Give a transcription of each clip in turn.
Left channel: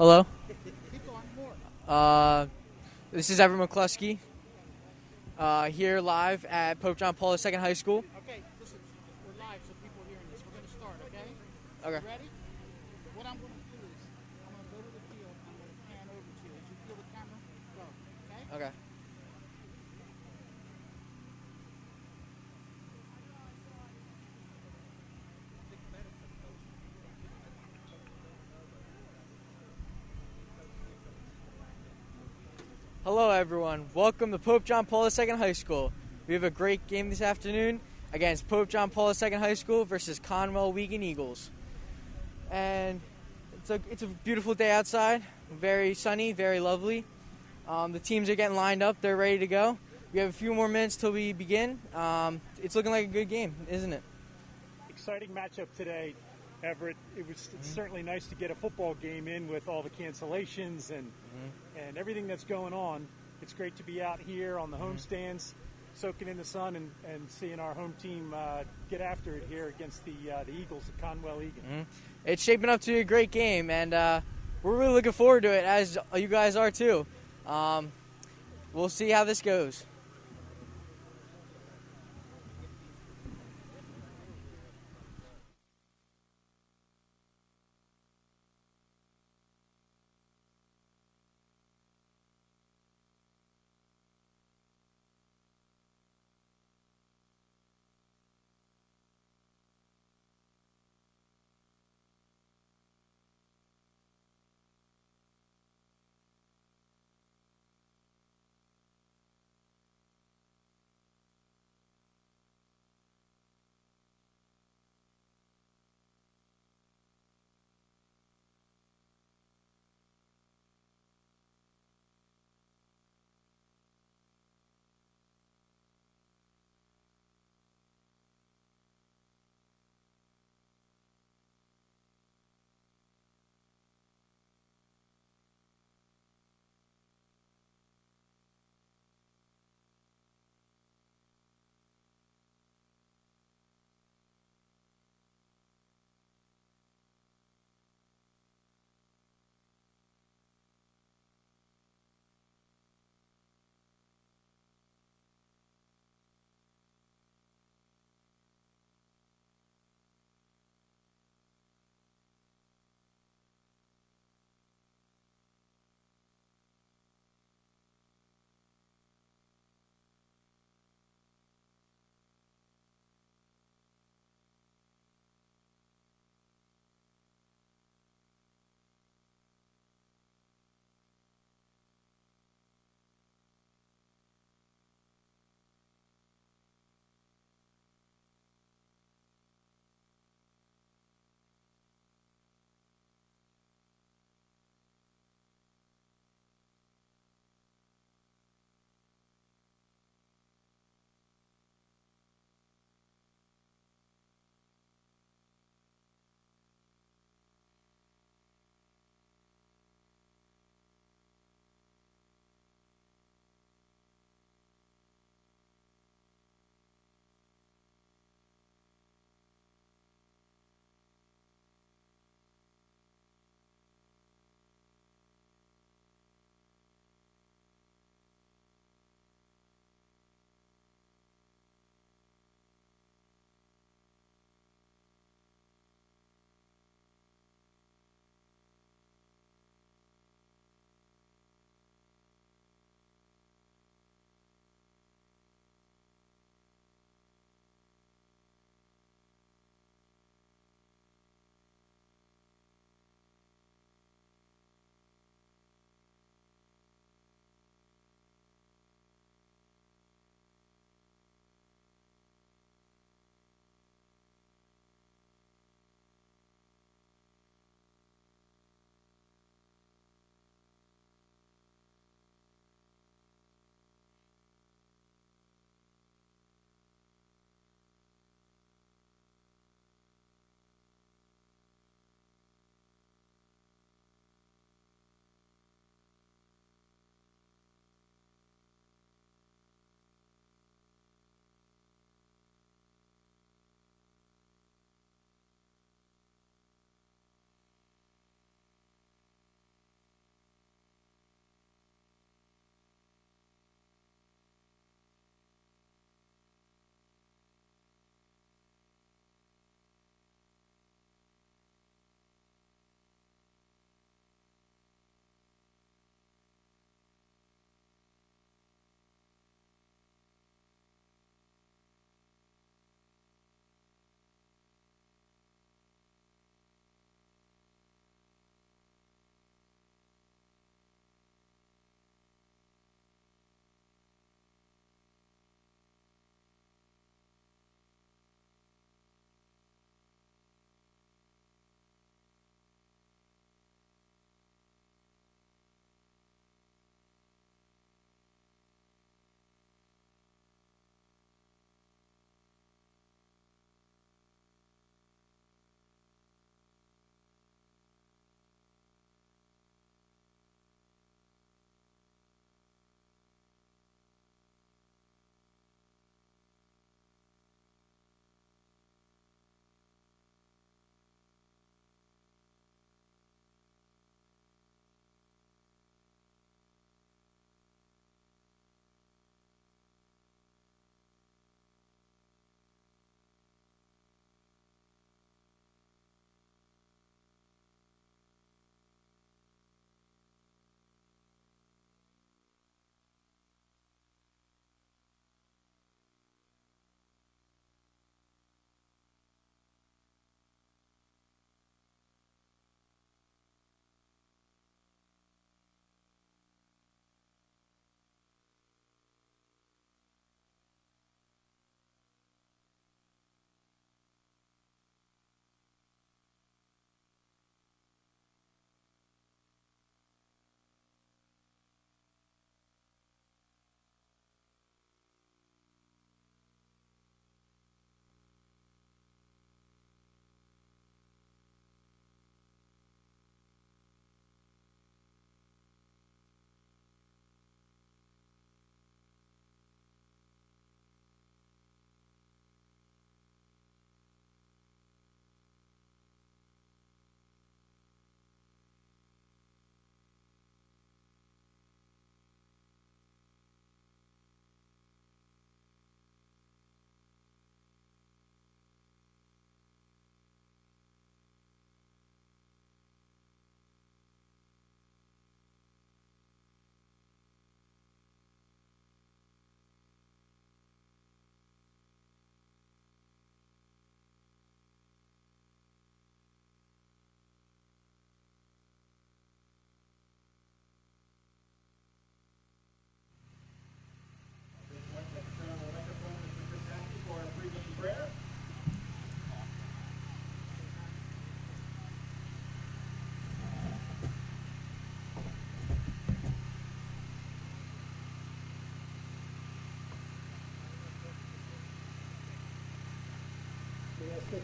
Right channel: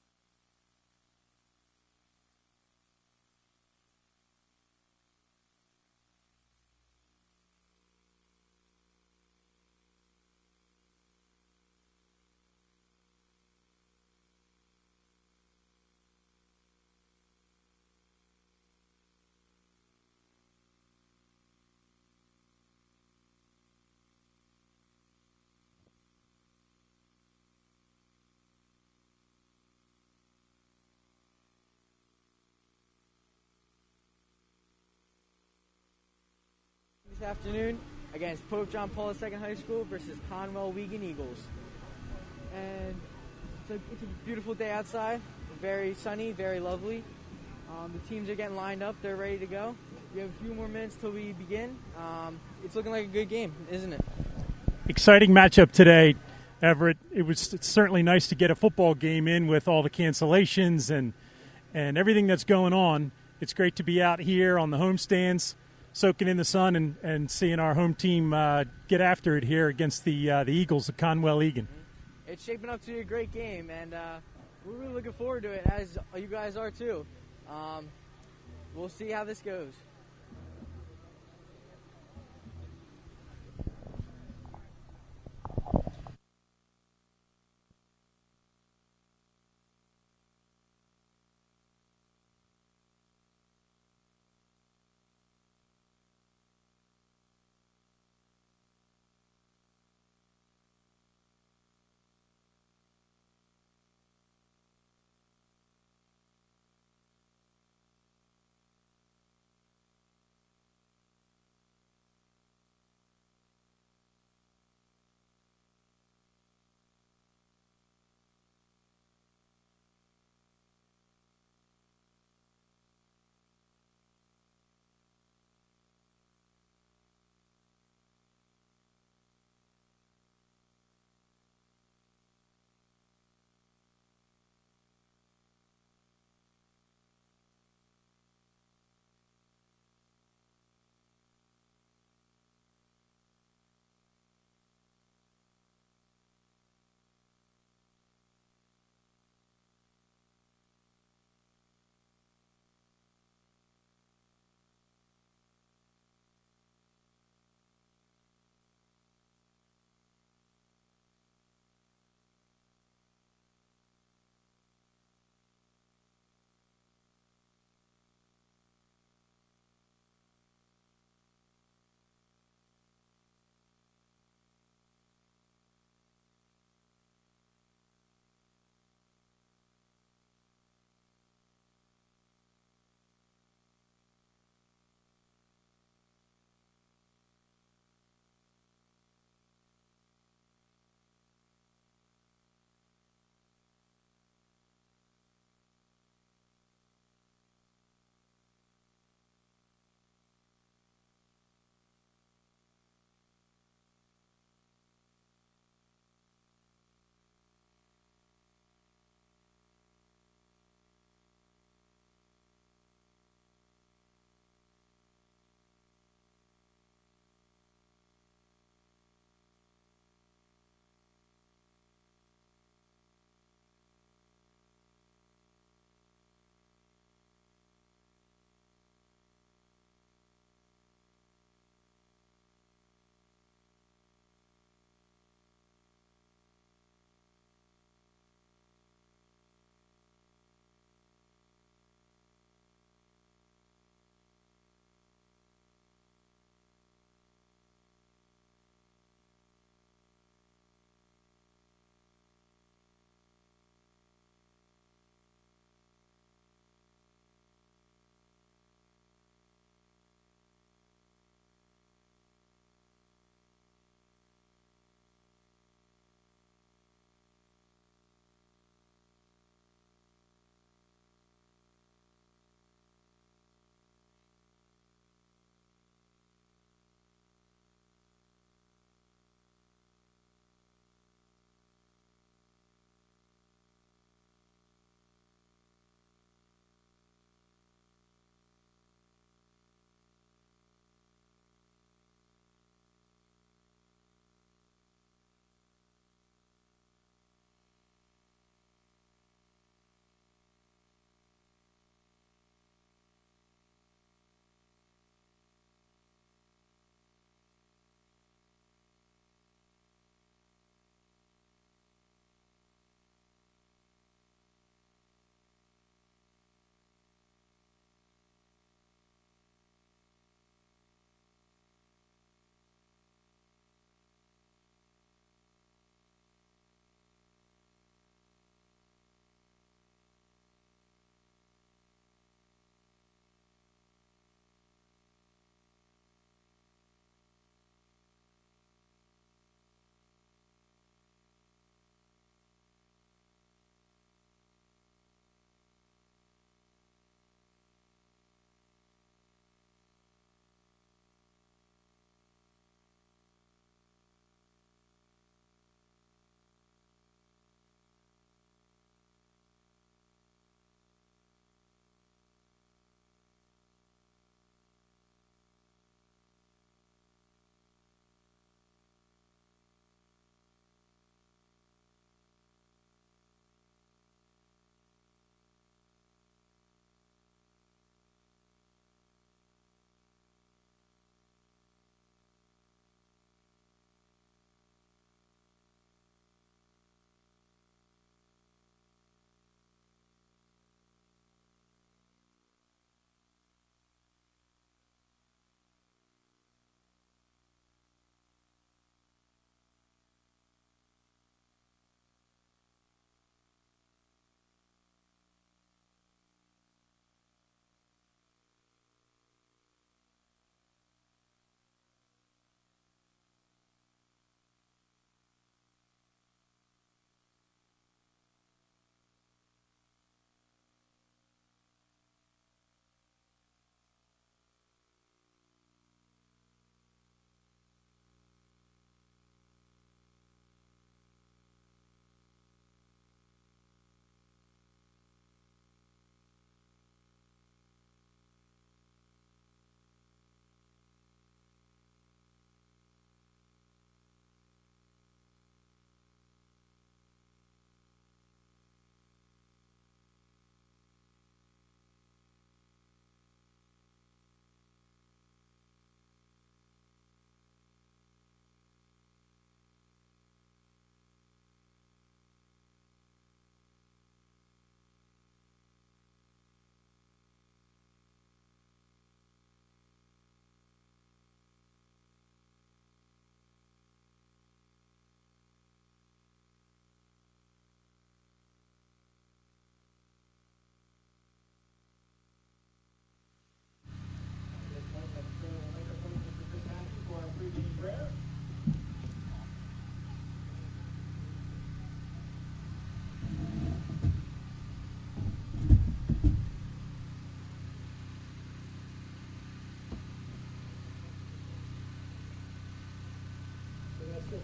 Hello. Uh, this is Evan McCluskey here live at Pope John Paul II High School. Okay, listen, we're live, so people are hearing this. We're going to start, okay? Okay. You ready? What I'm going to do is I'm going to go to the field and I'm going to pan over to you. As you feel the camera, go, okay? Okay. Hello, everyone. Welcome to Pope John Paul II High School. We have a great game this afternoon against Pope John Paul II High School versus Conwell Wigan Eagles. And it's a beautiful day outside. Very sunny, very lovely. The teams are getting lined up. They're ready to go. We have a few more minutes till we begin. It's looking like a good game, isn't it? Exciting matchup today, Everett. It's certainly nice to get a football game in with all the cancellations and everything that's going on. It's great to be out here on the home stands, soaking in the sun and seeing our home team get after it here against the Eagles of Conwell Egan. Mm-hmm. It's shaping up to be a great game, and we're really looking forward to it, as you guys are too. We'll see how this goes.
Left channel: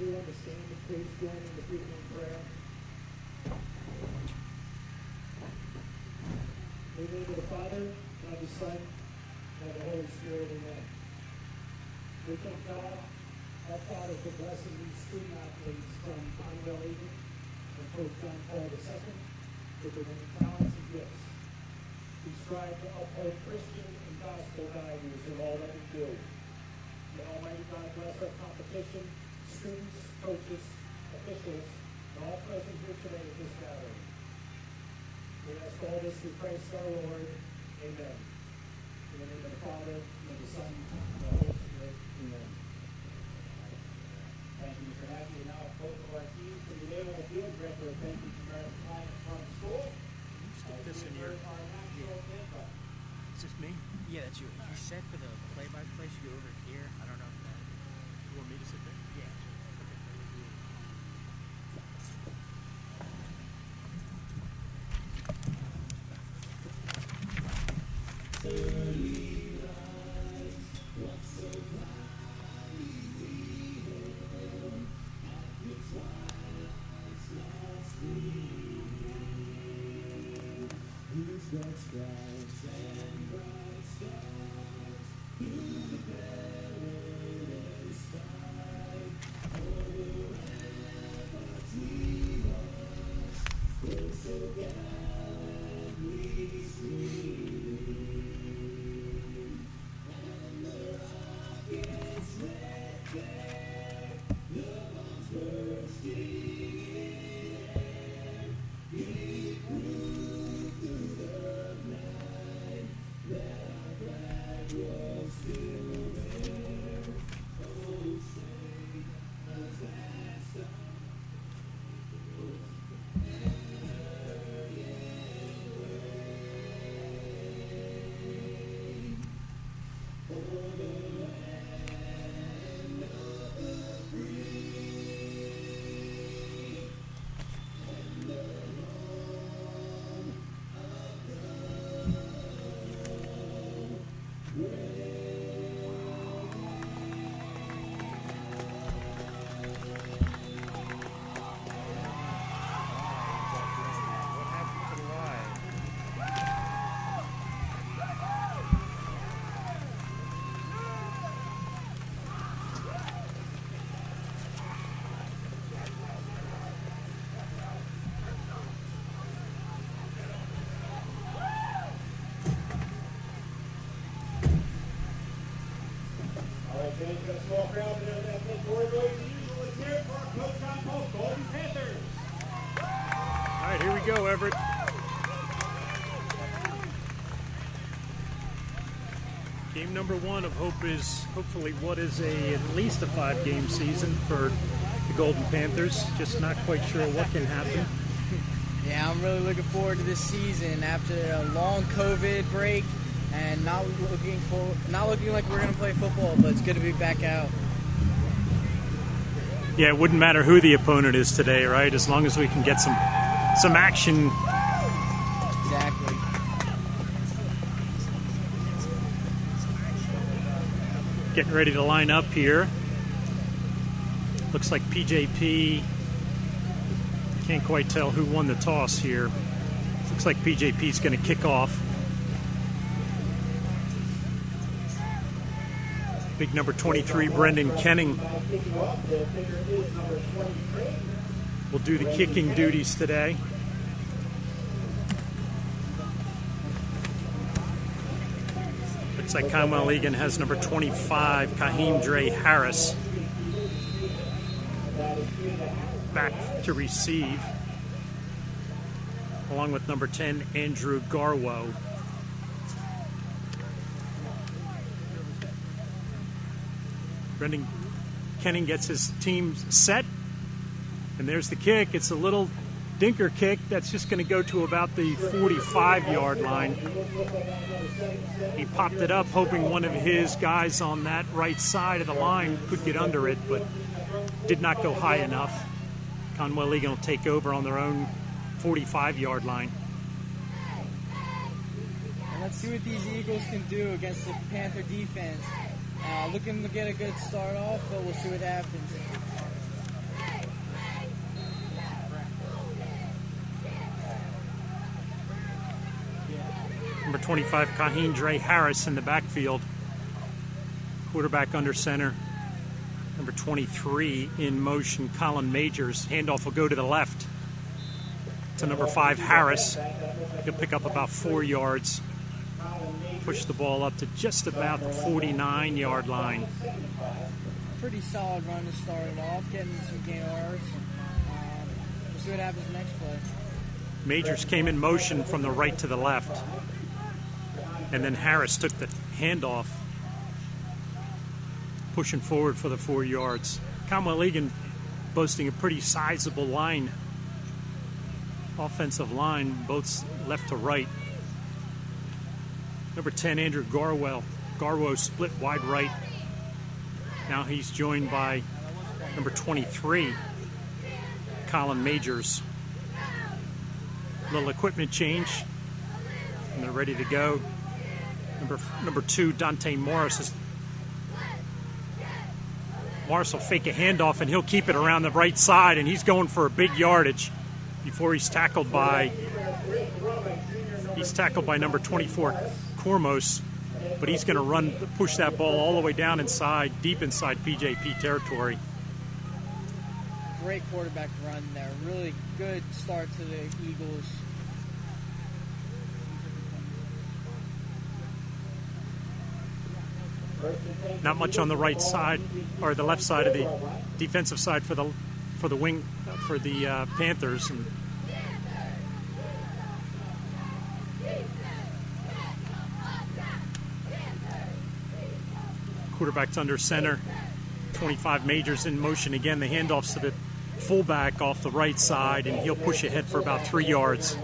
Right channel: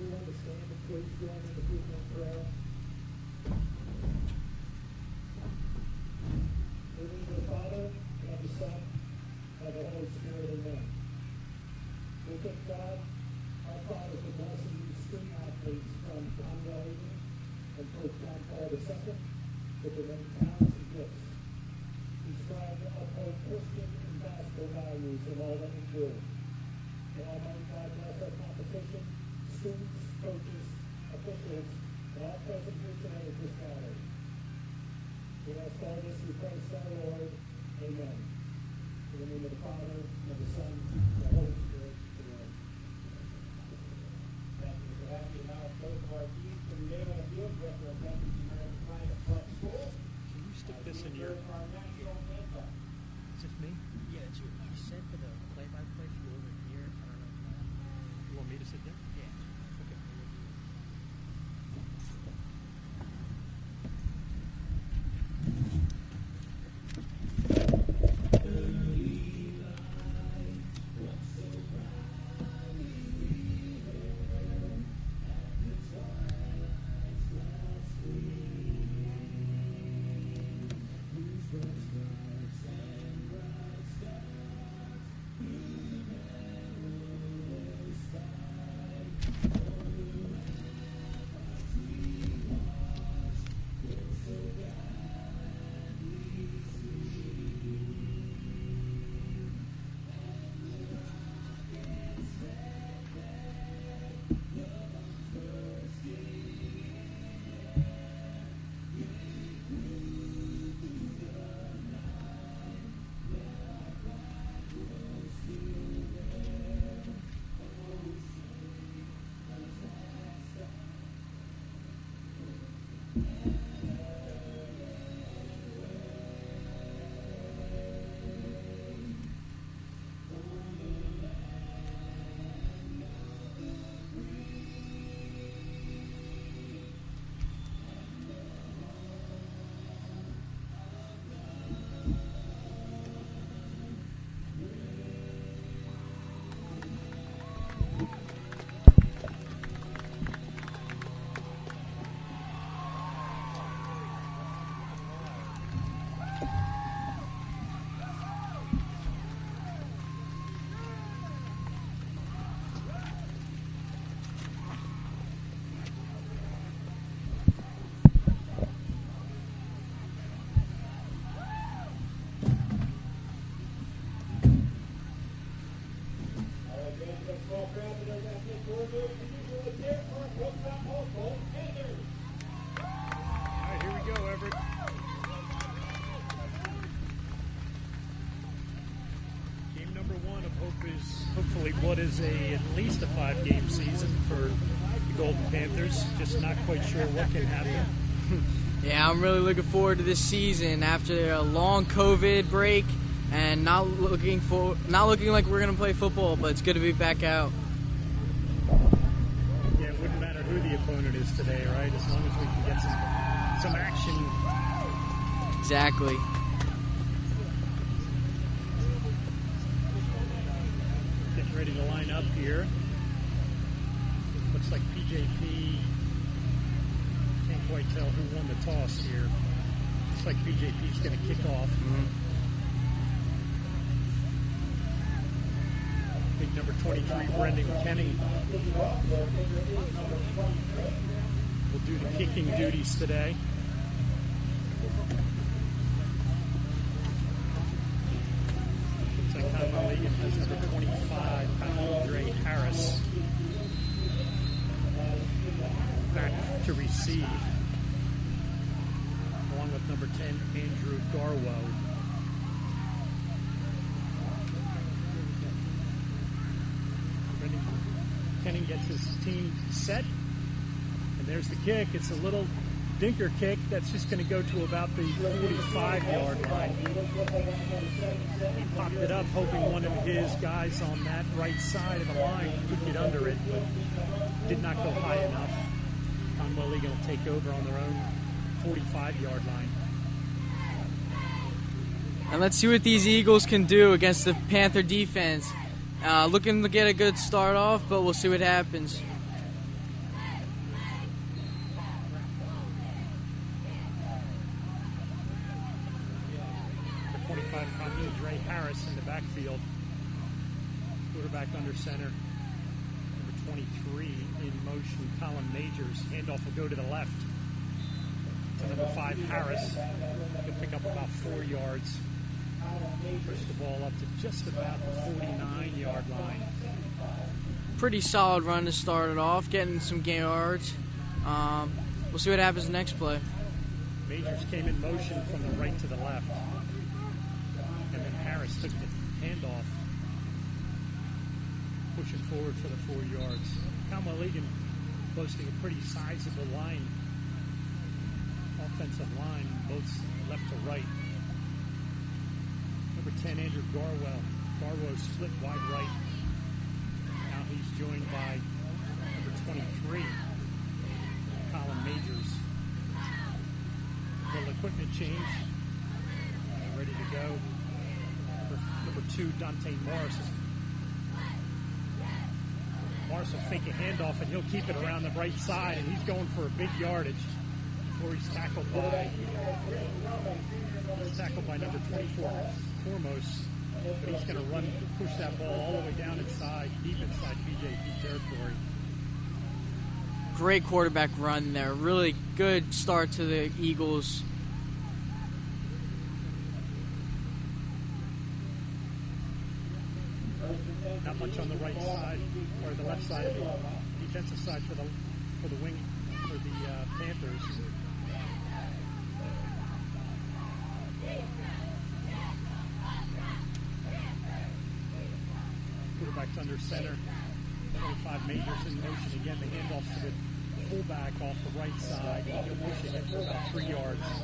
everyone to stand and please join in the beginning prayer. In the name of the Father, and of the Son, and of the Holy Spirit, amen. We thank God, our Father, for blessing these student athletes from Conwell Egan and Pope John Paul II with their many talents and gifts. We strive to uphold Christian and gospel values in all that we do. May Almighty God bless our competition, students, coaches, officials, and all present here today at this gathering. We ask all this through Christ our Lord. Amen. In the name of the Father, and of the Son, and of the Holy Spirit. Amen. Thank you, Mr. Haskell. Now, both of our teams from the Neighborhood Field Director of Penn American Pine at Front School. You stick this in your. Is this me? Yeah, that's you. He said for the play-by-play should be over here. I don't know if You want me to sit there? yeah. All right, here we go, Everett. Game number one of hope is hopefully what is at least a 5-game season for the Golden Panthers. Just not quite sure what can happen. Yeah, I'm really looking forward to this season after a long COVID break and not looking like we're gonna play football, but it's good to be back out. Yeah, it wouldn't matter who the opponent is today, right? As long as we can get some action. Exactly. Getting ready to line up here. Looks like PJP. Can't quite tell who won the toss here. Looks like PJP's going to kick off. Big number 23, Brendan Kenning, will do the kicking duties today. Looks like Conwell Egan has number 25, Kahim Dre Harris, back to receive, along with number 10, Andrew Garwo. Brendan Kenning gets his team set, and there's the kick. It's a little dinker kick that's just going to go to about the 45-yard line. He popped it up hoping one of his guys on that right side of the line could get under it, but did not go high enough. Conwell Egan will take over on their own 45-yard line. And let's see what these Eagles can do against the Panther defense. Looking to get a good start off, but we'll see what happens. 25, Kaheen Dre Harris in the backfield. Quarterback under center. Number 23 in motion, Colin Majors. Handoff will go to the left to number 5, Harris. He'll pick up about 4 yards. Push the ball up to just about the 49-yard line. Pretty solid run to start it off, getting some yards. We'll see what happens next play. Majors came in motion from the right to the left. And then Harris took the handoff, pushing forward for the 4 yards. Commonwealth Egan boasting a pretty sizable line, offensive line, both left to right. Number 10, Andrew Garwo split wide right. Now he's joined by number 23, Colin Majors. Little equipment change, and they're ready to go. Number 2, Dante Morris. Morris will fake a handoff, and he'll keep it around the right side, and he's going for a big yardage before he's tackled by number 24, Cormos, but he's going to push that ball all the way down inside, deep inside PJP territory. Great quarterback run there. Really good start to the Eagles. Not much on the right side or the left side of the defensive side for the Panthers. And quarterback's under center. 25 Majors in motion again. The handoffs to the fullback off the right side, and he'll push ahead for about 3 yards.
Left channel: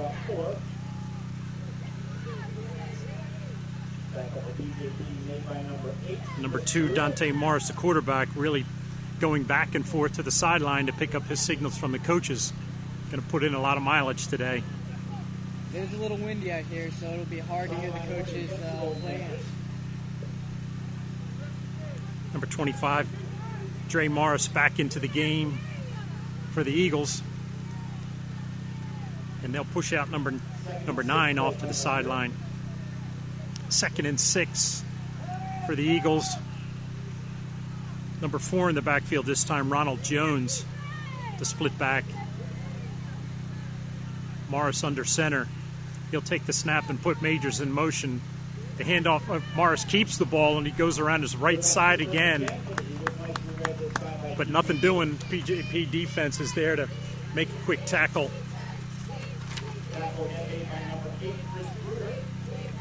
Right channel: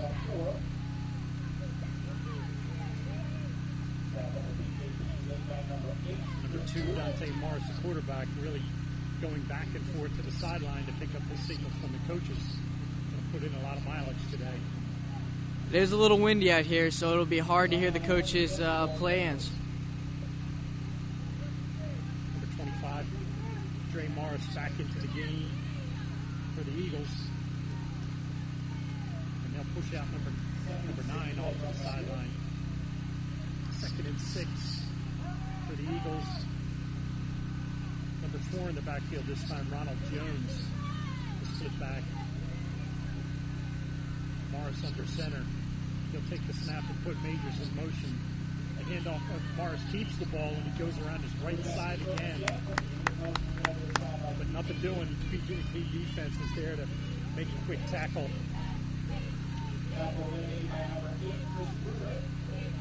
Number 2, Dante Morris, the quarterback, really going back and forth to the sideline to pick up his signals from the coaches. Going to put in a lot of mileage today. It is a little windy out here, so it'll be hard to hear the coaches' plans. Number 25, Dre Morris back into the game for the Eagles. And they'll push out number 9 off to the sideline. 2nd and 6 for the Eagles. Number 4 in the backfield this time, Ronald Jones, the split back. Morris under center. He'll take the snap and put Majors in motion. The handoff, Morris keeps the ball, and he goes around his right side again. But nothing doing. PJP defense is there to make a quick tackle.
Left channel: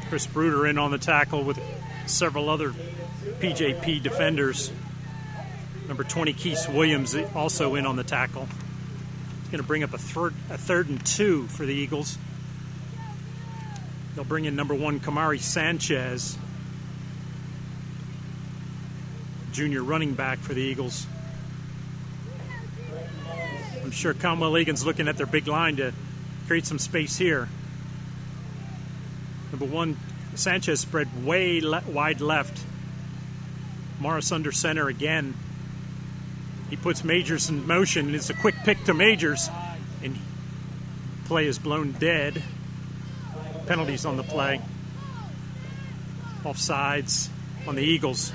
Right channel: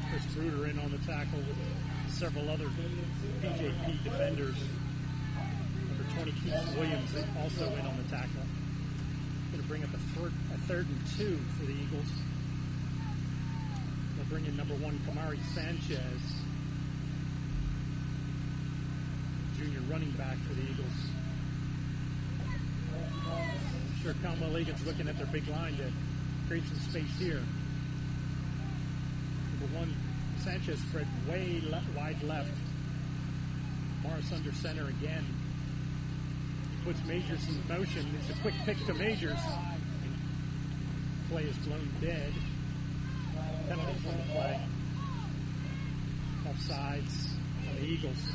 Chris Bruder in on the tackle with several other PJP defenders. Number 20, Keith Williams, also in on the tackle. It's going to bring up a third and 2 for the Eagles. They'll bring in number 1, Kamari Sanchez, junior running back for the Eagles. I'm sure Commonwealth Egan's looking at their big line to create some space here. Number 1, Sanchez spread way wide left. Morris under center again. He puts Majors in motion, and it's a quick pick to Majors, and play is blown dead. Penalties on the play. Offsides on the Eagles.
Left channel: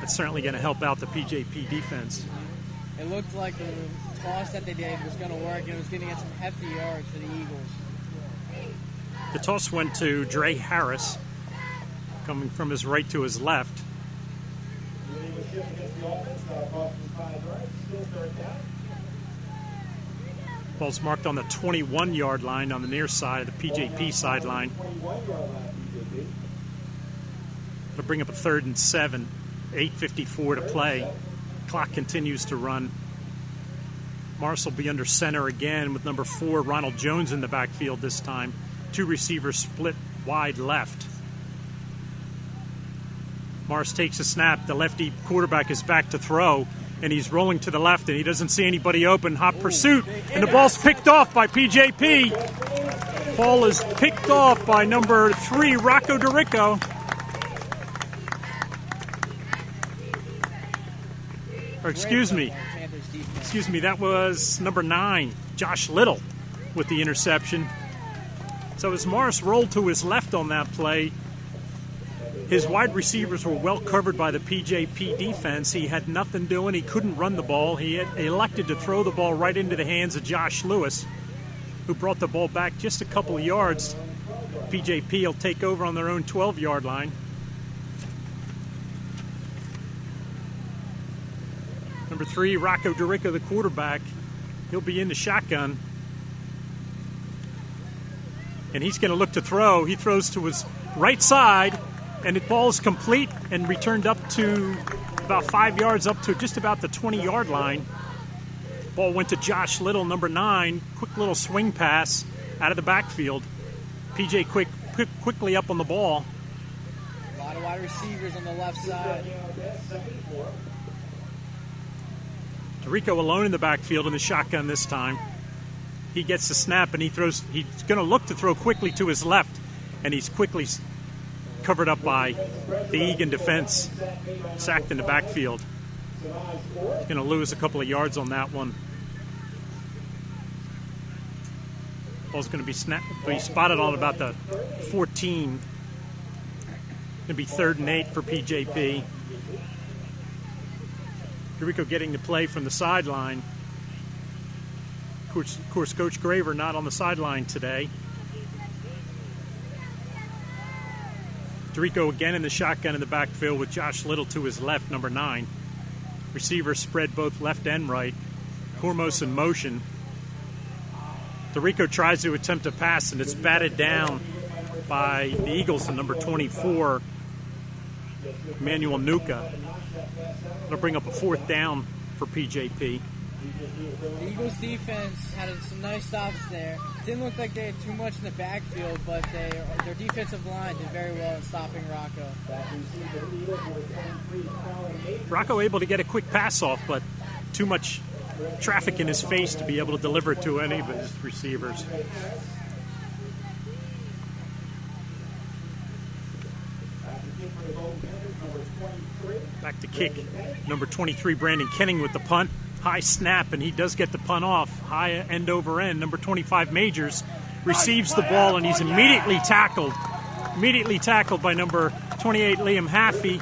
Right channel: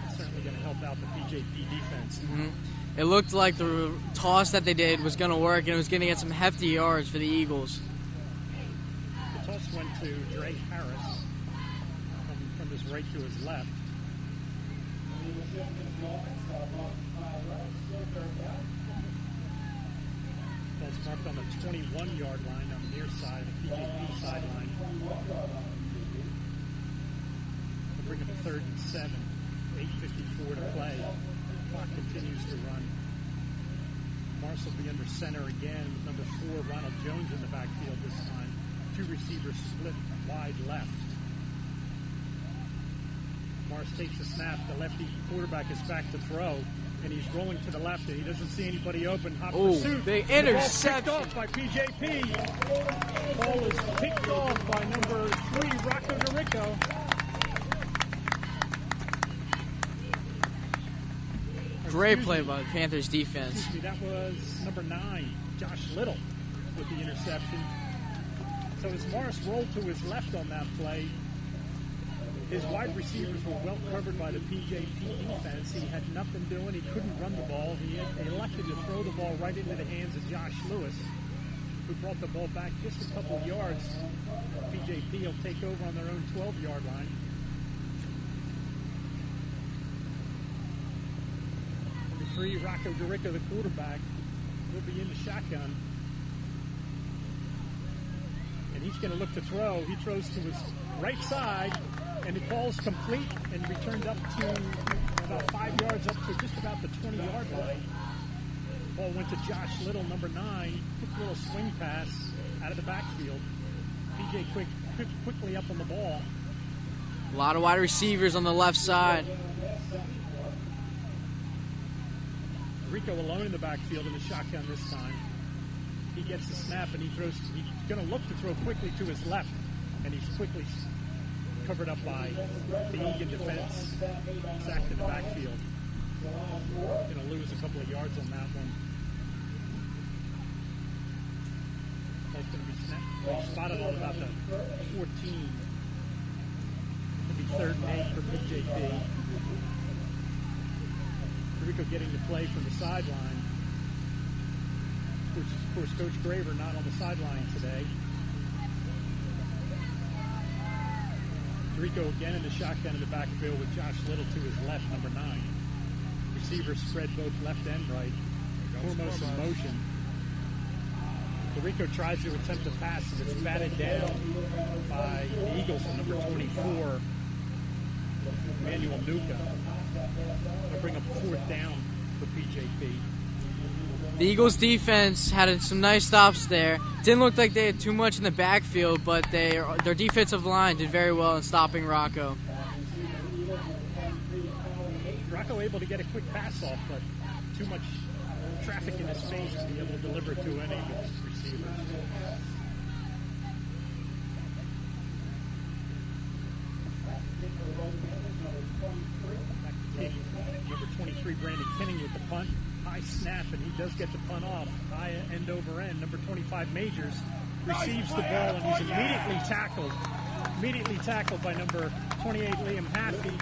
That's certainly going to help out the PJP defense. Mm-hmm. It looked like the toss that they did was going to work, and it was going to get some hefty yards for the Eagles. The toss went to Dre Harris, coming from his right to his left. Ball's marked on the 21-yard line on the near side of the PJP sideline. They'll bring up a 3rd and 7, 8:54 to play. Clock continues to run. Morris will be under center again with number 4, Ronald Jones, in the backfield this time. 2 receivers split wide left. Morris takes a snap. The lefty quarterback is back to throw, and he's rolling to the left, and he doesn't see anybody open. Hot pursuit, and the ball's picked off by PJP. Ball is picked off by number 3, Rocco DeRico. Or excuse me, Panthers defense. Excuse me, that was number 9, Josh Little, with the interception. So as Morris rolled to his left on that play, his wide receivers were well covered by the PJP defense. He had nothing doing. He couldn't run the ball. He had elected to throw the ball right into the hands of Josh Lewis, who brought the ball back just a couple of yards. PJP will take over on their own 12-yard line. Number 3, Rocco DeRico, the quarterback. He'll be in the shotgun. And he's going to look to throw. He throws to his right side, and the ball is complete and returned up to about 5 yards, up to just about the 20-yard line. Ball went to Josh Little, number 9. Quick little swing pass out of the backfield. PJ quickly up on the ball. A lot of wide receivers on the left side. DeRico alone in the backfield in the shotgun this time. He gets the snap and he throws. He's going to look to throw quickly to his left, and he's quickly covered up by the Egan defense, sacked in the backfield. He's going to lose a couple of yards on that one. Ball's going to be spotted on about the 14. Going to be 3rd and 8 for PJP. DeRico getting the play from the sideline. Of course, Coach Graver not on the sideline today. DeRico again in the shotgun in the backfield with Josh Little to his left, number 9. Receivers spread both left and right. Cormos in motion. DeRico tries to attempt a pass, and it's batted down by the Eagles and number 24, Emmanuel Nuka. It'll bring up a 4th down for PJP. The Eagles defense had some nice stops there. Didn't look like they had too much in the backfield, but their defensive line did very well in stopping Rocco. Rocco able to get a quick pass off, but too much traffic in his face to be able to deliver it to any of his receivers. Back to kick. Number 23, Brandon Kenning with the punt. High snap, and he does get the punt off. High end over end. Number 25, Majors, receives the ball, and he's immediately tackled. Immediately tackled by number 28, Liam Haffey,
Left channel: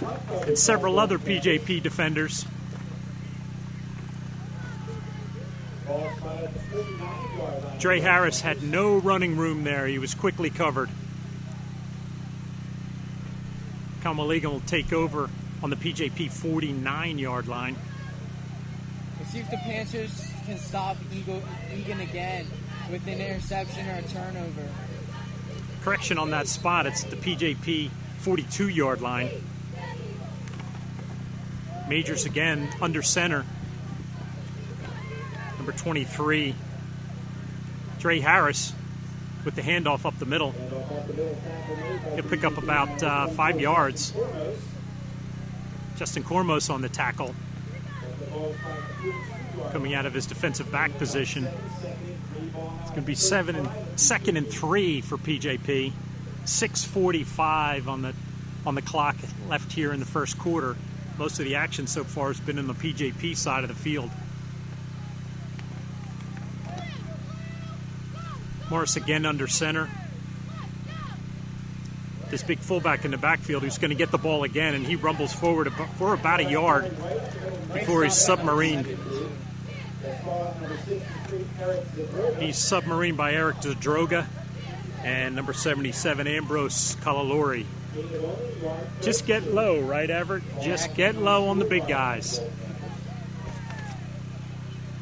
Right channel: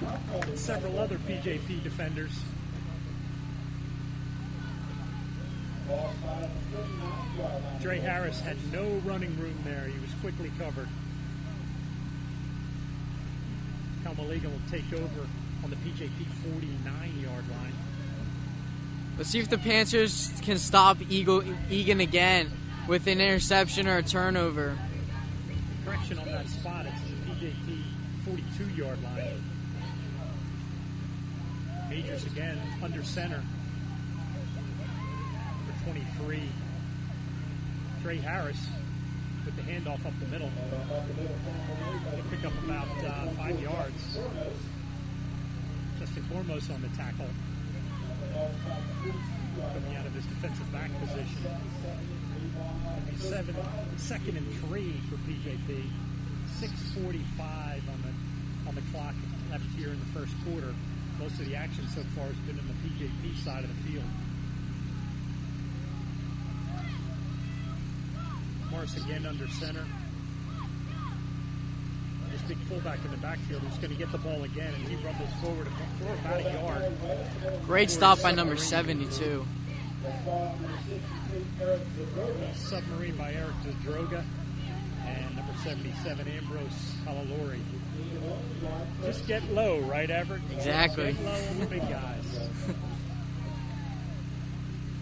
and several other PJP defenders. Dre Harris had no running room there. He was quickly covered. Kalmaligan will take over on the PJP 49-yard line. Let's see if the Panthers can stop Egan again with an interception or a turnover. Correction on that spot. It's the PJP 42-yard line. Majors again under center. Number 23, Dre Harris with the handoff up the middle. He'll pick up about 5 yards. Justin Cormos on the tackle, coming out of his defensive back position. It's going to be 2nd and 3 for PJP. 6:45 on the clock left here in the first quarter. Most of the action so far has been in the PJP side of the field. Morris again under center. This big fullback in the backfield who's going to get the ball again, and he rumbles forward for about a yard. Great stop by number 72. He's submarine by Eric Zadroga and number 77, Ambrose Kalalori. Just get low, right, Everett? Just get low on the big guys.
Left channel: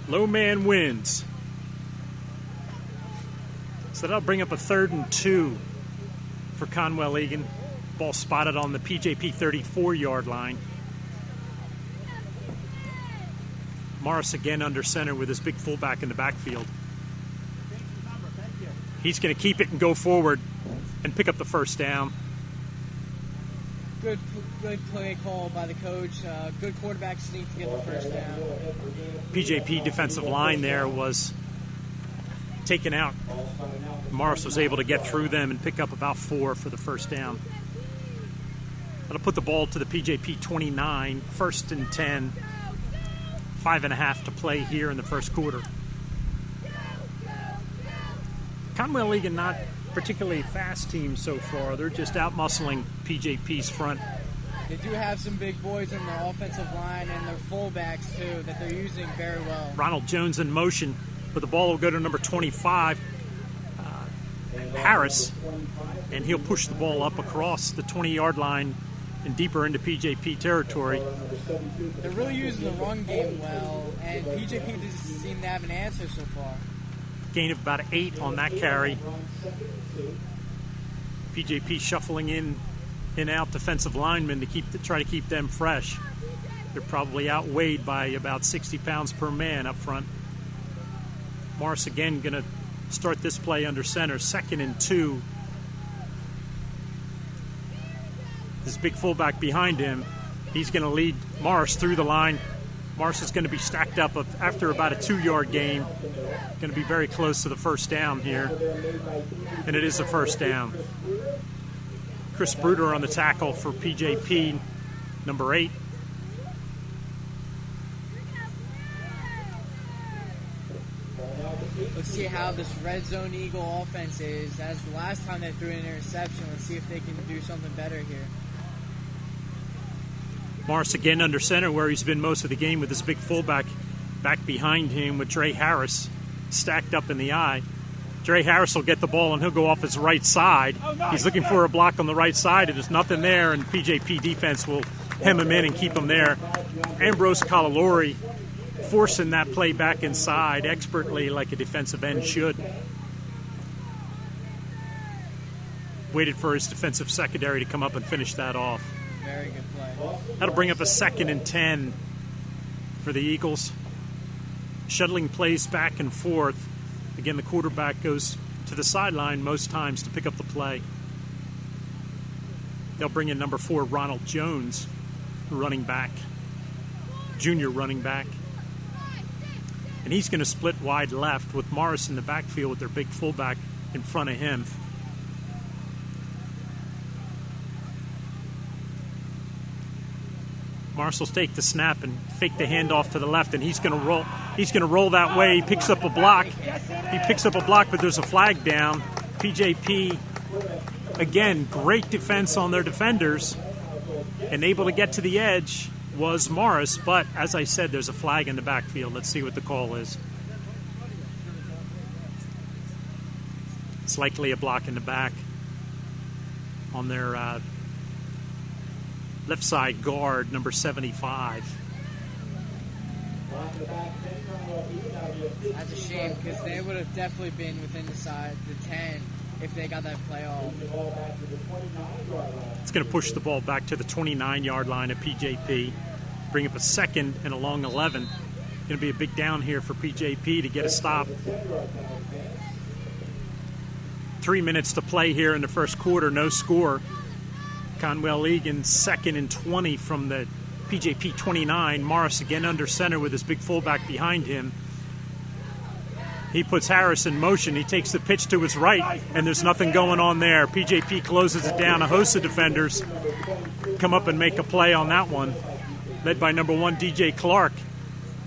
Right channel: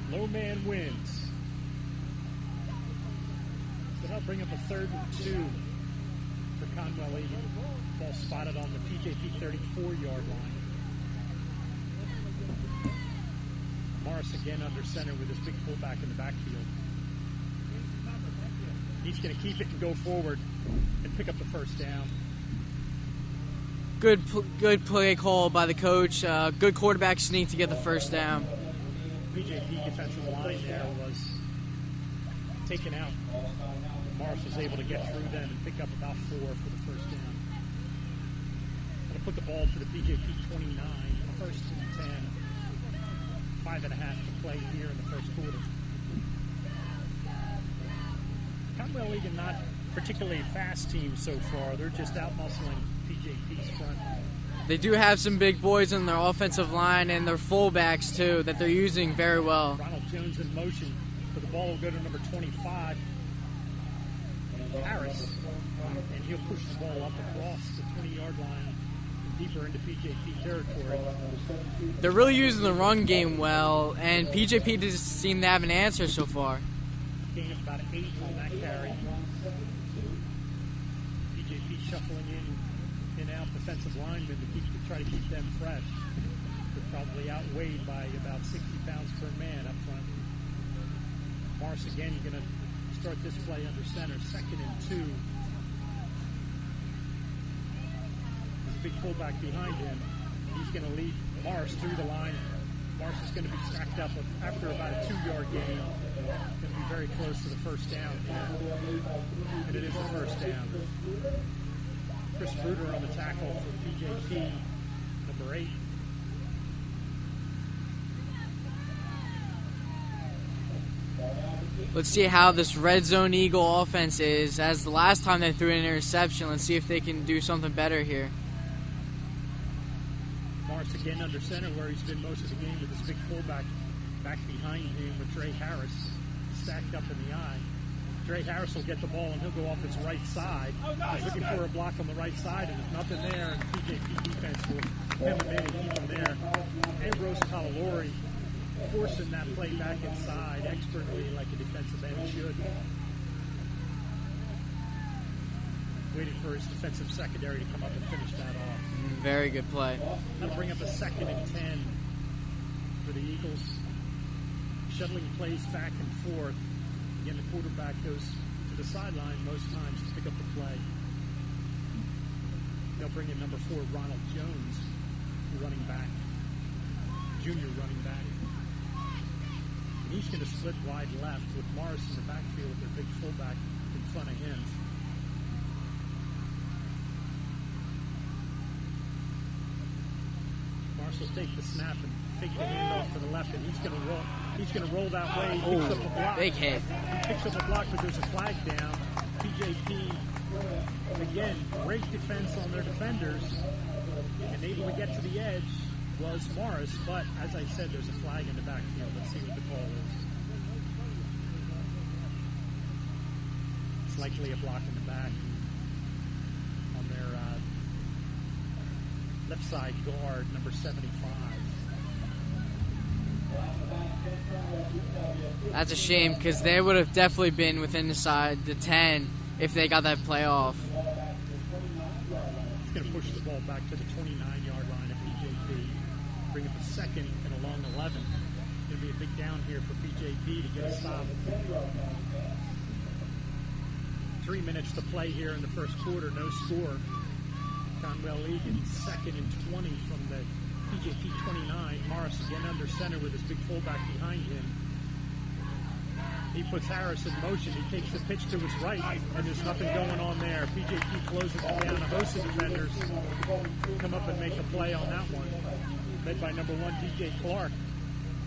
Low man wins. So that'll bring up a 3rd and 2 for Conwell Egan. Ball spotted on the PJP 34-yard line. Morris again under center with his big fullback in the backfield. He's going to keep it and go forward and pick up the 1st down. Good play call by the coach. Good quarterback sneak to get the 1st down. PJP defensive line there was taken out. Morris was able to get through them and pick up about 4 for the 1st down. That'll put the ball to the PJP 29, 1st and 10. 5.5 to play here in the first quarter. Conwell Egan not particularly a fast team so far. They're just out-muscling PJP's front. They do have some big boys in their offensive line and their fullbacks, too, that they're using very well. Ronald Jones in motion, but the ball will go to number 25, Harris, and he'll push the ball up across the 20-yard line and deeper into PJP territory. They're really using the run game well, and PJP doesn't seem to have an answer so far. Gain of about 8 on that carry. PJP shuffling in and out defensive linemen to try to keep them fresh. They're probably outweighed by about 60 pounds per man up front. Morris again going to start this play under center, 2nd and 2. This big fullback behind him, he's going to lead Morris through the line. Morris is going to be stacked up after about a 2-yard gain. Going to be very close to the first down here, and it is a first down. Chris Bruder on the tackle for PJP, number 8. Let's see how this red zone Eagle offense is. As the last time they threw an interception, let's see if they can do something better here. Morris again under center, where he's been most of the game with this big fullback back behind him with Dre Harris stacked up in the eye. Dre Harris will get the ball and he'll go off his right side. He's looking for a block on the right side, and there's nothing there, and PJP defense will hem him in and keep him there. Ambrose Calalori forcing that play back inside expertly, like a defensive end should. Waited for his defensive secondary to come up and finish that off. Very good play. That'll bring up a 2nd and 10 for the Eagles. Shuttling plays back and forth. Again, the quarterback goes to the sideline most times to pick up the play. They'll bring in number 4, Ronald Jones, running back, junior running back. And he's going to split wide left with Morris in the backfield with their big fullback in front of him. Morris will take the snap and fake the handoff to the left, and he's going to roll. He's going to roll that way. He picks up a block. He picks up a block, but there's a flag down. PJP, again, great defense on their defenders, and able to get to the edge was Morris, but as I said, there's a flag in the backfield. Let's see what the call is. It's likely a block in the back on their left side guard, number 75. That's a shame, because they would have definitely been within the 10 if they got that play off. It's going to push the ball back to the 29-yard line at PJP. Bring up a 2nd and a long 11. Going to be a big down here for PJP to get a stop. 3 minutes to play here in the first quarter, no score. Conwell Egan 2nd and 20 from the PJP 29. Morris again under center with his big fullback behind him. He puts Harris in motion. He takes the pitch to his right, and there's nothing going on there. PJP closes it down. A host of defenders come up and make a play on that one, led by number 1, DJ Clark,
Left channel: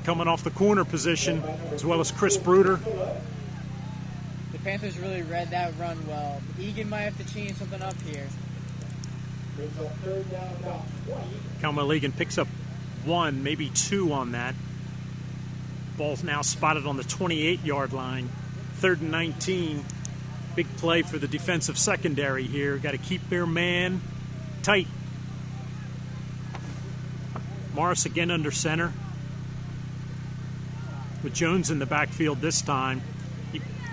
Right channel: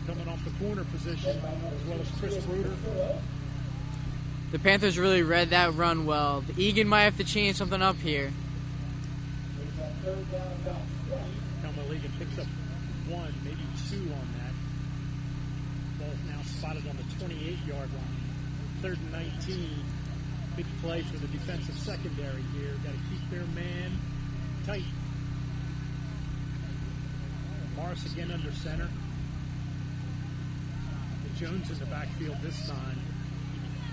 coming off the corner position, as well as Chris Bruder. The Panthers really read that run well. Egan might have to change something up here. Conwell Egan picks up 1, maybe 2 on that. Ball's now spotted on the 28-yard line. 3rd and 19. Big play for the defensive secondary here. Got to keep their man tight. Morris again under center, with Jones in the backfield this time.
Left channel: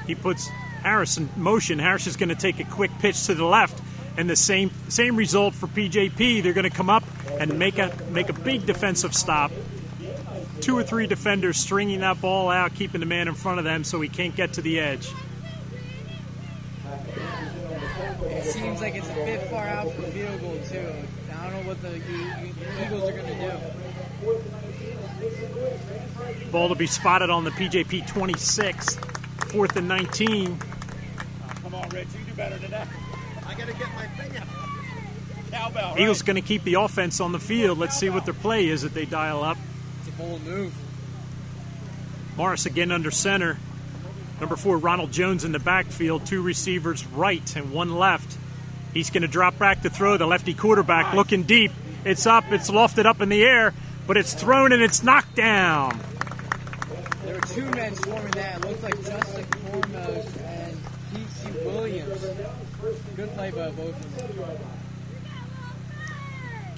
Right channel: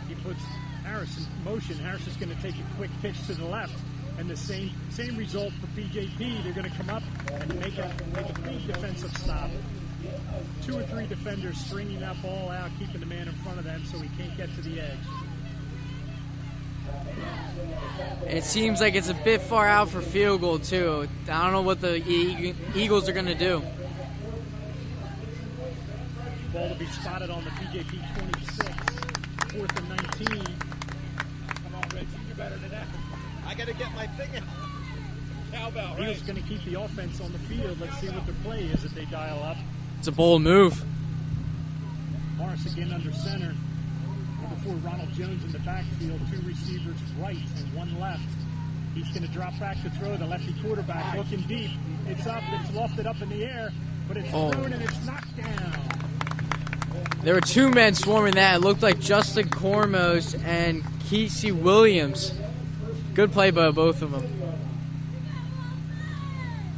He puts Harris in motion. Harris is going to take a quick pitch to the left, and the same result for PJP. They're going to come up and make a big defensive stop. 2 or 3 defenders stringing that ball out, keeping the man in front of them so he can't get to the edge. It seems like it's a bit far out for field goal, too. I don't know what the Eagles are going to do. Ball to be spotted on the PJP 26, 4th and 19. Come on, Rich, you do better than that. I got to get my finger. Cowbell, right? Eagles going to keep the offense on the field. Let's see what their play is that they dial up. It's a bold move. Morris again under center. Number 4, Ronald Jones in the backfield, 2 receivers right and 1 left. He's going to drop back to throw. The lefty quarterback looking deep. It's up, it's lofted up in the air, but it's thrown and it's knocked down. There were 2 men swarming that. It looked like Justin Cormos and Kesey Williams. Good play by both of them.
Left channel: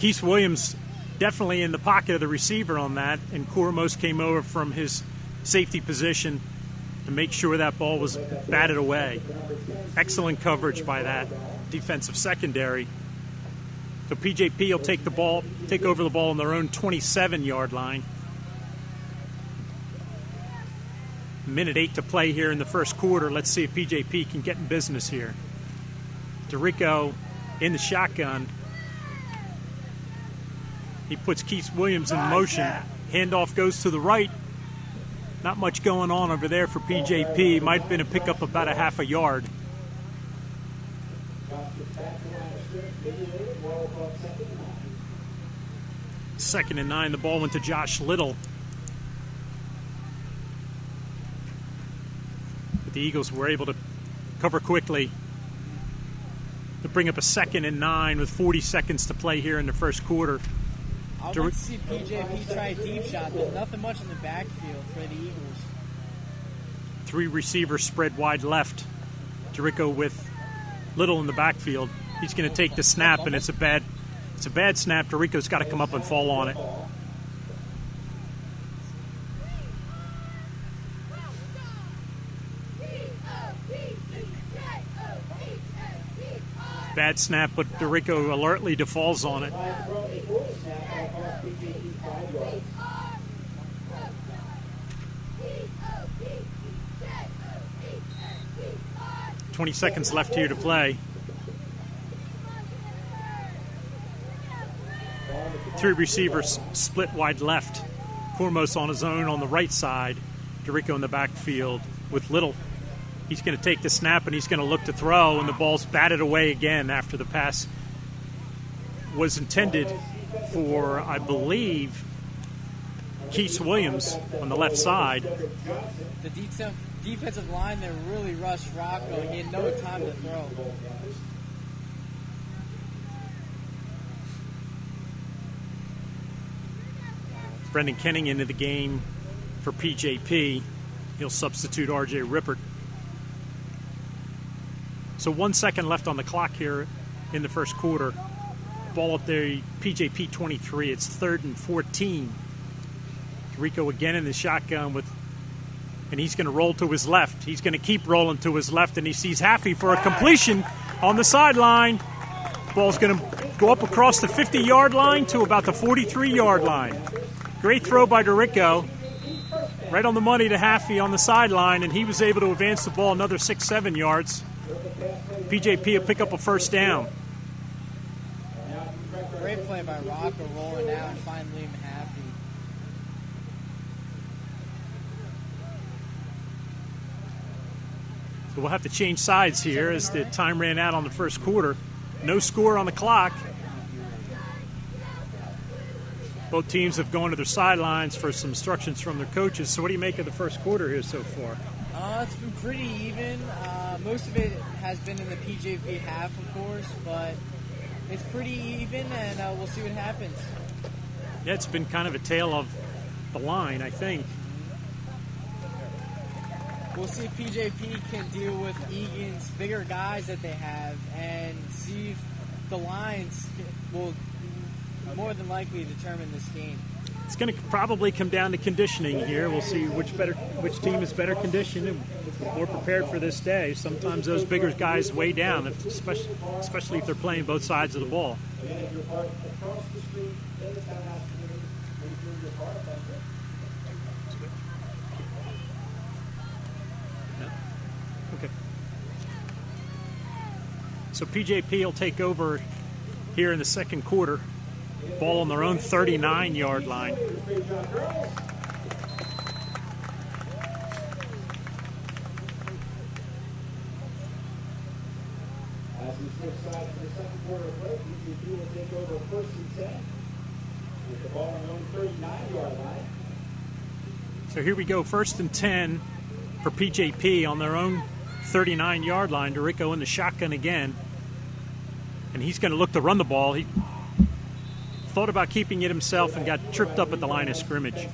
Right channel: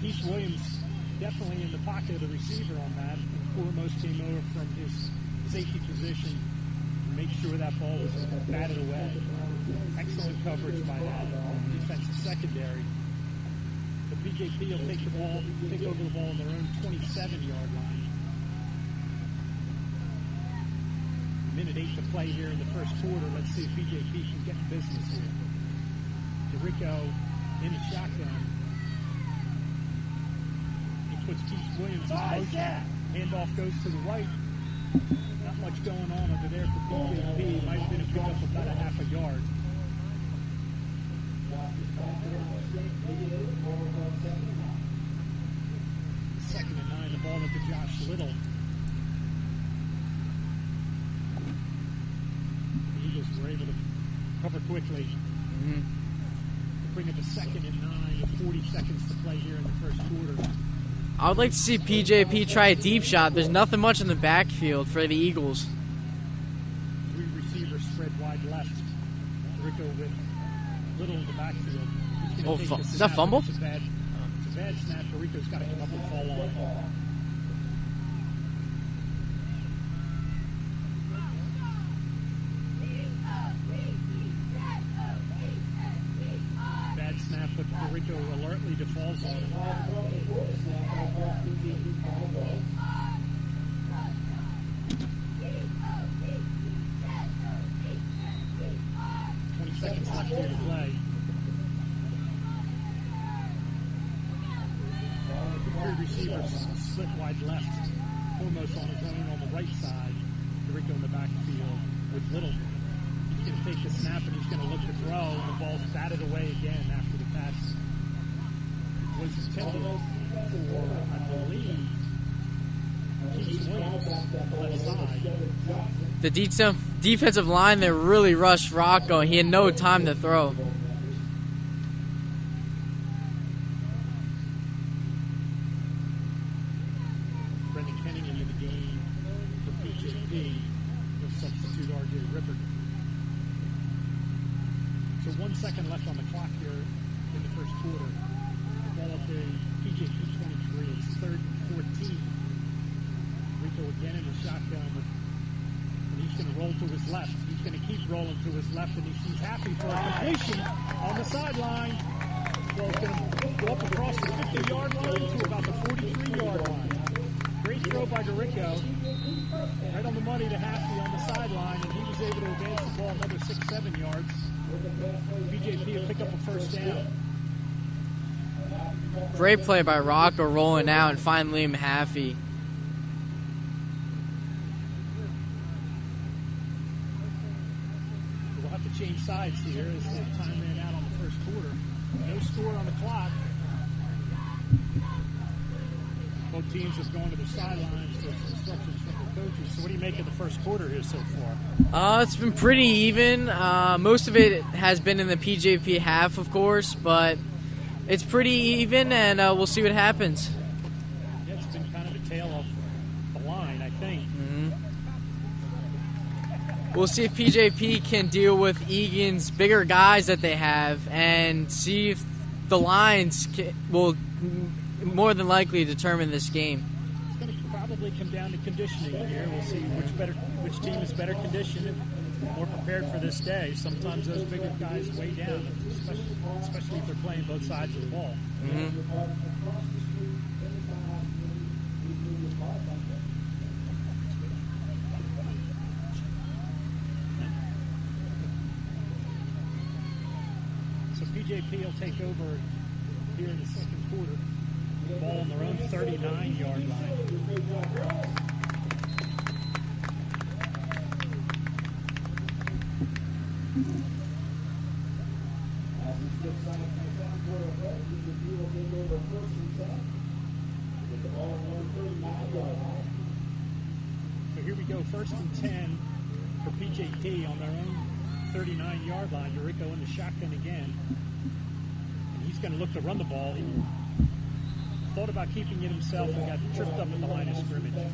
Keith Williams definitely in the pocket of the receiver on that, and Cormos came over from his safety position to make sure that ball was batted away. Excellent coverage by that defensive secondary. So PJP will take over the ball on their own 27-yard line. Minute 8 to play here in the first quarter. Let's see if PJP can get in business here. DeRico in the shotgun. He puts Keith Williams in motion. Handoff goes to the right. Not much going on over there for PJP. Might have been a pickup about a half a yard. Second and 9. The ball went to Josh Little. But the Eagles were able to cover quickly to bring up a 2nd and 9 with 40 seconds to play here in the first quarter. I would like to see PJP try a deep shot. There's nothing much in the backfield for the Eagles. 3 receivers spread wide left. DeRico with Little in the backfield. He's going to take the snap, and it's a bad snap. DeRico's got to come up and fall on it. Bad snap, but DeRico alertly defaults on it. 20 seconds left here to play. 3 receivers split wide left. Cormos on his own on the right side. DeRico in the backfield with Little. He's going to take the snap and he's going to look to throw, and the ball's batted away again after the pass was intended for, I believe, Keith Williams on the left side. The defensive line there really rushed Rocco. He had no time to throw. Brendan Kenning into the game for PJP. He'll substitute R.J. Rippert. So 1 second left on the clock here in the first quarter. Ball at the PJP 23. It's 3rd and 14. Rico again in the shotgun and he's going to roll to his left. He's going to keep rolling to his left, and he sees Haffey for a completion on the sideline. Ball's going to go up across the 50-yard line to about the 43-yard line. Great throw by DeRico. Right on the money to Haffey on the sideline, and he was able to advance the ball another 6-7 yards. PJP will pick up a first down. Great play by Rocco rolling out and find Liam Haffey. We'll have to change sides here as the time ran out on the first quarter. No score on the clock. Both teams have gone to their sidelines for some instructions from their coaches. So what do you make of the first quarter here so far? It's been pretty even. Most of it has been in the PJP half, of course, but it's pretty even, and we'll see what happens. Yeah, it's been kind of a tale of the line, I think. We'll see if PJP can deal with Egan's bigger guys that they have and see if the lines will more than likely determine this game. It's going to probably come down to conditioning here. We'll see which team is better conditioned and more prepared for this day. Sometimes those bigger guys weigh down, especially if they're playing both sides of the ball. So PJP will take over here in the second quarter. Ball on their own 39-yard line. So here we go, 1st and 10 for PJP on their own 39-yard line. DeRico in the shotgun again. And he's going to look to run the ball. He thought about keeping it himself and got tripped up at the line of scrimmage.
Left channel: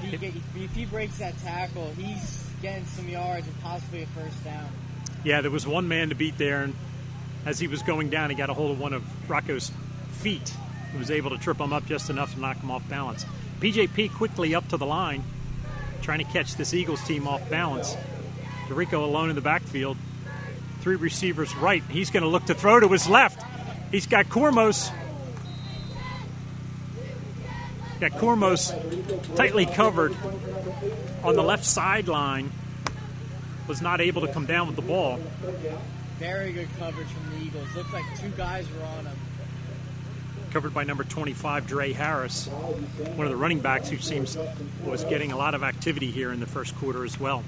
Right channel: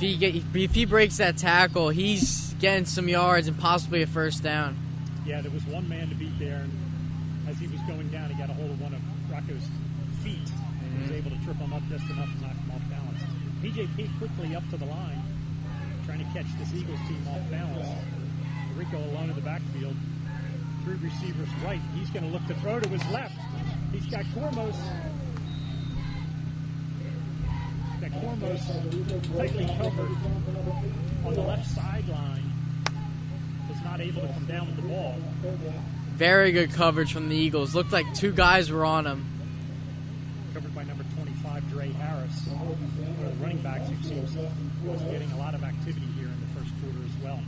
If he breaks that tackle, he's getting some yards and possibly a first down. Yeah, there was one man to beat there, and as he was going down, he got a hold of one of Rocco's feet and was able to trip him up just enough to knock him off balance. PJP quickly up to the line, trying to catch this Eagles team off balance. DeRico alone in the backfield. 3 receivers right. He's going to look to throw to his left. He's got Cormos. Got Cormos tightly covered on the left sideline. Was not able to come down with the ball. Very good coverage from the Eagles. Looked like 2 guys were on him. Covered by number 25, Dre Harris, one of the running backs who seems was getting a lot of activity here in the first quarter as well.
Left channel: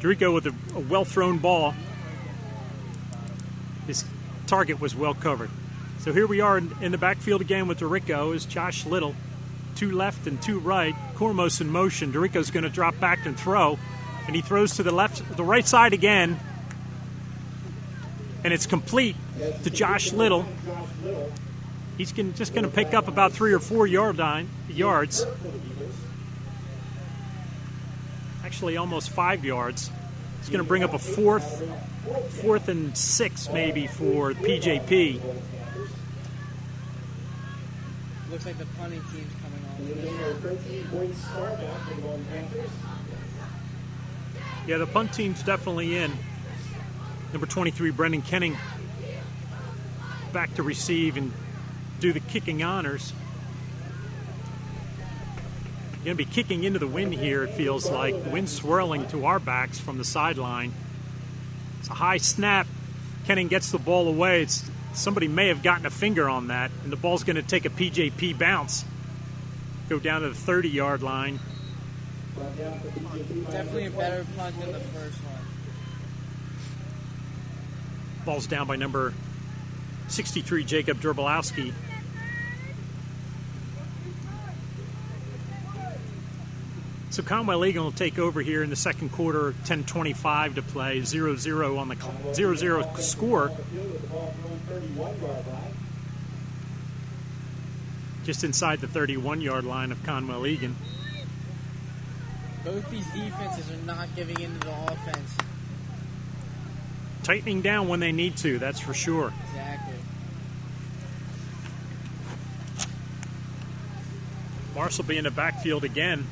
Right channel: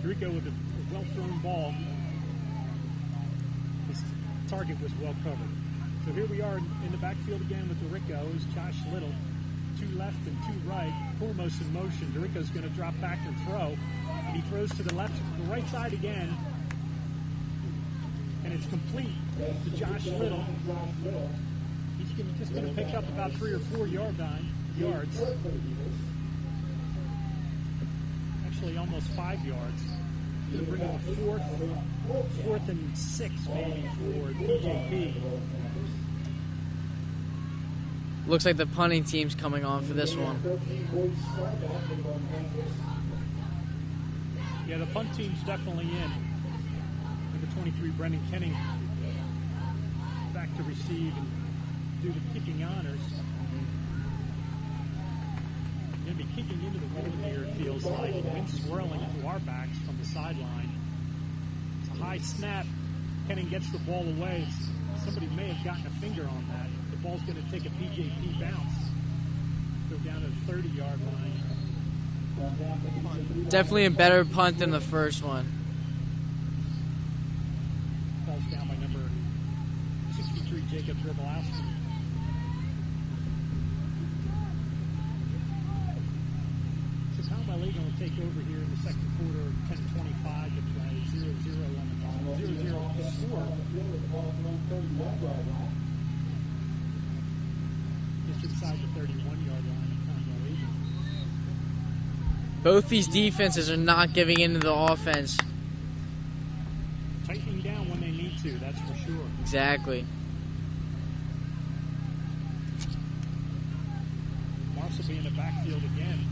DeRico with a well-thrown ball. His target was well covered. So here we are in the backfield again with DeRico is Josh Little. 2 left and 2 right. Cormos in motion. DeRico's going to drop back and throw. And he throws to the right side again. And it's complete to Josh Little. He's just going to pick up about 3 or 4 yards. Actually, almost 5 yards. He's going to bring up a fourth and 6 maybe for PJP. Looks like the punting team's coming on for this one. Yeah, the punt team's definitely in. Number 23, Brendan Kenning, back to receive and do the kicking honors. Going to be kicking into the wind here, it feels like. Wind swirling to our backs from the sideline. It's a high snap. Kenning gets the ball away. Somebody may have gotten a finger on that, and the ball's going to take a PJP bounce. Go down to the 30-yard line. Definitely a better punt than the first one. Ball's down by number 63, Jacob Drobelowski. So Conwell Eagle will take over here in the second quarter, 10:25 to play, 0-0 on the 0-0 score. Just inside the 31-yard line of Conwell Egan. Both these defenses are not giving in to the offense. Tightening down when they need to, that's for sure. Exactly. Morris will be in the backfield again.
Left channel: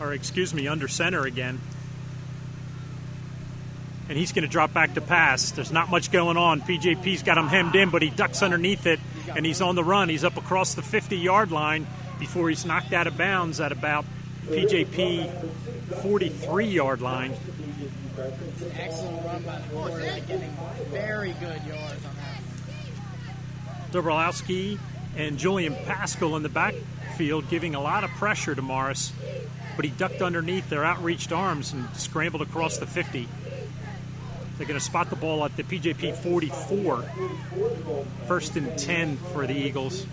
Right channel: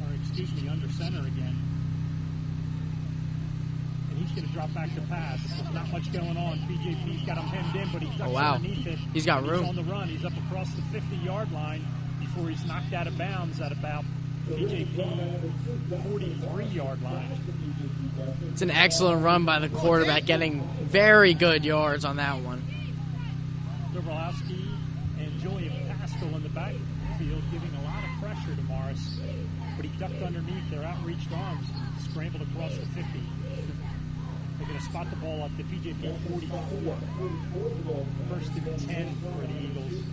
Or excuse me, under center again. And he's going to drop back to pass. There's not much going on. PJP's got him hemmed in, but he ducks underneath it. He's on the run. He's up across the 50-yard line before he's knocked out of bounds at about PJP 43-yard line. It's an excellent run by the quarterback, getting very good yards on that one. Dobrowski and Julian Pascal in the backfield giving a lot of pressure to Morris, but he ducked underneath their outreached arms and scrambled across the 50. They're going to spot the ball at the PJP 44. 1st and 10 for the Eagles.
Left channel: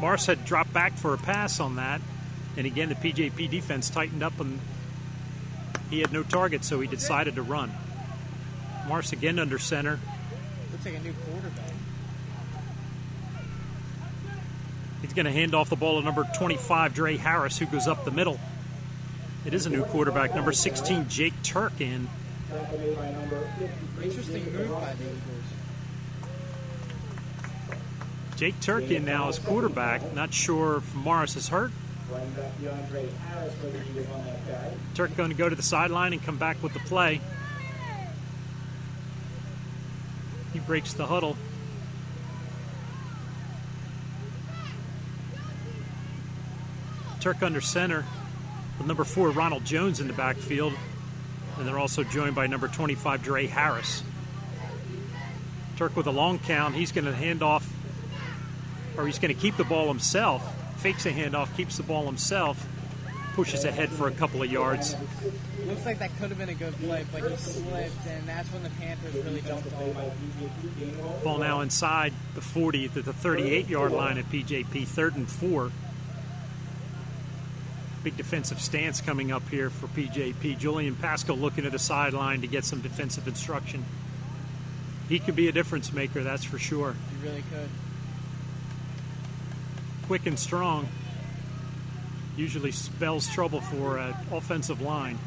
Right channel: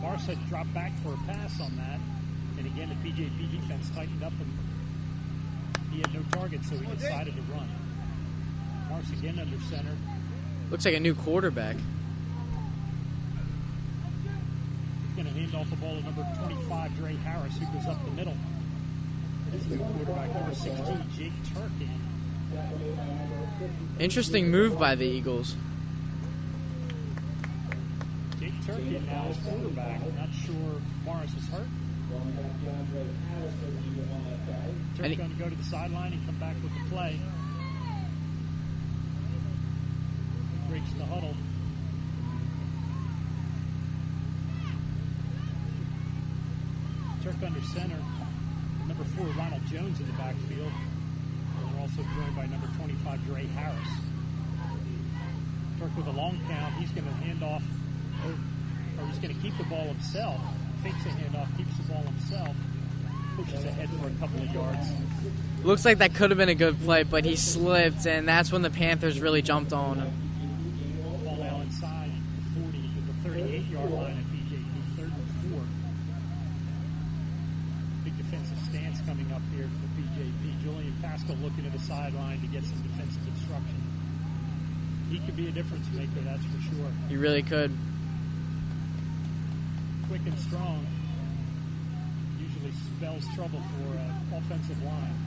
Morris had dropped back for a pass on that. And again, the PJP defense tightened up and he had no target, so he decided to run. Morris again under center. Looks like a new quarterback. He's going to hand off the ball to number 25, Dre Harris, who goes up the middle. It is a new quarterback, number 16, Jake Turkin. Interesting move by the Eagles. Jake Turkin now is quarterback. Not sure if Morris is hurt. Turk going to go to the sideline and come back with the play. He breaks the huddle. Turk under center with number 4, Ronald Jones in the backfield. And they're also joined by number 25, Dre Harris. Turk with a long count. He's going to hand off, or he's going to keep the ball himself. Fakes a handoff, keeps the ball himself, pushes ahead for a couple of yards. Looks like that could have been a good play, but he slipped, and that's when the Panthers really jumped on him. Ball now inside the 40 to the 38-yard line at PJP, 3rd and 4. Big defensive stance coming up here for PJP. Julian Pascal looking at the sideline to get some defensive instruction. He could be a difference maker, that's for sure. He really could. Quick and strong. Usually spells trouble for an offensive line.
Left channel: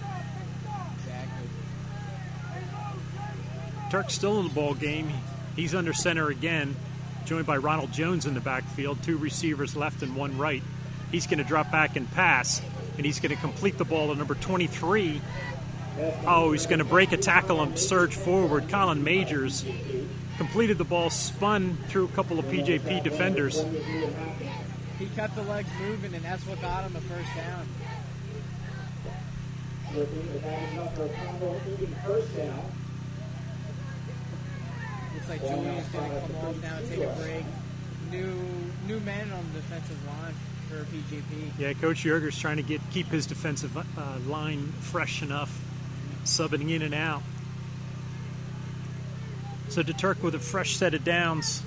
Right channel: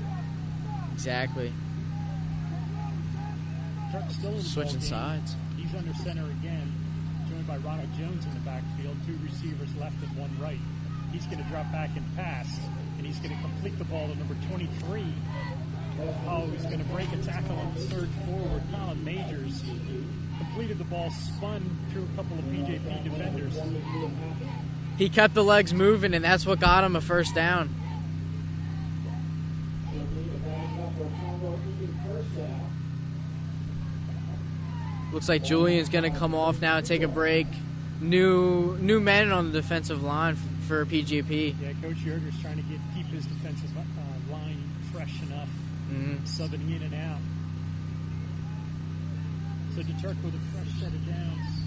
Exactly. Turk's still in the ball Switching game. sides. He's under center again, joined by Ronald Jones in the backfield. 2 receivers left and 1 right. He's going to drop back and pass, and he's going to complete the ball to number 23. Oh, he's going to break a tackle and surge forward. Colin Majors completed the ball, spun through a couple of PJP defenders. He kept the legs moving, and that's what got him a first down. Looks like Julian's going to come off now and take a break. New men on the defensive line for PGP. Yeah, Coach Yerger's trying to keep his defensive line fresh enough, subbing in and out. So DeTurk with a fresh set of downs.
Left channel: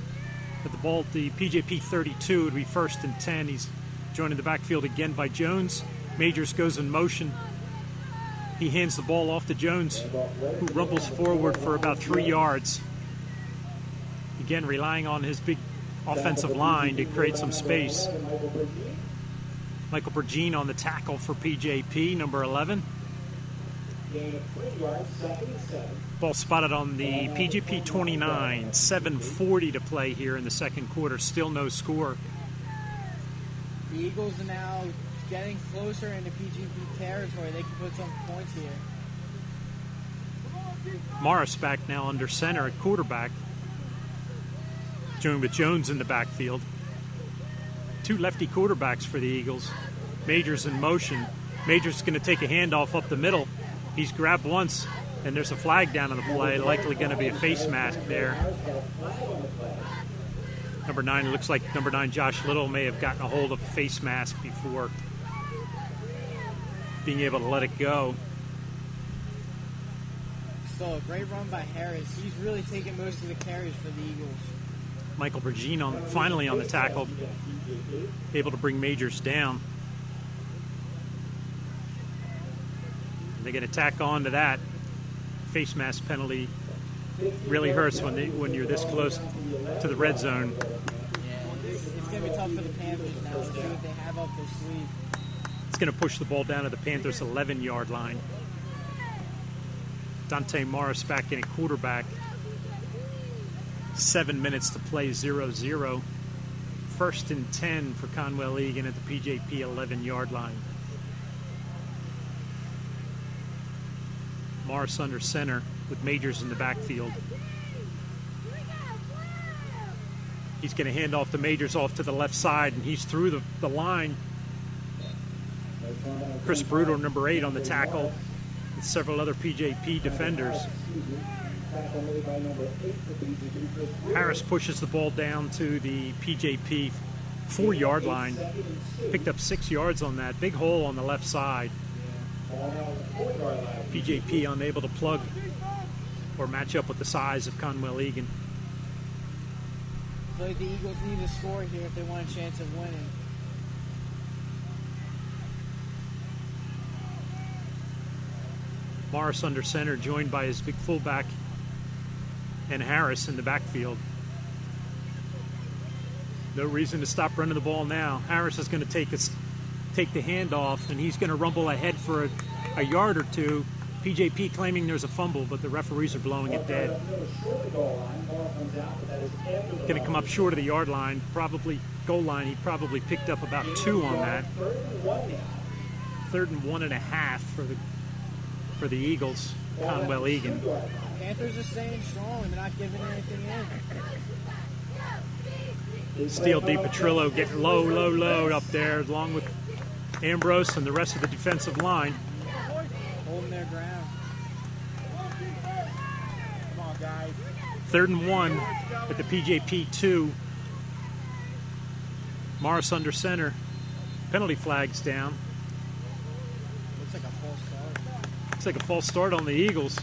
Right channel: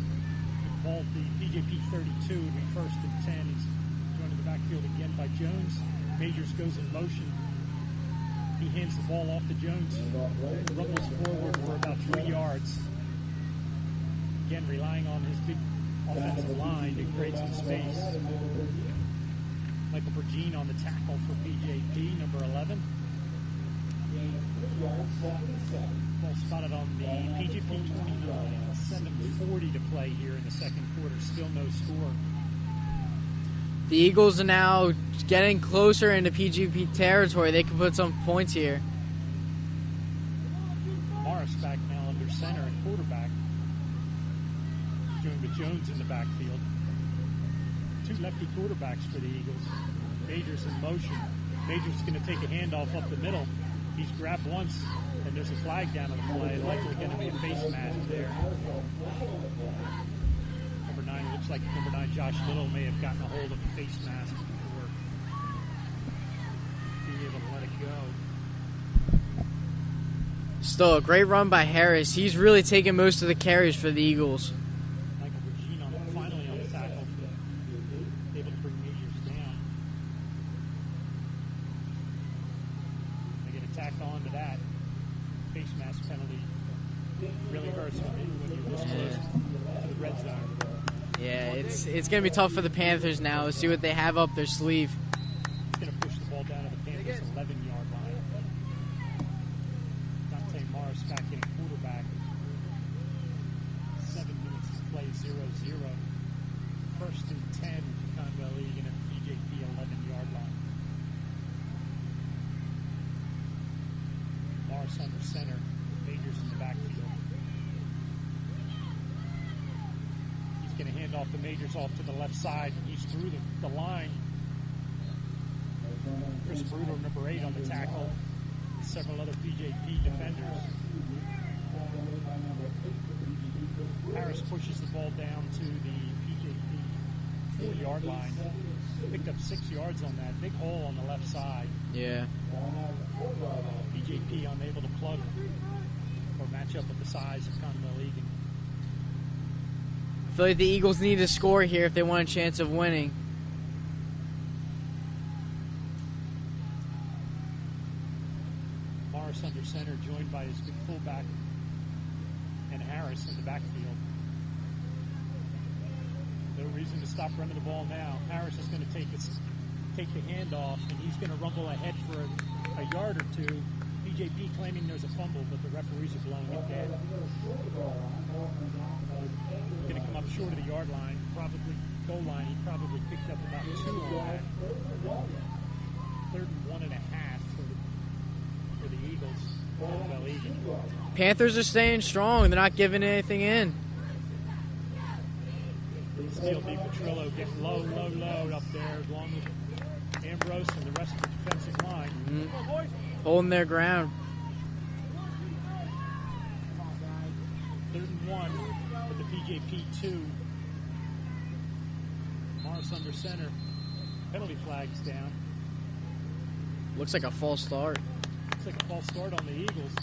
At the ball at the PJP 32, it would be 1st and 10. He's joined in the backfield again by Jones. Majors goes in motion. He hands the ball off to Jones, who rumbles forward for about 3 yards. Again, relying on his big offensive line to create some space. Michael Bergine on the tackle for PJP, number 11. Ball spotted on the PJP 29, 7:40 to play here in the second quarter. Still no score. The Eagles are now getting closer into PGP territory. They can put some points here. Morris back now under center at quarterback. Joined with Jones in the backfield. 2 lefty quarterbacks for the Eagles. Majors in motion. Majors is going to take a handoff up the middle. He's grabbed once, and there's a flag down on the play. Likely going to be a face mask there. Number 9, looks like number 9 Josh Little may have gotten a hold of a face mask before being able to let it go. Still a great run by Harris. He's really taking most of the carries for the Eagles. Michael Bergine finally on the tackle, able to bring Majors down. They get a tack on to that. Face mask penalty really hurts when you're this close to the red zone. Yeah, it's going to be tough for the Panthers now. Let's see what they have up their sleeve. It's going to push the ball down to the Panthers' 11-yard line. Dante Morris back in at quarterback. 7 minutes to play, 0-0. 1st and 10 for Conwell Egan at the PJP 11-yard line. Morris under center with Majors in the backfield. He's going to hand off the Majors off to the left side, and he's through the line. Chris Bruder, number 8, on the tackle, with several other PJP defenders. Harris pushes the ball down to the PJP 4-yard line. Picked up 6 yards on that. Big hole on the left side. Yeah. PJP unable to plug or match up with the size of Conwell Egan. I feel like the Eagles need to score here if they want a chance of winning. Morris under center, joined by his big fullback and Harris in the backfield. No reason to stop running the ball now. Harris is going to take the handoff, and he's going to rumble ahead for a yard or two. PJP claiming there's a fumble, but the referees are blowing it dead. Going to come up short of the yard line, probably goal line. He probably picked up about 2 on that. 3rd and 1.5 for the Eagles. Conwell Egan. Panthers are staying strong. They're not giving anything in. Steele DiPetrillo getting low up there, along with Ambrose and the rest of the defensive line. Holding their ground. 3rd and 1 with the PJP 2. Morris under center. Penalty flags down. Looks like a false start. Looks like a false start on the Eagles.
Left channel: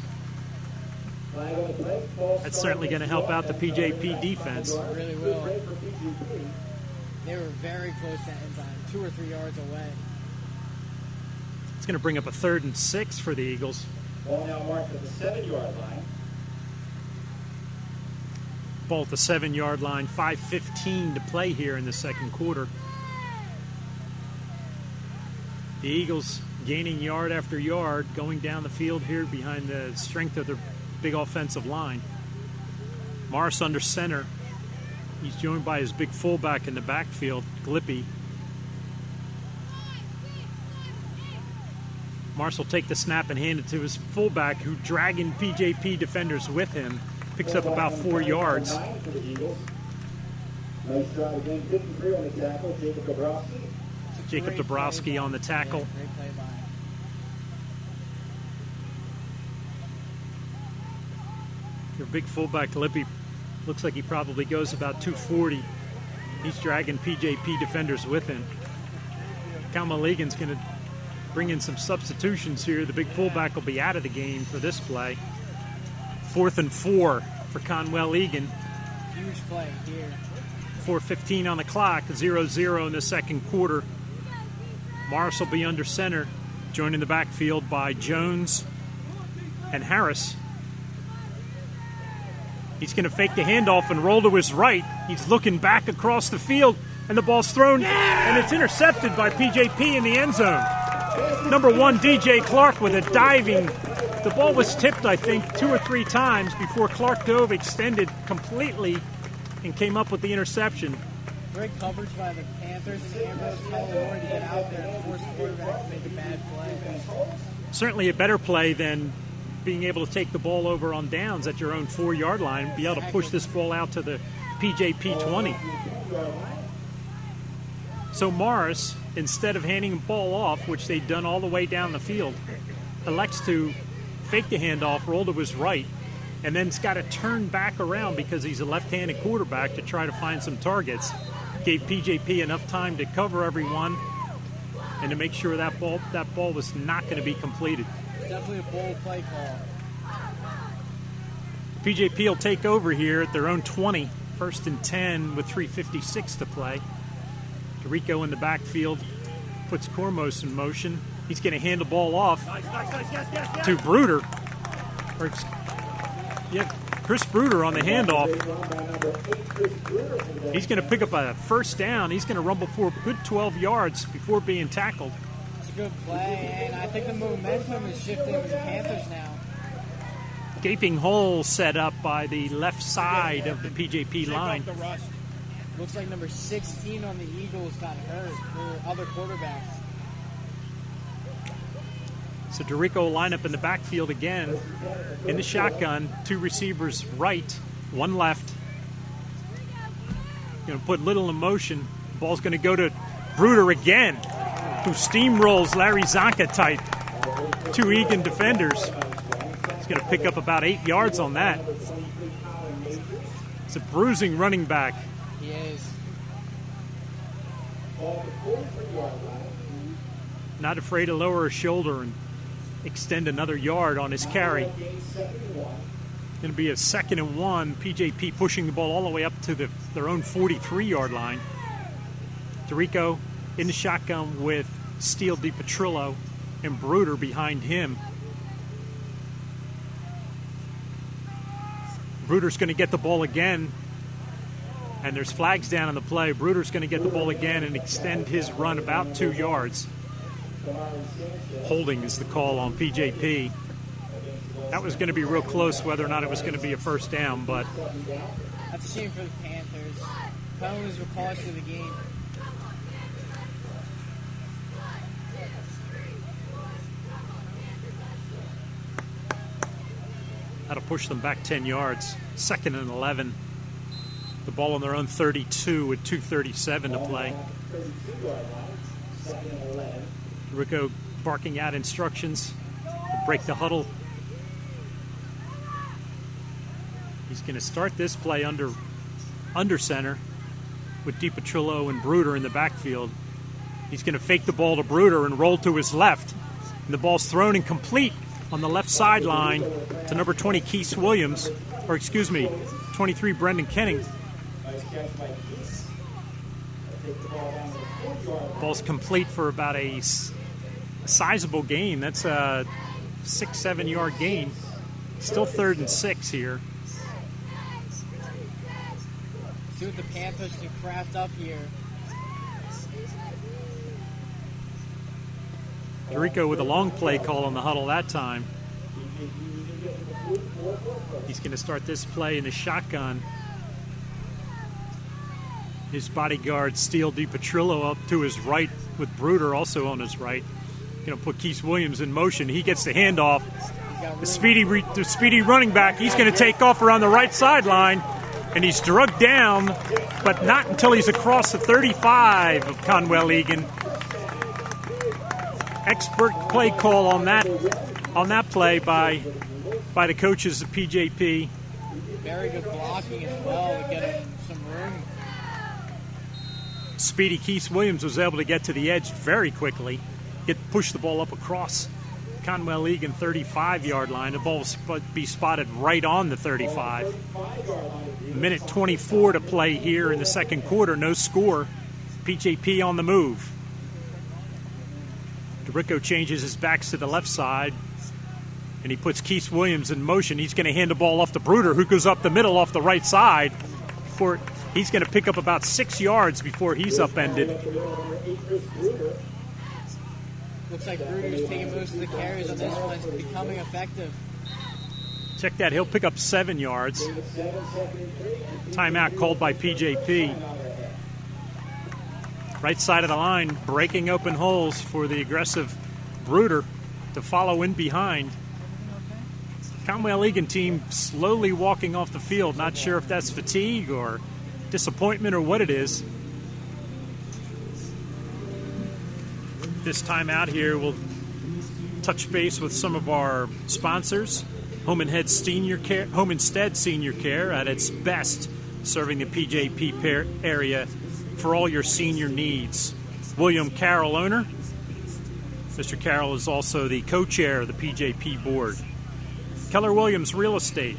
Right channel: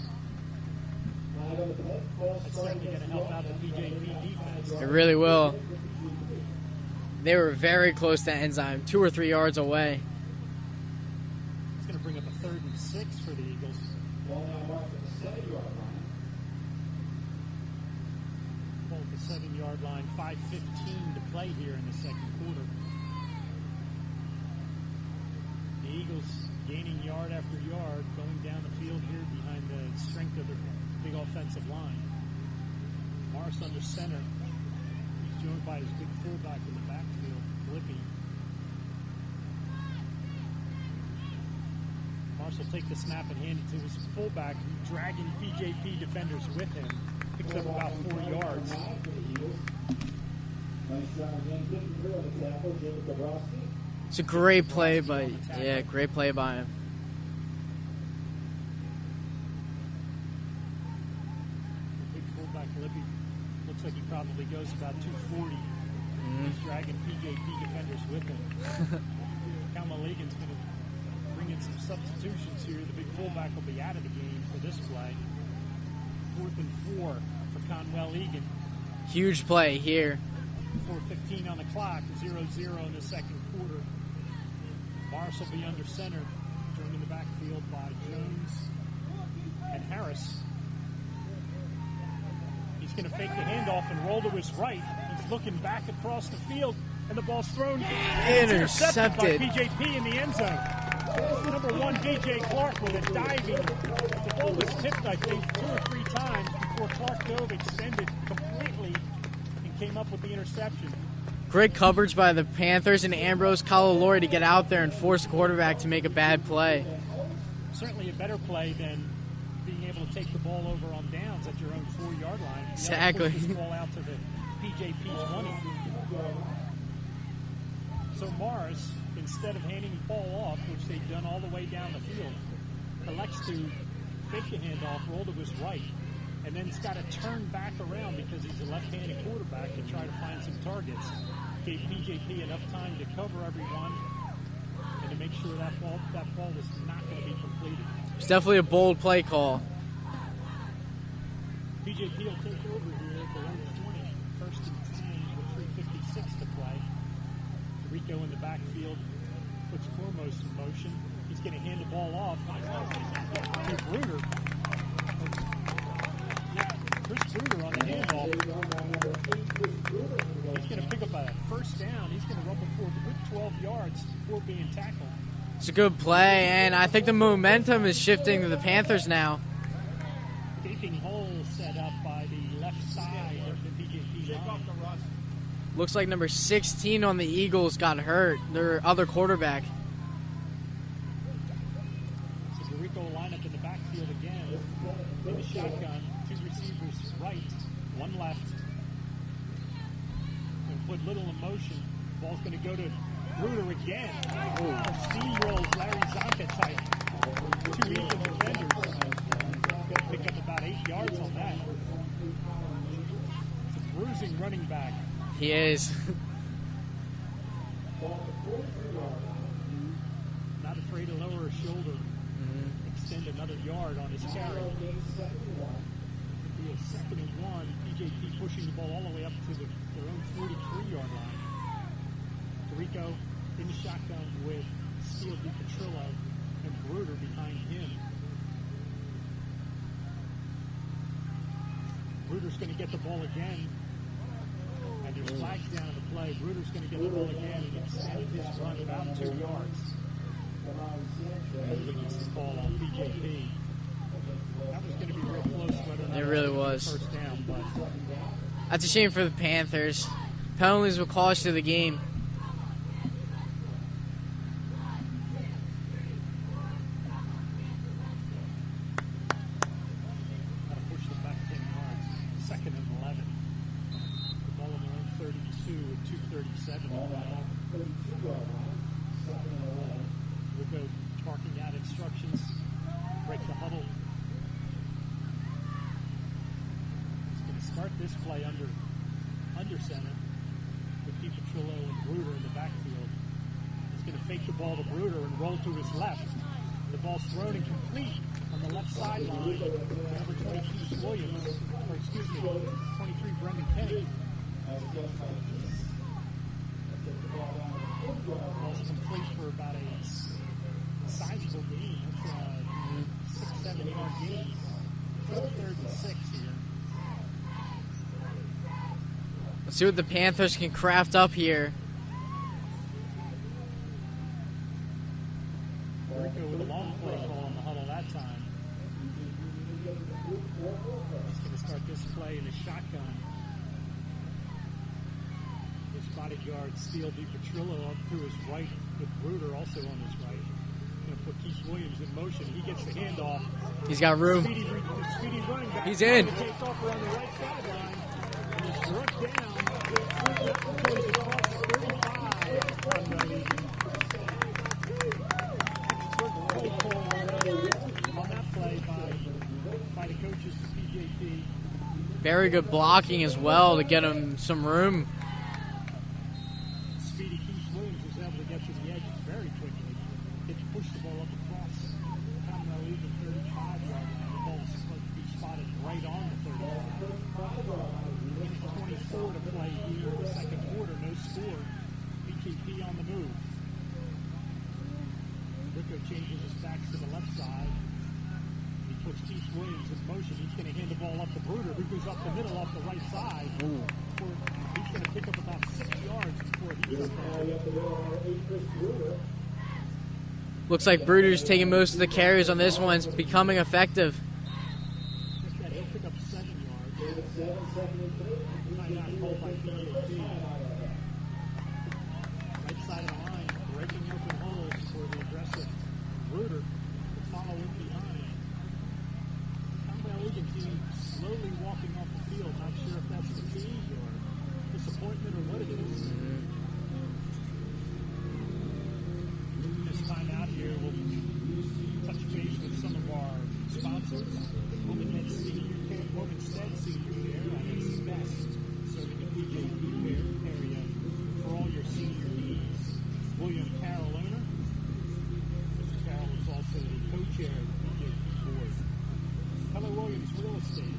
Flag on the play. False That's start certainly going to help out the PJP defense. It really will. They were very close to Enzyme, 2 or 3 yards away. It's going to bring up a 3rd and 6 for the Eagles. Ball now marked at the 7-yard line. Ball at the 7-yard line, 5:15 to play here in the second quarter. The Eagles gaining yard after yard, going down the field here behind the strength of their big offensive line. Morris under center. He's joined by his big fullback in the backfield, Glippy. Morris will take the snap and hand it to his fullback, who dragging PJP defenders with him. Picks up about 4 yards. Nice try again. 53 on the tackle. Jacob Gabrowski. It's a great play Dabrowski by on the tackle. Yeah, great play by him. Their big fullback, Lippy, looks like he probably goes about 240. He's dragging PJP defenders with him. Cal Maligan's going to bring in some substitutions here. The big fullback will be out of the game for this play. 4th and 4 for Conwell Egan. Huge play here. 4:15 on the clock, 0-0 in the second quarter. Morris will be under center, joined in the backfield by Jones and Harris. He's going to fake the handoff and roll to his right. He's looking back across the field, and the ball's thrown, and it's intercepted by PJP in the end zone. Number 1, DJ Clark with a diving. The ball was tipped, I think, 2 or 3 times before Clark dove, extended completely, and came up with the interception. Great coverage by the Panthers and Ambrose Calalori to get out there and force quarterback to make a bad play. Certainly a better play than being able to take the ball over on downs at your own 4-yard line and be able to push this ball out to the PJP 20. So Morris, instead of handing the ball off, which they'd done all the way down the field, elects to fake the handoff, roll to his right, and then's got to turn back around because he's a left-handed quarterback to try to find some targets. Gave PJP enough time to cover everyone and to make sure that ball was not going to be completed. It's definitely a bold play call. PJP will take over here at their own 20, 1st and 10 with 3:56 to play. DeRico in the backfield puts Cormos in motion. He's going to hand the ball off to Bruder. Chris Bruder on the handoff. He's going to pick up a 1st down. He's going to rumble for a good 12 yards before being tackled. It's a good play, and I think the momentum is shifting to the Panthers now. Gaping hole set up by the left side of the PJP line. Looks like number 16 on the Eagles got hurt, their other quarterback. So DeRico will line up in the backfield again. In the shotgun, 2 receivers right, 1 left. Going to put little in motion. Ball's going to go to Bruder again, who steamrolls Larry Zonka type. 2 Egan defenders. He's going to pick up about 8 yards on that. It's a bruising running back. He is. Not afraid to lower his shoulder and extend another yard on his carry. Going to be a 2nd and 1. PJP pushing the ball all the way up to their own 43-yard line. DeRico in the shotgun with Steele DiPetrillo and Bruder behind him. Bruder's going to get the ball again, and there's flags down on the play. Bruder's going to get the ball again and extend his run about 2 yards. Holding is the call on PJP. That was going to be real close whether or not it was going to be a 1st down, but That's a shame for the Panthers. Penalties will cost you the game. that'll push them back 10 yards. 2nd and 11. The ball on their own 32 with 2:37 to play. Rico barking out instructions. Break the huddle. He's going to start this play under center with DiPetrillo and Bruder in the backfield. He's going to fake the ball to Bruder and roll to his left. And the ball's thrown incomplete. on the left sideline to number 20, Keith Williams, or excuse me, 23, Brendan Kenning. Nice catch by Keith. Take the ball down to the 4-yard line. Ball's complete for about a sizable gain. That's a 6-7 yard gain. Still 3rd and 6 here. Let's see what the Panthers can craft up here. Dorico with a long play call on the huddle that time. He's going to start this play in the shotgun. His bodyguard, Steele DiPetrillo, up to his right with Bruder also on his right. Going to put Keith Williams in motion. He gets the handoff. He's got room. The speedy running back. He's going to take off around the right sideline, and he's drugged down, but not until he's across the 35 of Conwell Egan. Expert play call on that play by the coaches of PJP. Very good blocking as well to get him some room. Speedy Keith Williams was able to get to the edge very quickly, push the ball up across Conwell Egan 35-yard line. The ball will be spotted right on the 35. Minute 24 to play here in the second quarter. No score. PJP on the move. Dorico changes his backs to the left side, and he puts Keith Williams in motion. He's going to hand the ball off to Bruder, who goes up the middle off the right side. He's going to pick up about 6 yards before he's upended. Looks like Bruder's taking most of the carries on this one. It's becoming effective. Check that. He'll pick up 7 yards. Timeout called by PJP. Right side of the line, breaking open holes for the aggressive Bruder to follow in behind. Conwell Egan team slowly walking off the field. Not sure if that's fatigue or disappointment or what it is. This time out here, we'll touch base with some of our sponsors. Home Instead Senior Care at its best, serving the PJP area for all your senior needs. William Carroll, owner. Mr. Carroll is also the co-chair of the PJP board. Keller Williams Real Estate.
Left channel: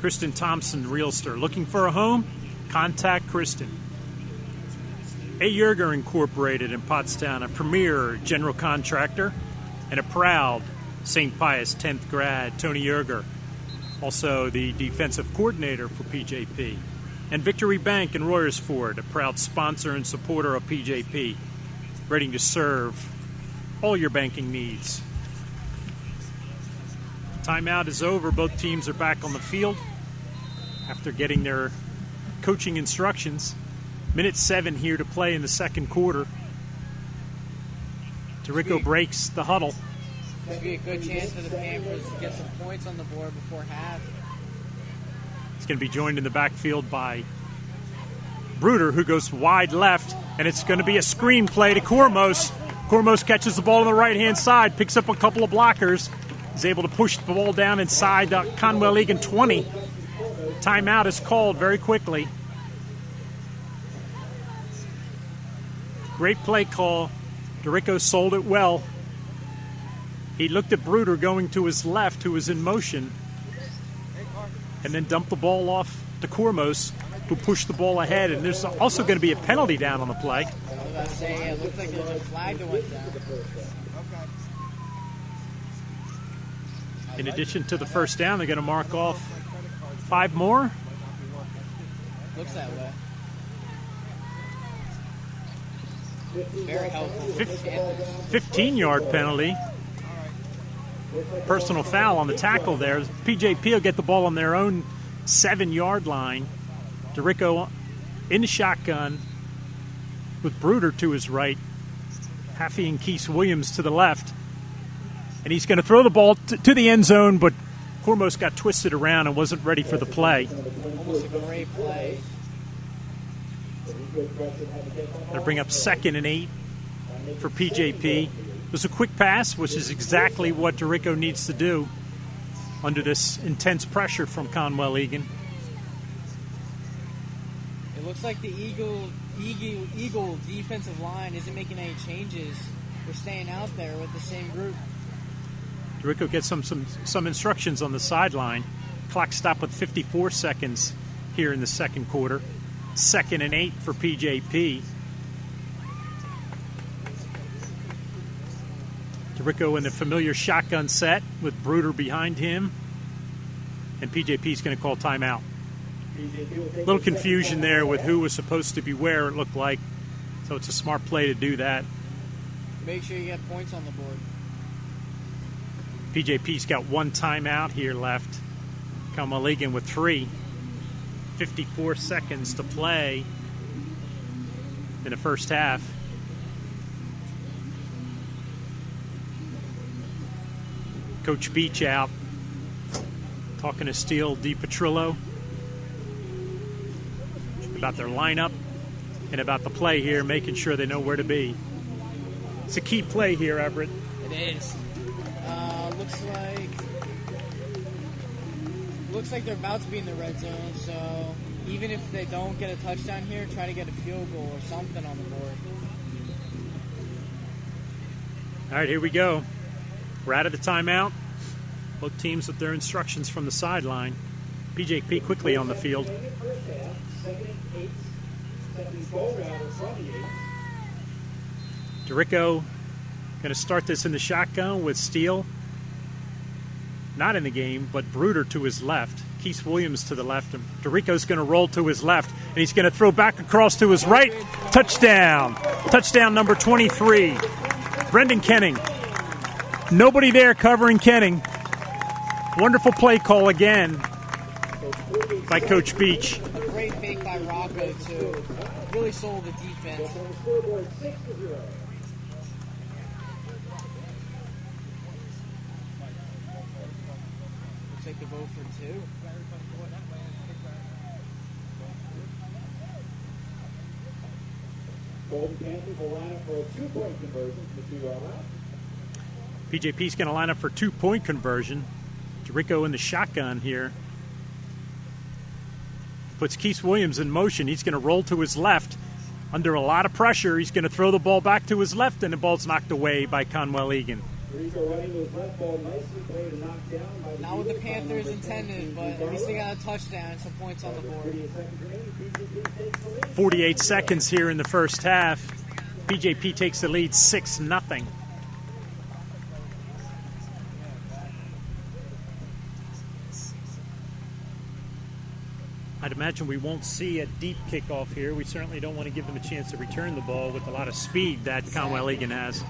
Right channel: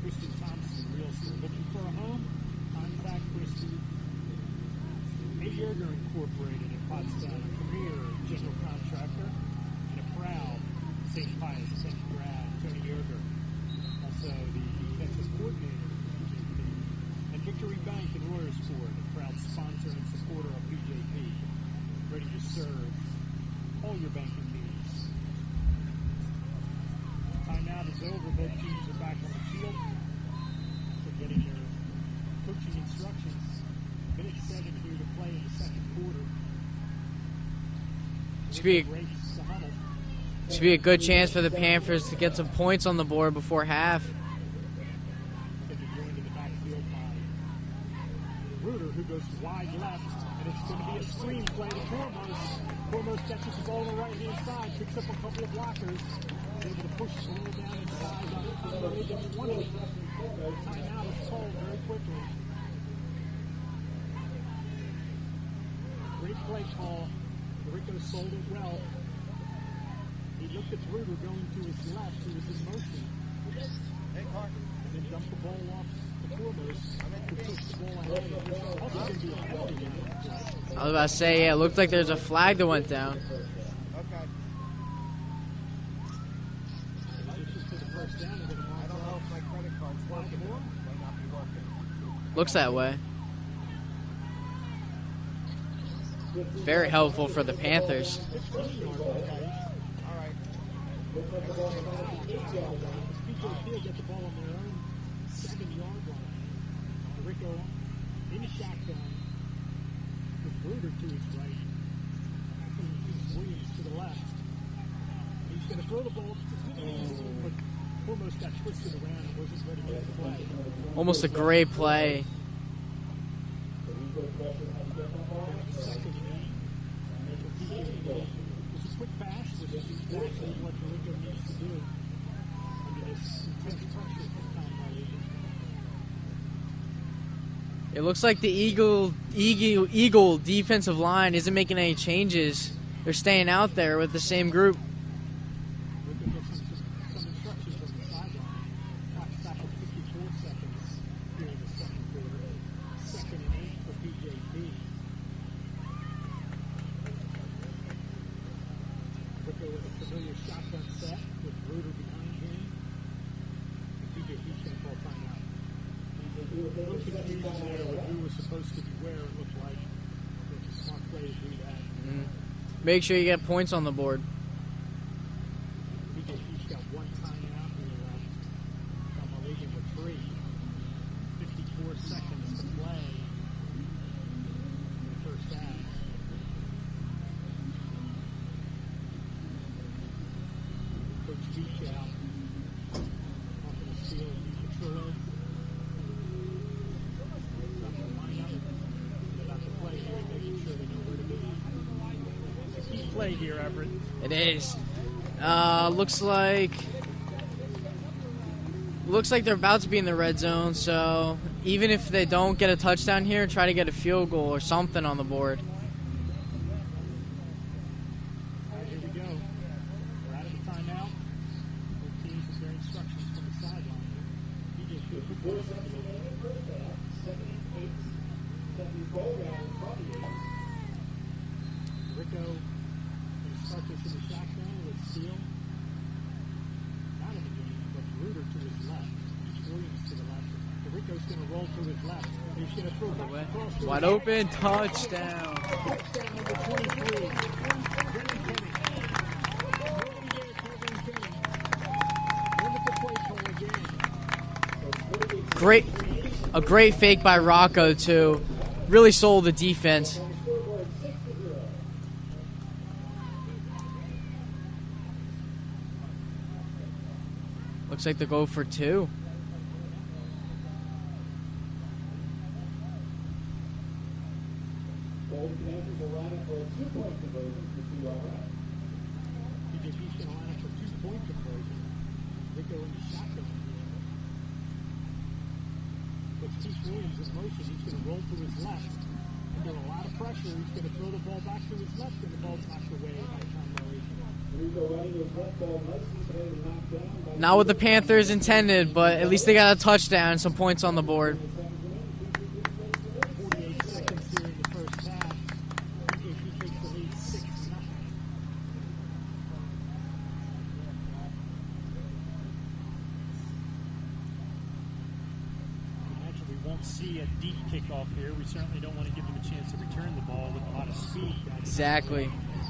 Kristen Thompson, realtor. Looking for a home? Contact Kristen. A. Yerger Incorporated in Pottstown, a premier general contractor and a proud St. Pius 10th grad, Tony Yerger, also the defensive coordinator for PJP. And Victory Bank in Royersford, a proud sponsor and supporter of PJP, ready to serve all your banking needs. Timeout is over. Both teams are back on the field after getting their coaching instructions. Minute 7 here to play in the second quarter. Dorico breaks the huddle. This would be a good chance for the Panthers to get some points on the board before half. He's going to be joined in the backfield by Bruder, who goes wide left, and it's going to be a screen play to Kormos. Kormos catches the ball on the right-hand side, picks up a couple of blockers, is able to push the ball down inside Conwell Egan 20. Timeout is called very quickly. Great play call. Dorico sold it well. He looked at Bruder going to his left, who was in motion, and then dumped the ball off to Kormos, who pushed the ball ahead. And there's also going to be a penalty down on the play. I was about to say, yeah, it looked like there's a flag that went down. In addition to the first down, they're going to mark off 5 more. Looks that way. Very helpful for the Panthers. 15-yard penalty. Personal foul on the tackle there. PJP will get the ball on their own 7-yard line. Dorico in the shotgun with Bruder to his right. Haffey and Keith Williams to the left. And he's going to throw the ball to the end zone, but Kormos got twisted around and wasn't ready for the play. Almost a great play. They'll bring up 2nd and 8 for PJP. It was a quick pass, which is exactly what Dorico needs to do under this intense pressure from Conwell Egan. It looks like the Eagle defensive line isn't making any changes. They're staying out there with the same group. Rico gets some instructions on the sideline. Clock stop with 54 seconds here in the second quarter. 2nd and 8 for PJP. Rico in a familiar shotgun set with Bruder behind him. And PJP's going to call timeout. A little confusion there with who was supposed to be where, it looked like. So it's a smart play to do that. Make sure you get points on the board. PJP's got 1 timeout here left. Kalmaligan with 3. 54 seconds to play in the first half. Coach Beach out, talking to Steele DiPetrillo about their lineup and about the play here, making sure they know where to be. It's a key play here, Everett. It is. Looks like they're about to be in the red zone, so even if they don't get a touchdown here, try to get a field goal or something on the board. All right, here we go. We're out of the timeout. Both teams with their instructions from the sideline. PJP quickly on the field. DeRico going to start this in the shotgun with Steele not in the game, but Bruder to his left. Keith Williams to the left. And DeRico's going to roll to his left, and he's going to throw back across to his right. Touchdown. Touchdown number 23. Brendan Kenning. Nobody there covering Kenning. Wonderful play call again by Coach Beach. A great fake by Rocco, too. Really sold the defense. Looks like they go for 2. PJP's going to line up for 2-point conversion. DeRico in the shotgun here. Puts Keith Williams in motion. He's going to roll to his left. Under a lot of pressure, he's going to throw the ball back to his left, and the ball's knocked away by Conwell Egan. Not what the Panthers intended, but at least they got a touchdown and some points on the board. 48 seconds here in the first half. PJP takes the lead 6-0. I'd imagine we won't see a deep kickoff here. We certainly don't want to give them a chance to return the ball with a lot of speed that Conwell Egan has.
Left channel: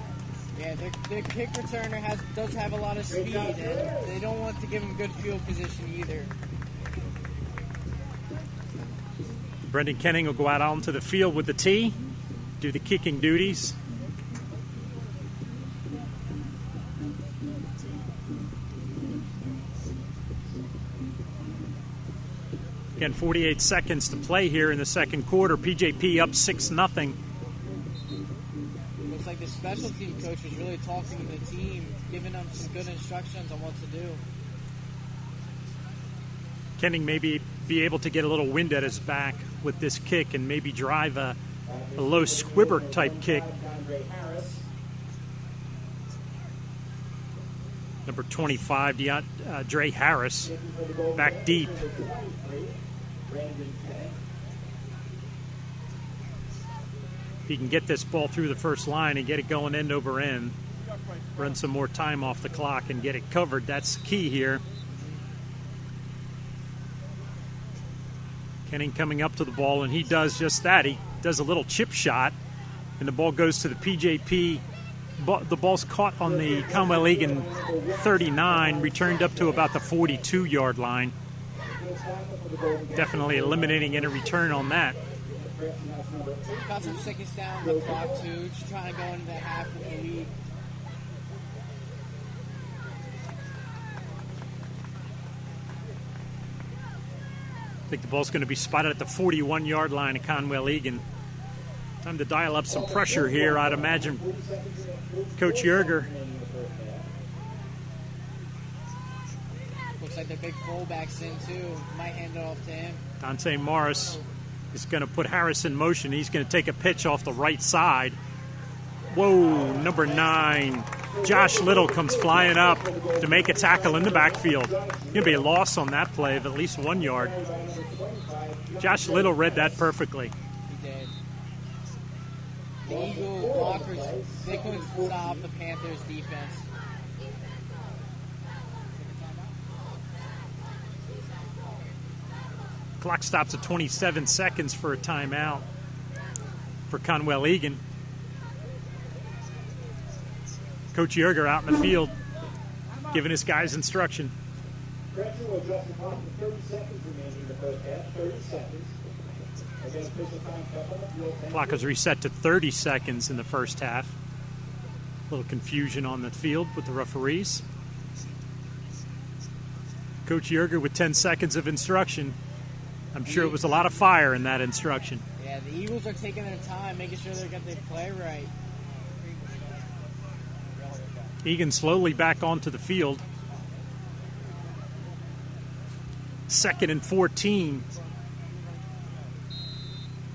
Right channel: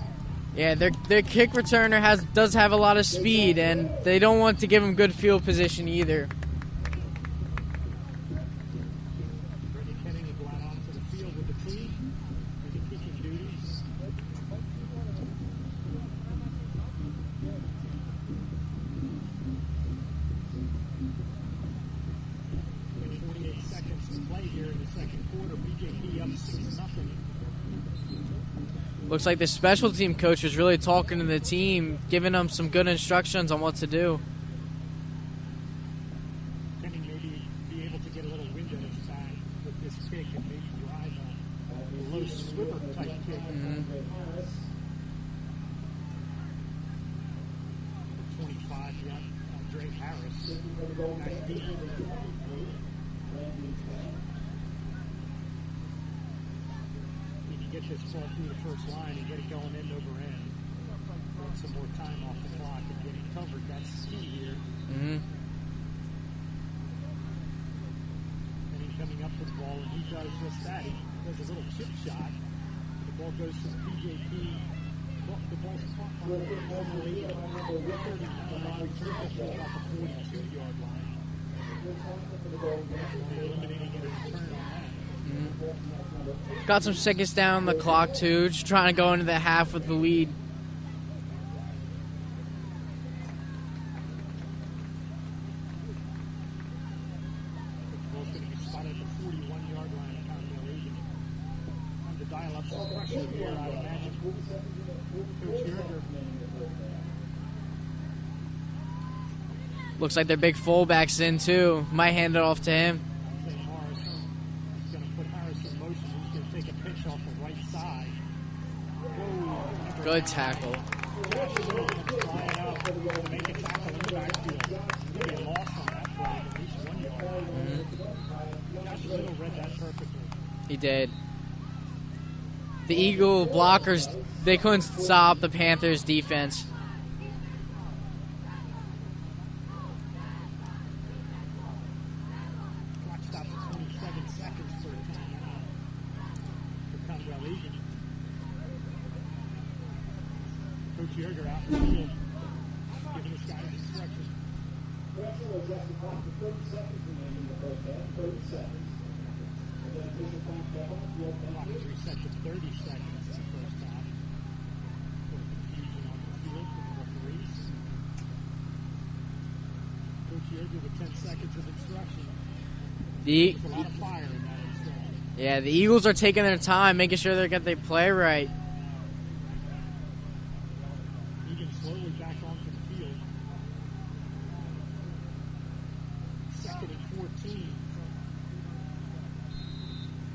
Yeah, their kick returner does have a lot of speed, and they don't want to give him good field position either. Brendan Kenning will go out onto the field with the tee, do the kicking duties. Again, 48 seconds to play here in the second quarter. PJP up 6-0. Looks like the special team coach was really talking to the team, giving them some good instructions on what to do. Kenning maybe be able to get a little wind at his back with this kick and maybe drive a low squibber type kick. Number 25, Dre Harris, back deep. If he can get this ball through the first line and get it going end over end, run some more time off the clock and get it covered, that's key here. Kenning coming up to the ball, and he does just that. He does a little chip shot, and the ball goes to the PJP. The ball's caught on the Conwell Egan 39, returned up to about the 42-yard line. Definitely eliminating any return on that. Got some seconds down the clock, too. Just trying to go into the half with the lead. I think the ball's going to be spotted at the 41-yard line of Conwell Egan. Time to dial up some pressure here, I'd imagine. Coach Yerger. Looks like their big fullback's in, too. Might hand it off to him. Dante Morris is going to put Harris in motion. He's going to take a pitch off the right side. Whoa, number 9. Josh Little comes flying up to make a tackle in the backfield. Going to be a loss on that play of at least 1 yard. Josh Little read that perfectly. He did. The Eagle blockers, they couldn't stop the Panthers' defense. Clock stops at 27 seconds for a timeout for Conwell Egan. Coach Yerger out in the field giving his guys instruction. Pressure will adjust the clock to 30 seconds remaining in the first half. 30 seconds. Again, official time double. Clock is reset to 30 seconds in the first half. A little confusion on the field with the referees. Coach Yerger with 10 seconds of instruction. I'm sure it was a lot of fire in that instruction. Yeah, the Eagles are taking their time, making sure they get their play right. Egan slowly back onto the field. 2nd and 14.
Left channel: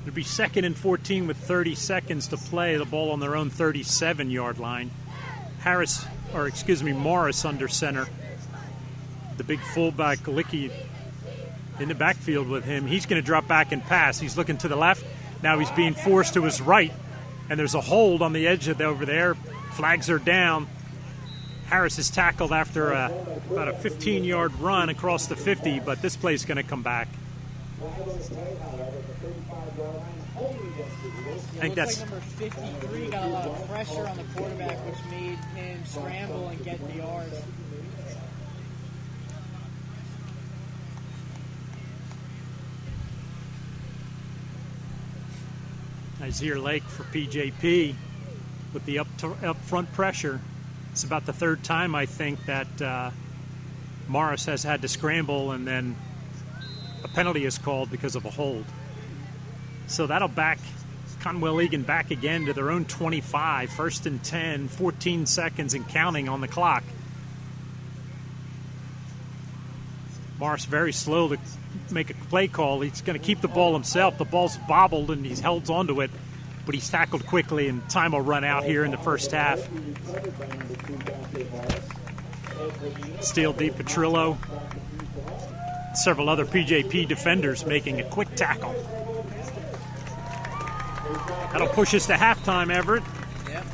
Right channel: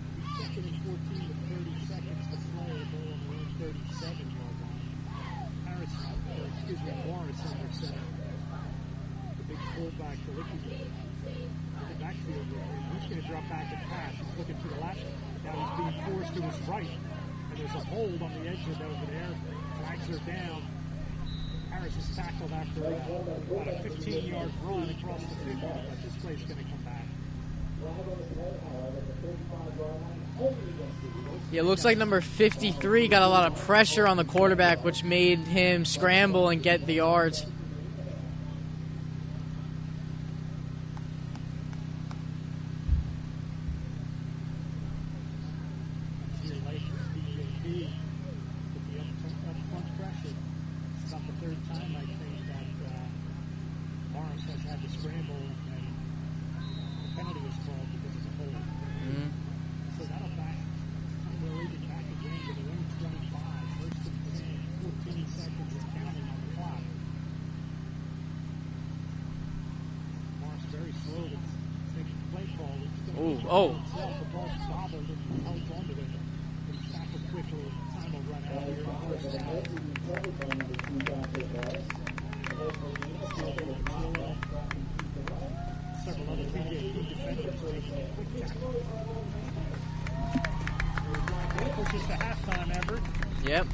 It'll be 2nd and 14 with 30 seconds to play. The ball on their own 37-yard line. Morris under center. The big fullback, Galicki, in the backfield with him. He's going to drop back and pass. He's looking to the left. Now he's being forced to his right. And there's a hold on the edge of over there. Flags are down. Harris is tackled after about a 15-yard run across the 50, but this play's going to come back. Yeah, it looks like number 53 got a lot of pressure on the quarterback, which made him scramble and get the yards. Isaiah Lake for PJP with the up front pressure. It's about the 3rd time, I think, that Morris has had to scramble, and then a penalty is called because of a hold. So that'll back Conwell Egan back again to their own 25, 1st and 10, 14 seconds and counting on the clock. Morris very slow to make a play call. He's going to keep the ball himself. The ball's bobbled and he's held onto it, but he's tackled quickly, and time will run out here in the first half. Steele D. Petrillo, several other PJP defenders making a quick tackle. That'll push us to halftime, Everett. Yep.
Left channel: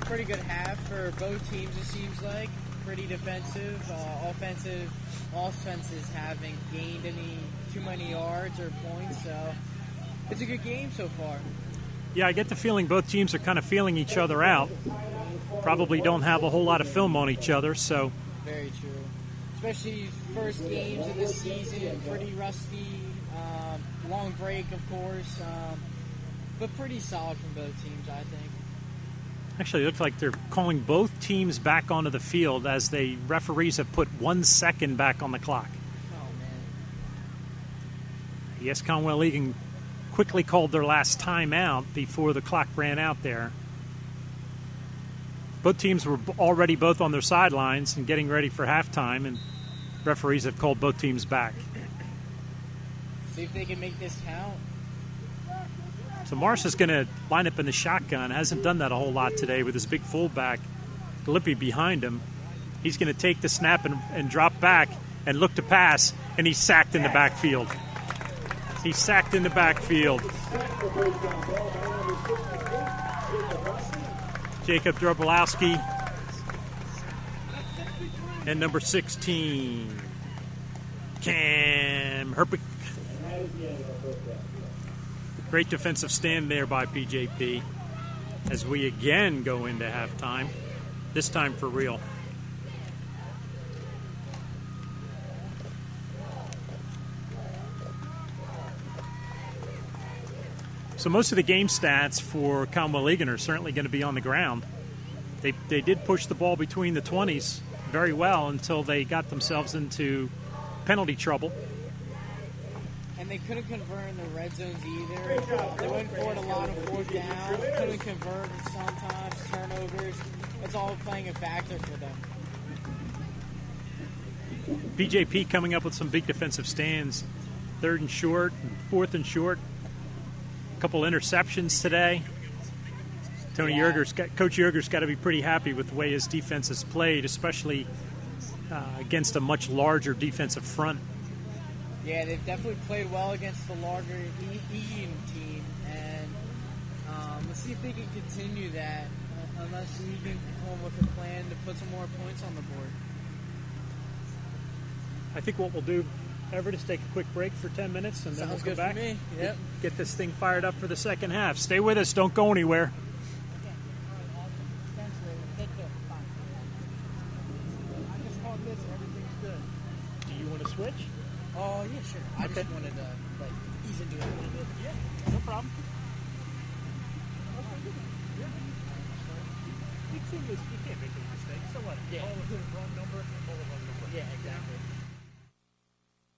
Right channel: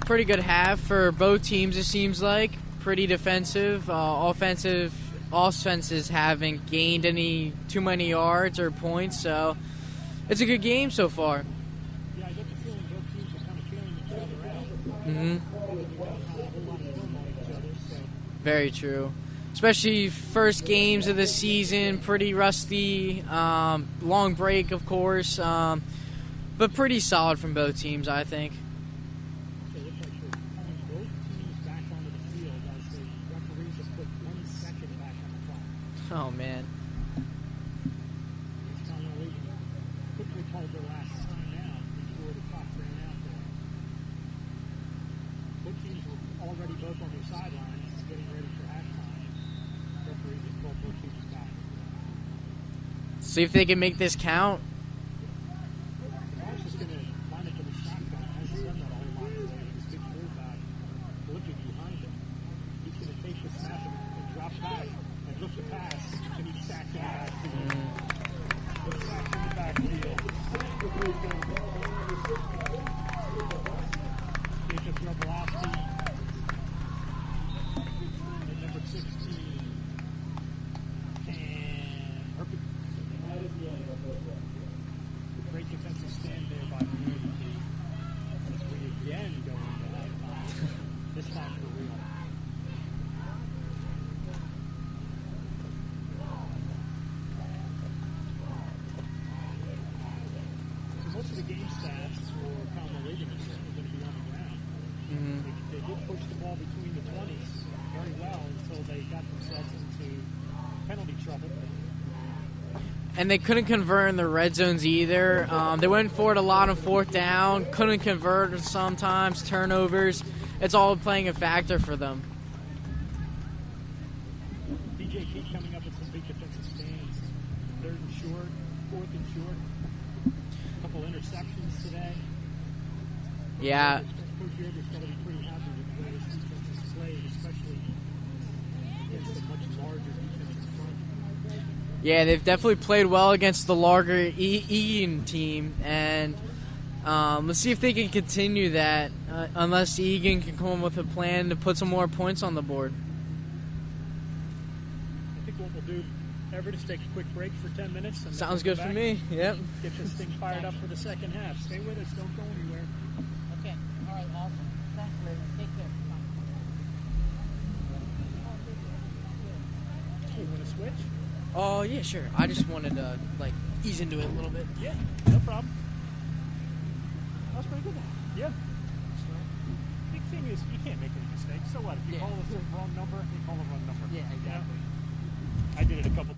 Pretty good half for both teams, it seems like. Pretty defensive. Offenses haven't gained too many yards or points, so it's a good game so far. Yeah, I get the feeling both teams are kind of feeling each other out. Probably don't have a whole lot of film on each other, so. Very true. Especially first games of the season, pretty rusty. Long break, of course. But pretty solid from both teams, I think. Actually, it looks like they're calling both teams back onto the field as the referees have put 1 second back on the clock. Oh, man. Yes, Conwell Egan quickly called their last timeout before the clock ran out there. Both teams were already both on their sidelines and getting ready for halftime, and referees have called both teams back. See if they can make this count. So Morris is going to line up in the shotgun. Hasn't done that a whole lot today with his big fullback, Galippi, behind him. He's going to take the snap and drop back and look to pass, and he's sacked in the backfield. He's sacked in the backfield. Jacob Drobolowski and number 16, Cam Herpick. Great defensive stand there by PJP as we again go into halftime, this time for real. So most of the game stats for Conwell Egan are certainly going to be on the ground. They did push the ball between the 20s very well until they got themselves into penalty trouble. And they couldn't convert in the red zones either. They went for it a lot on 4th down, couldn't convert sometimes, turnovers. It's all playing a factor for them. PJP coming up with some big defensive stands. 3rd and short, 4th and short. A couple interceptions today. Yeah. Coach Yerger's got to be pretty happy with the way his defense has played, especially against a much larger defensive front. Yeah, they've definitely played well against the larger Egan team, and let's see if they can continue that, unless Egan can come up with a plan to put some more points on the board. I think what we'll do, Everett, is take a quick break for 10 minutes. And Sounds then good we'll come for back, me. Yep. Get this thing fired up for the second half. Stay with us. Don't go anywhere. Okay. All right. Awesome. Thanks, man. Take care. Bye. I just called this. Everything's good. Do you want to switch? Oh yeah, sure. I just wanted to like ease into it a little bit. Yeah, no problem. Yeah. The thing is, you can't make any mistakes. So what? If you Yeah. call the wrong number, you call the wrong number. Yeah, exactly. I did it a couple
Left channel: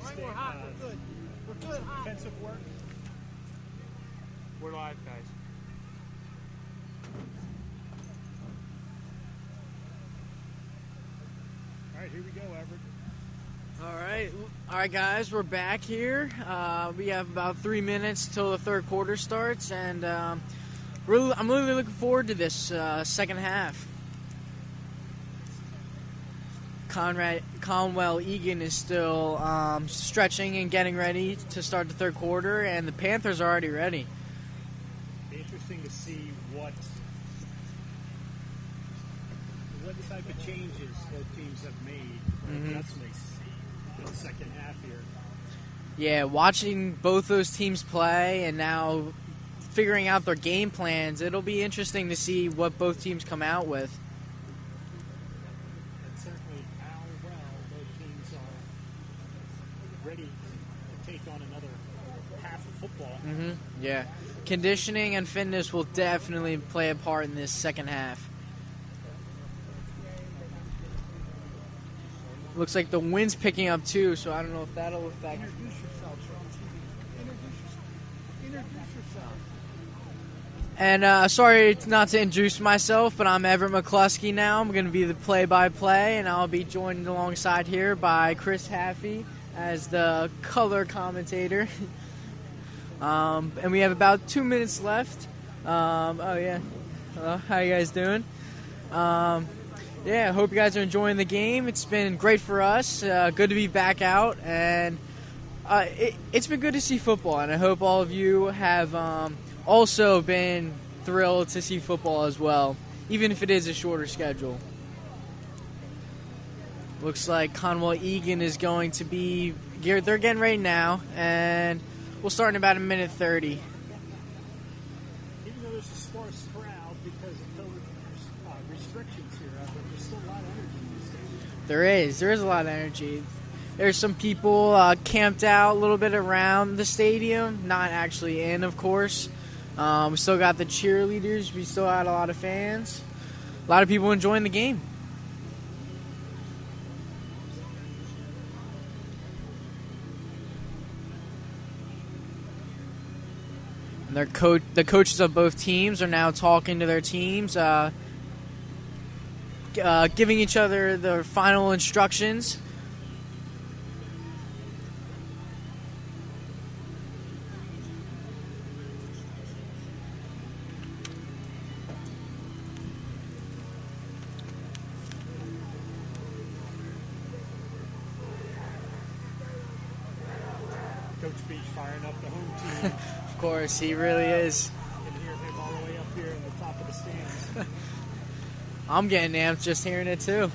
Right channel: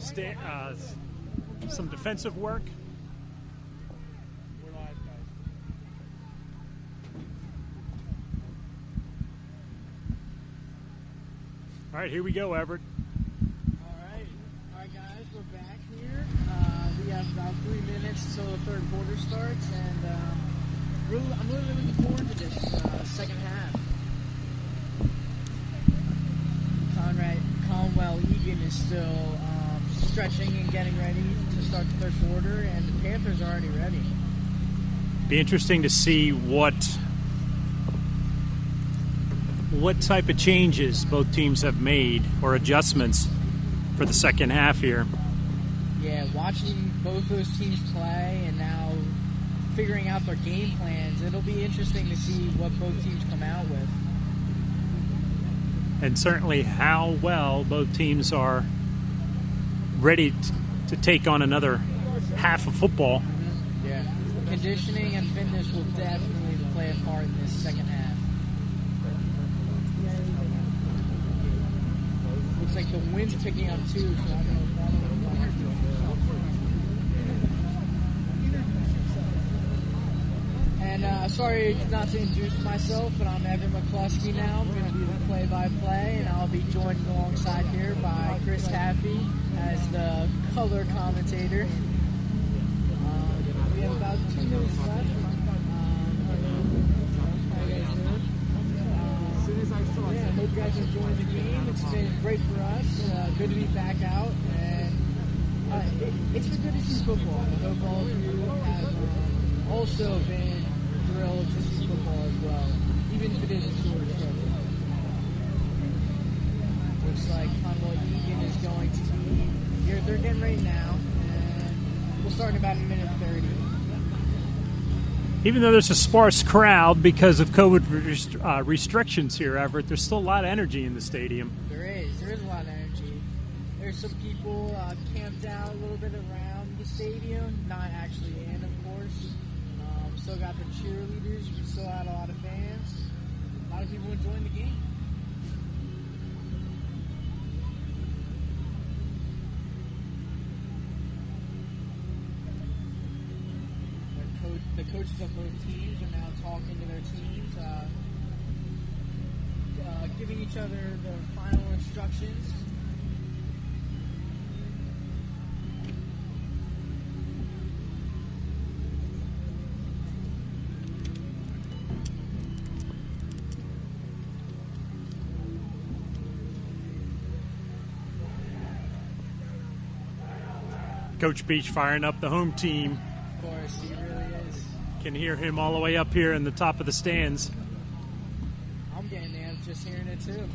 some defensive work. We're live, guys. All right, here we go, Everett. All right, guys, we're back here. We have about 3 minutes till the third quarter starts, and I'm really looking forward to this second half. Conwell Egan is still stretching and getting ready to start the third quarter, and the Panthers are already ready. Be interesting to see what type of changes both teams have made or adjustments for the second half here. Yeah, watching both those teams play and now figuring out their game plans, it'll be interesting to see what both teams come out with. And certainly how well both teams are ready to take on another half of football. Mm-hmm. Yeah. Conditioning and fitness will definitely play a part in this second half. Looks like the wind's picking up too, so I don't know if that'll affect. And sorry not to introduce myself, but I'm Everett McCluskey now. I'm going to be the play-by-play, and I'll be joined alongside here by Chris Haffey as the color commentator. And we have about 2 minutes left. How you guys doing? I hope you guys are enjoying the game. It's been great for us. Good to be back out, and it's been good to see football. And I hope all of you have also been thrilled to see football as well, even if it is a shorter schedule. Looks like Conwell Egan is going to be here. They're getting ready now, and we'll start in about a minute 30. Even though there's a sparse crowd because of COVID restrictions here, Everett, there's still a lot of energy in the stadium. There is a lot of energy. There's some people camped out a little bit around the stadium, not actually in, of course. We still got the cheerleaders. We still had a lot of fans. A lot of people enjoying the game. The coaches of both teams are now talking to their teams, giving each other their final instructions. Coach Beach firing up the home team. Of course, he really is. Can hear him all the way up here in the top of the stands. I'm getting amped just hearing it too.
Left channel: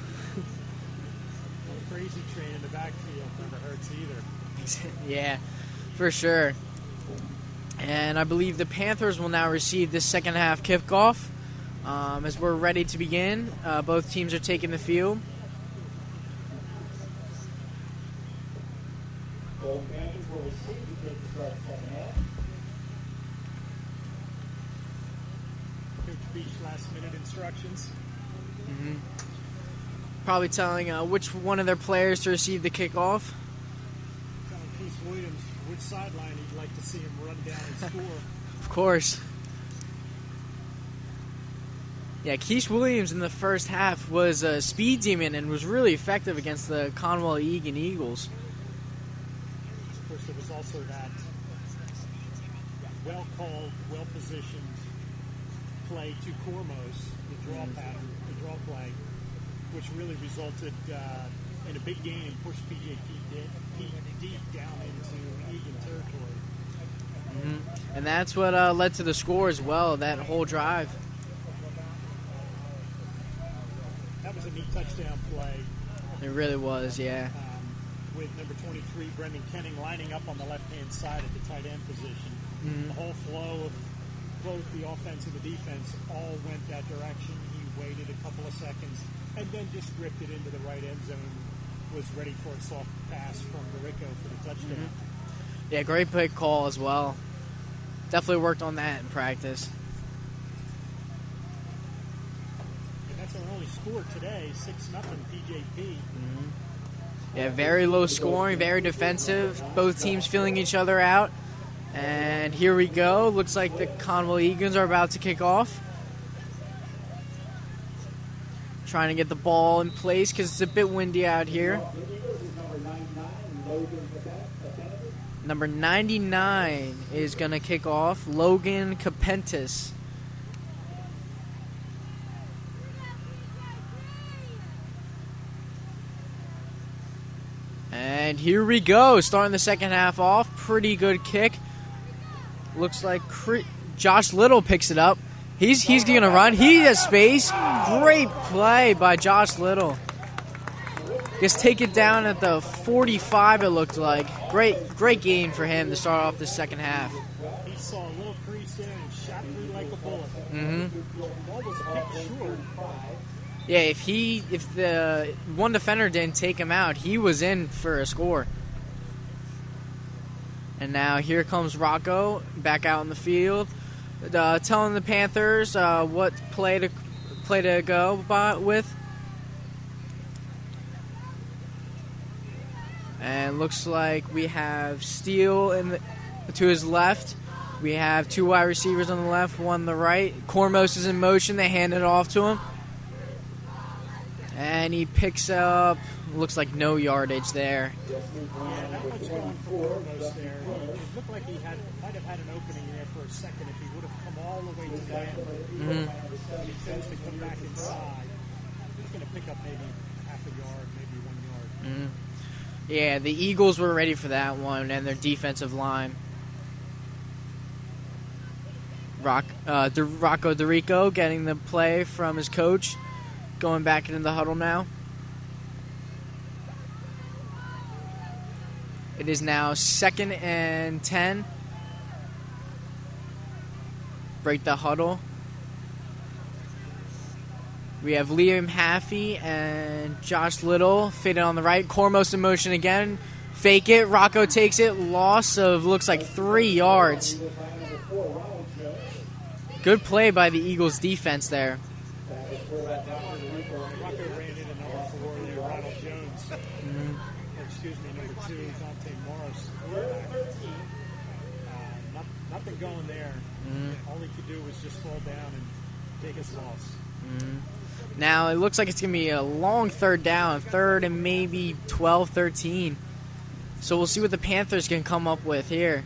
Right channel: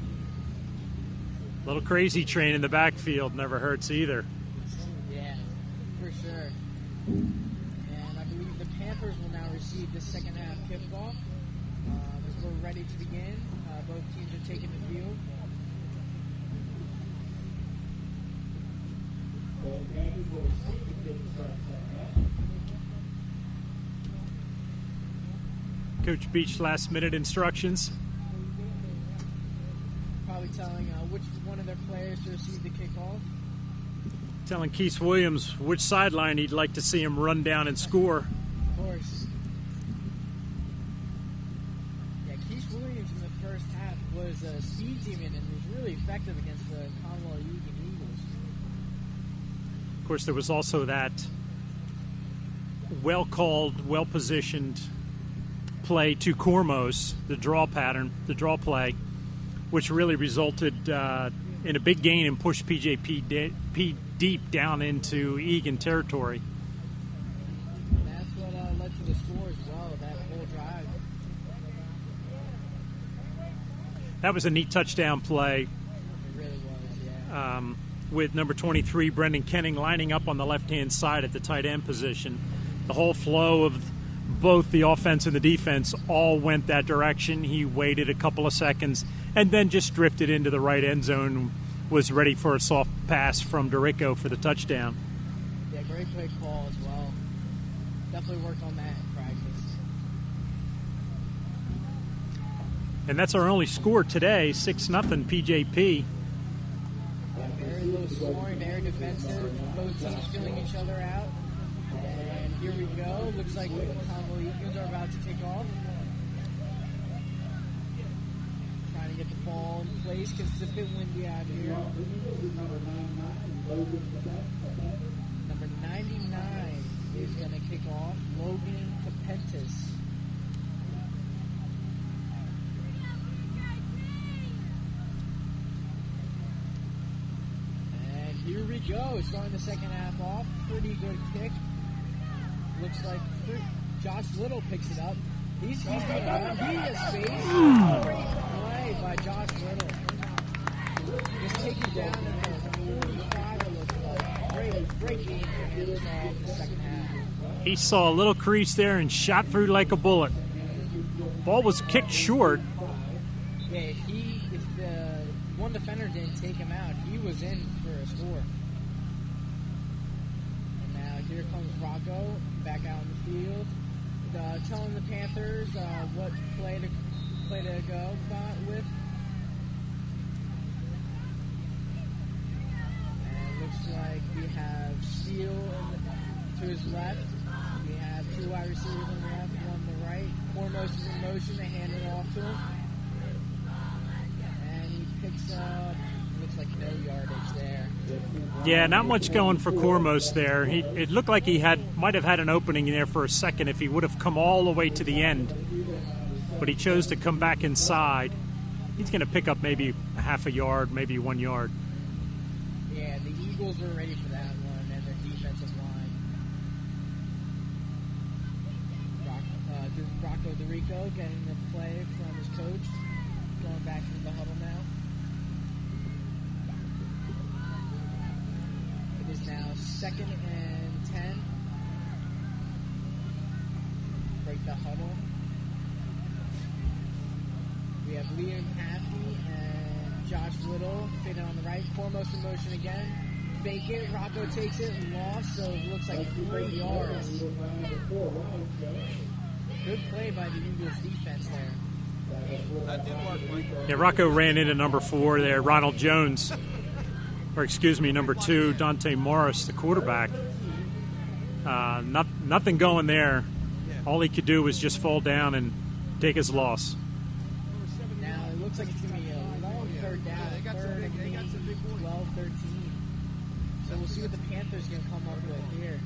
Little crazy train in the backfield never hurts either. Yeah, for sure. And I believe the Panthers will now receive this second half kickoff as we're ready to begin. Both teams are taking the field. Coach Beach last-minute instructions. Mm-hmm. Probably telling which one of their players to receive the kickoff. Telling Keith Williams which sideline he'd like to see him run down and score. Of course. Yeah, Keith Williams in the first half was a speed demon and was really effective against the Conwell Egan Eagles. Of course, there was also that well-called, well-positioned play to Cormos, the draw pattern, the draw play, which really resulted in a big gain and pushed PJP deep down into Egan territory. Mm-hmm. And that's what led to the score as well, that whole drive. That was a neat touchdown play. It really was, yeah. With number 23, Brendan Kenning, lining up on the left-hand side at the tight end position. Mm-hmm. The whole flow of both the offense and the defense all went that direction. He waited a couple of seconds and then just drifted into the right end zone, was ready for a soft pass from Dorico for the touchdown. Yeah, great pick call as well. Definitely worked on that in practice. And that's our only score today, 6-0 PJP. Yeah, very low scoring, very defensive. Both teams feeling each other out. And here we go. Looks like the Conwell Eagles are about to kick off. Trying to get the ball in place because it's a bit windy out here. Number 99 is going to kick off, Logan Capentis. And here we go, starting the second half off. Pretty good kick. Looks like Josh Little picks it up. He's going to run. He has space. Great play by Josh Little. Just take it down at the 45, it looked like. Great game for him to start off the second half. He saw a little crease there and shot through like a bullet. Ball was kicked short. Yeah, if the one defender didn't take him out, he was in for a score. And now here comes Rocco back out in the field, telling the Panthers what play to go with. And looks like we have Steele to his left. We have two wide receivers on the left, one on the right. Cormos is in motion. They hand it off to him. And he picks up, looks like no yardage there. Yeah, not much going for Cormos there. It looked like he might have had an opening there for a second if he would have come all the way to the end. But he chose to come back inside. He's going to pick up maybe half a yard, maybe 1 yard. Yeah, the Eagles were ready for that one and their defensive line. Rocco DeRico getting the play from his coach. Going back into the huddle now. It is now 2nd and 10. Break the huddle. We have Liam Haffey and Josh Little faded on the right. Cormos in motion again. Fake it. Rocco takes it. Loss of looks like 3 yards. Good play by the Eagles defense there. Yeah, Rocco ran into number 4 there, Ronald Jones. Or excuse me, number 2, Dante Morris, the quarterback. Nothing going there. All he could do was just fall down and take his loss. Now it looks like it's going to be a long third down, 3rd and maybe 12, 13. So we'll see what the Panthers can come up with here.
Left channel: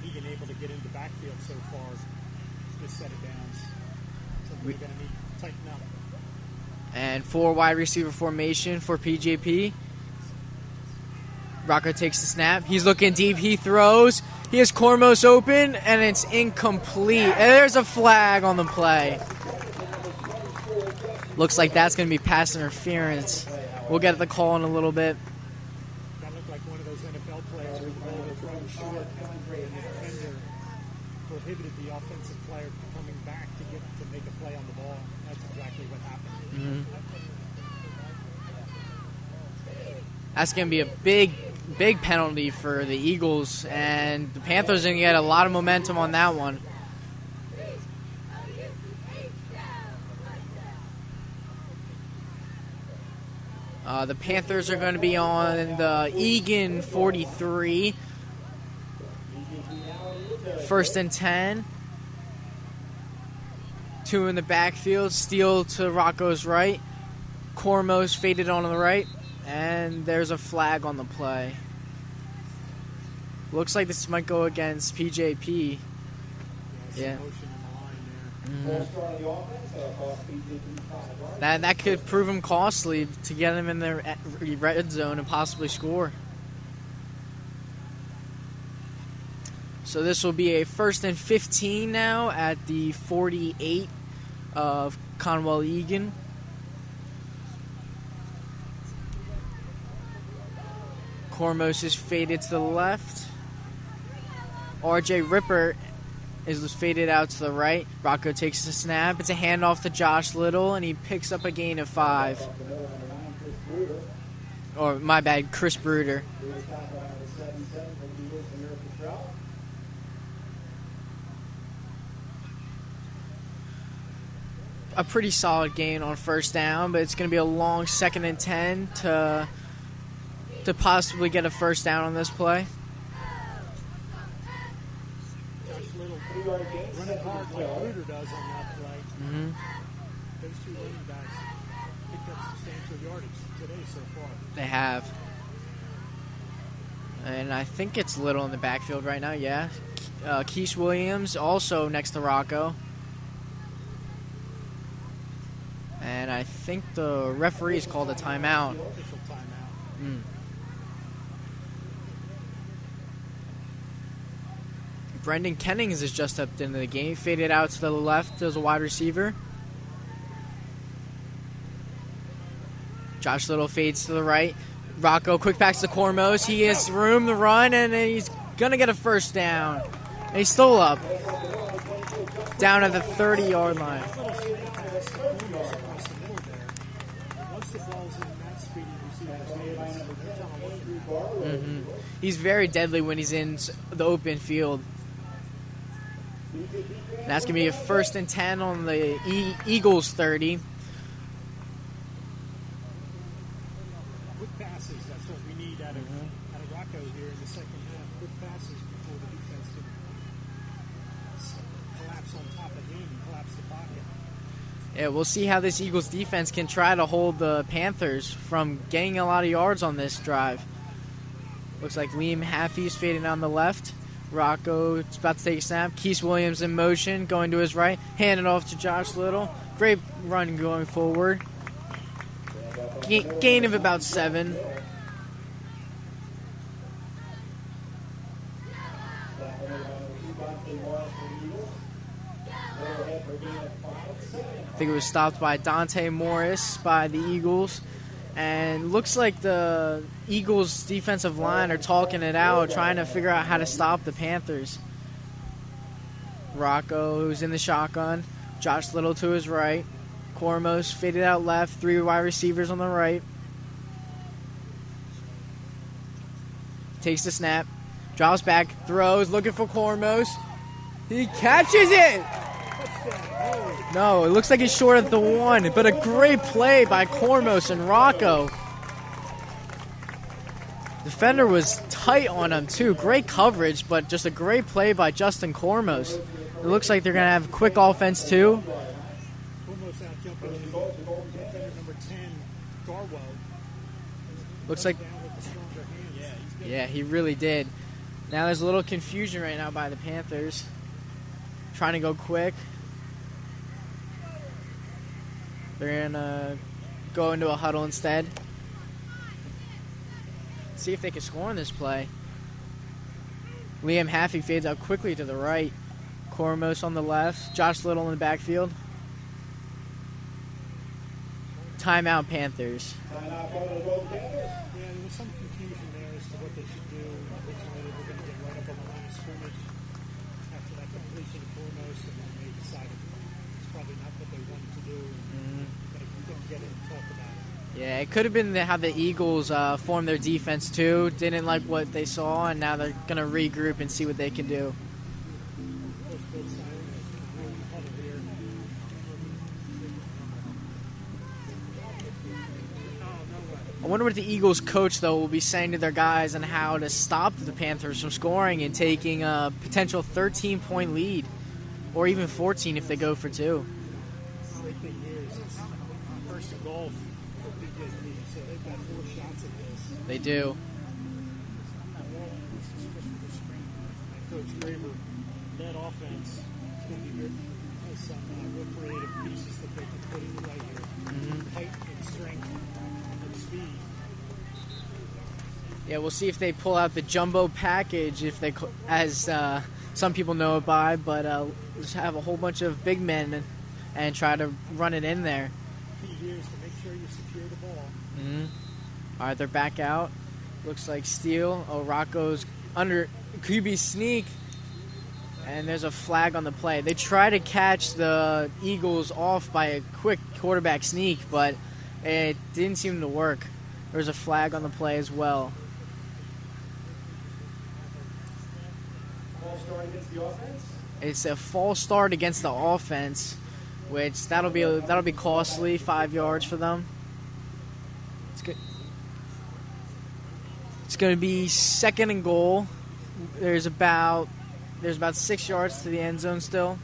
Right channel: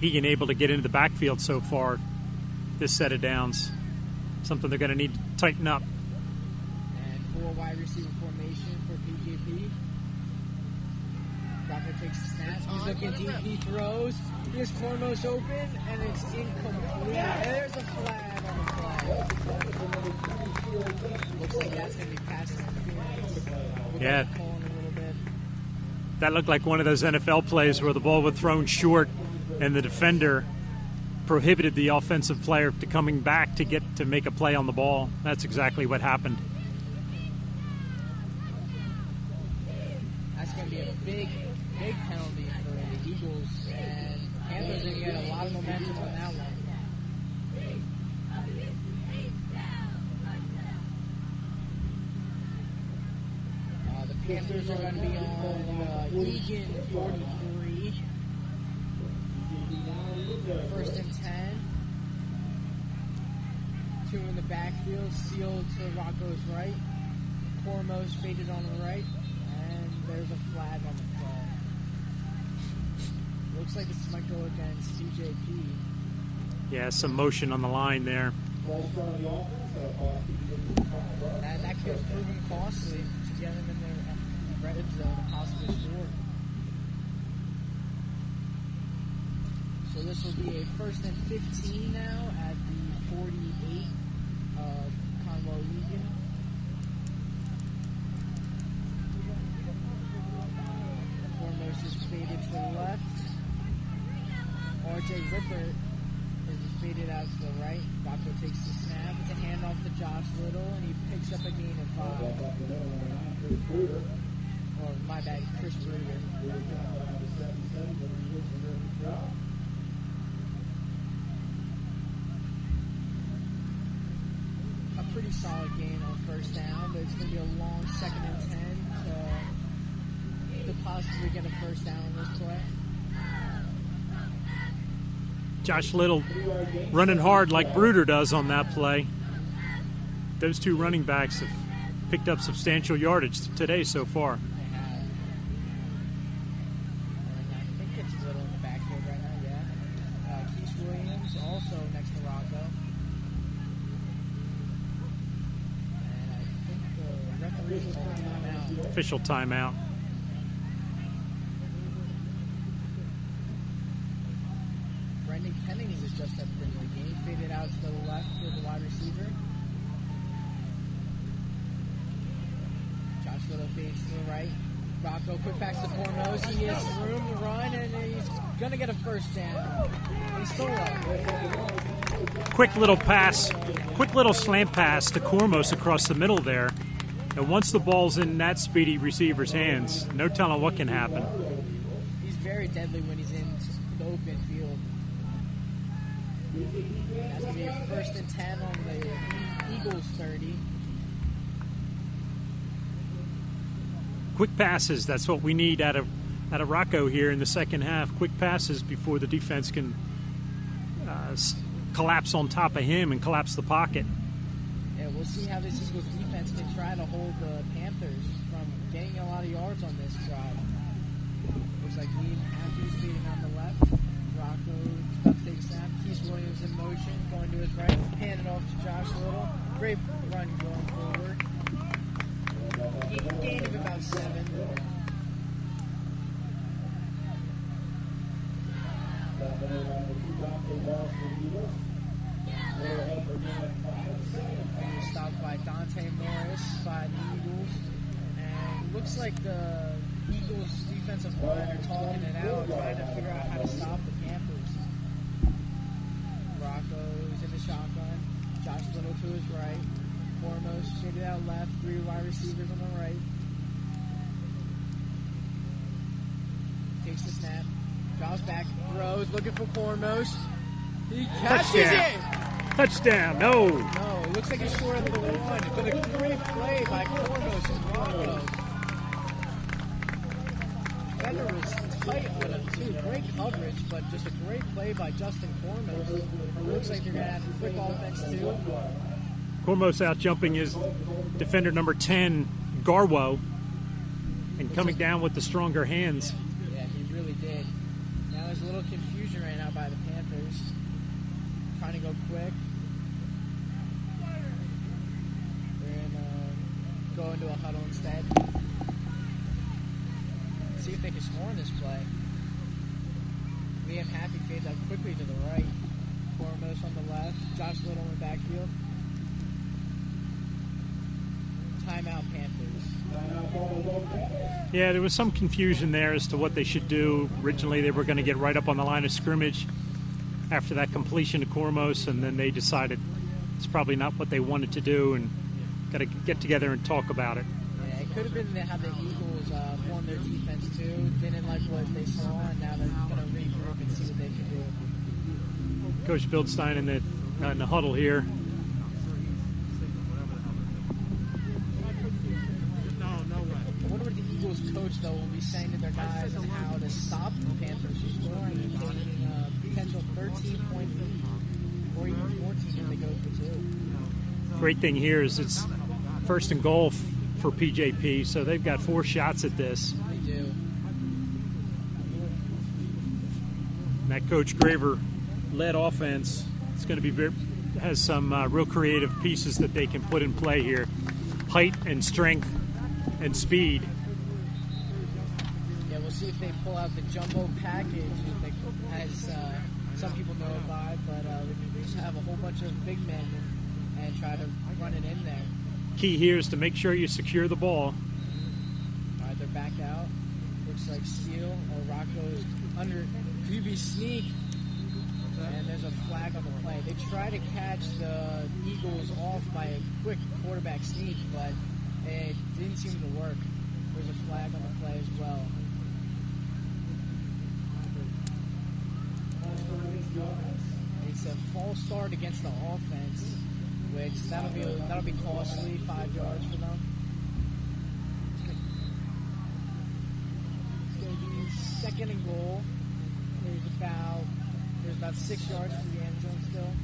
Egan able to get into the backfield so far this set of downs. Something they're going to need to tighten up. And 4 wide receiver formation for PJP. Rocco takes the snap. He's looking deep. He throws. He has Cormos open, and it's incomplete. And there's a flag on the play. Looks like that's going to be pass interference. We'll get the call in a little bit. That looked like one of those NFL plays where the ball was thrown short and the defender prohibited the offensive player to coming back to make a play on the ball. That's exactly what happened. That's going to be a big penalty for the Eagles, and the Panthers are going to get a lot of momentum on that one. The Panthers are going to be on the Egan 43. 1st and 10. 2 in the backfield. Steele to Rocco's right. Cormos faded on the right. And there's a flag on the play. Looks like this might go against PJP. Yeah, some motion on the line there. That could prove him costly to get him in the red zone and possibly score. So this will be a 1st and 15 now at the 48 of Conwell Egan. Cormos is faded to the left. RJ Ripper is faded out to the right. Rocco takes the snap. It's a handoff to Josh Little, and he picks up a gain of 5. Or, my bad, Chris Bruder. a pretty solid gain on first down, but it's going to be a long 2nd and 10 to possibly get a first down on this play. Josh Little running hard like Bruder does on that play. Those two running backs have picked up substantial yardage today so far. They have. And I think it's Little in the backfield right now, yeah. Keith Williams also next to Rocco. And I think the referee's called a timeout. Official timeout. Brendan Kennings has just stepped into the game. Faded out to the left as a wide receiver. Josh Little fades to the right. Rocco quick backs to Cormos. He has room to run, and he's going to get a first down. They stole up. Quick Down little at the pass. 30-yard line. Quick little slant pass to Cormos across the middle there. And once the ball's in that speedy receiver's hands, no telling what can happen. He's very deadly when he's in the open field. And that's going to be a 1st and 10 on the Eagles 30. Quick passes, that's what we need out of Rocco here in the second half. Quick passes before the defense can collapse on top of him and collapse the pocket. Yeah, we'll see how this Eagles defense can try to hold the Panthers from getting a lot of yards on this drive. Looks like Liam Haffey's fading on the left. Rocco is about to take a snap. Keith Williams in motion, going to his right. Hand it off to Josh Little. Great run going forward. Gain of about 7. I think it was stopped by Dante Morris by the Eagles. And looks like the Eagles defensive line are talking it out, trying to figure out how to stop the Panthers. Rocco, who's in the shotgun. Josh Little to his right. Cormos faded out left. 3 wide receivers on the right. Takes the snap. Drops back. Throws. Looking for Cormos. He catches it. Touchdown. No, it looks like it's short at the 1. But a great play by Cormos and Rocco. Defender was tight on him too. Great coverage, but just a great play by Justin Cormos. It looks like they're going to have quick offense too. Cormos out jumping his defender number 10, Garwo, and Looks coming like down with the stronger hands. Yeah, he really did. Now there's a little confusion right now by the Panthers. Trying to go quick. They're going to go into a huddle instead. See if they can score on this play. Liam Haffey fades out quickly to the right. Cormos on the left. Josh Little in the backfield. Timeout Panthers. Yeah, there was some confusion there as to what they should do. Originally, they were going to get right up on the line of scrimmage after that completion to Cormos, and then they decided it's probably not what they wanted to do, and got to get together and talk about it. Yeah, it could have been how the Eagles formed their defense too. Didn't like what they saw, and now they're going to regroup and see what they can do. Coach Bildstein in the huddle here. I wonder what the Eagles coach, though, will be saying to their guys on how to stop the Panthers from scoring and taking a potential 13-point lead, or even 14 if they go for 2. Great thing here is it's 1st and goal for PJP, so they've got 4 shots at this. They do. And that Coach Graver-led offense is going to be has some real creative pieces that they can put in play here. Height and strength and speed. Yeah, we'll see if they pull out the jumbo package, if they, as some people know it by, but just have a whole bunch of big men and try to run it in there. Key here is to make sure you secure the ball. All right, they're back out. Looks like Steele. Oh, Rocco's under QB sneak, and there's a flag on the play. They try to catch the Eagles off by a quick quarterback sneak, but it didn't seem to work. There's a flag on the play as well. It's a false start against the offense. which that'll be costly, 5 yards for them. It's good. It's going to be 2nd and goal. There's about 6 yards to the end zone still.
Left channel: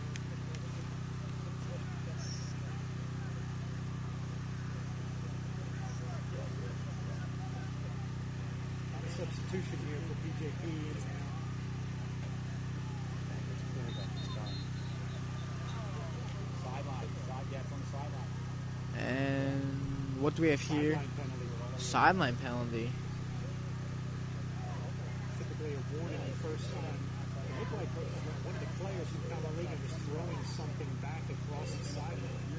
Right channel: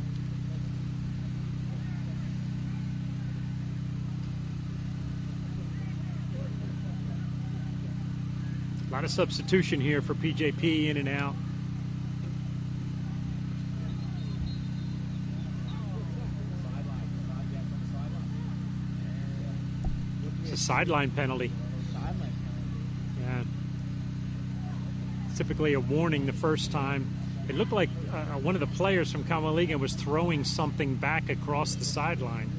A lot of substitution here for PJP, in and out. And what do we have? Sideline penalty. Sideline penalty. Yeah. Typically a warning the first time. It looked like one of the players from Kamaliga was throwing something back across the sideline.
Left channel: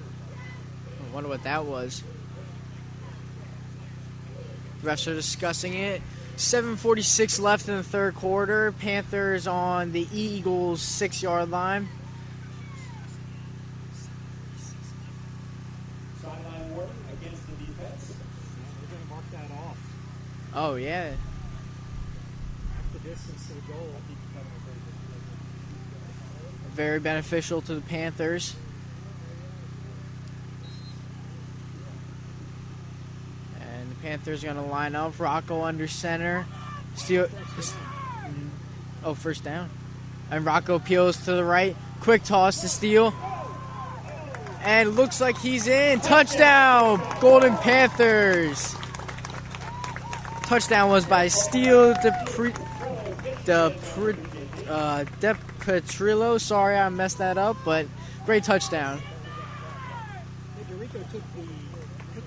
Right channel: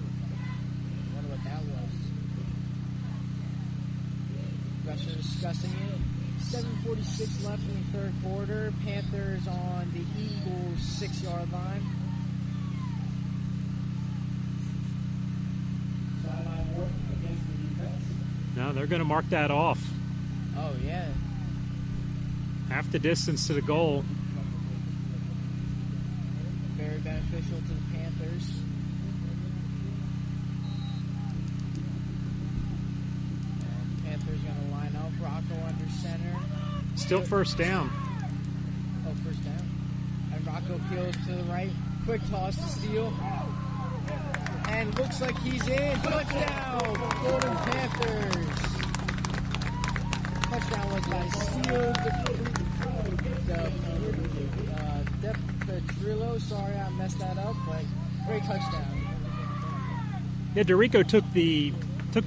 I wonder what that was. Refs are discussing it. 7:46 left in the third quarter. Panthers on the Eagles' 6-yard line. Sideline work against the defense. No, they're going to mark that off. Oh, yeah. Half the distance to the goal. Very beneficial to the Panthers. And the Panthers are going to line up. Rocco under center. Still first down. Oh, first down. And Rocco peels to the right. Quick toss to Steele. And looks like he's in. Touchdown, Golden Panthers. Touchdown was by Steele DePetrillo. Sorry, I messed that up, but great touchdown. Yeah, Dorico took the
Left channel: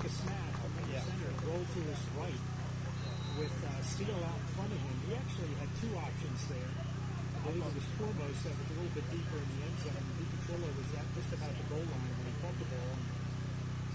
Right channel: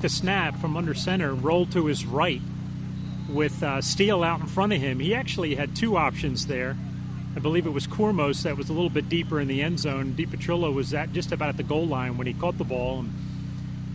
snap from under center, rolled to his right with Steele out in front of him. He actually had two options there. I believe it was Kormos that was a little bit deeper in the end zone. DiPetrillo was just about at the goal line when he caught the ball and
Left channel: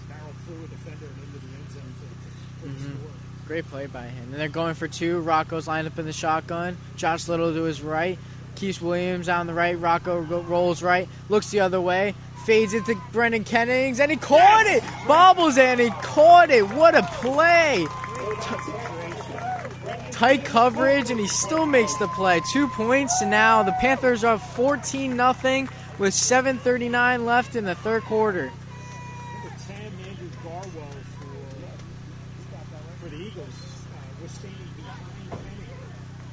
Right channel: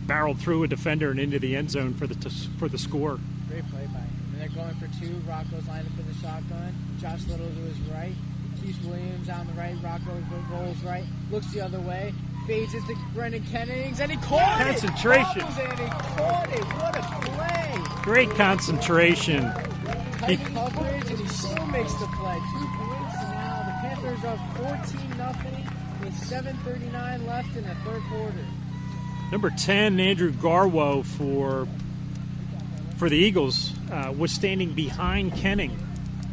barreled through a defender and into the end zone for the score. Great play by him. And they're going for two. Rocco's lined up in the shotgun. Josh Little to his right. Keith Williams on the right. Rocco rolls right. Looks the other way. Fades into Brendan Kennings, and he caught it! Bobbles, and he caught it! What a play! Great concentration. Tight coverage, and he still makes the play. 2 points, and now the Panthers are up 14-0 with 7:39 left in the third quarter. Number 10, Andrew Garwo for the Eagles, was standing behind Kenning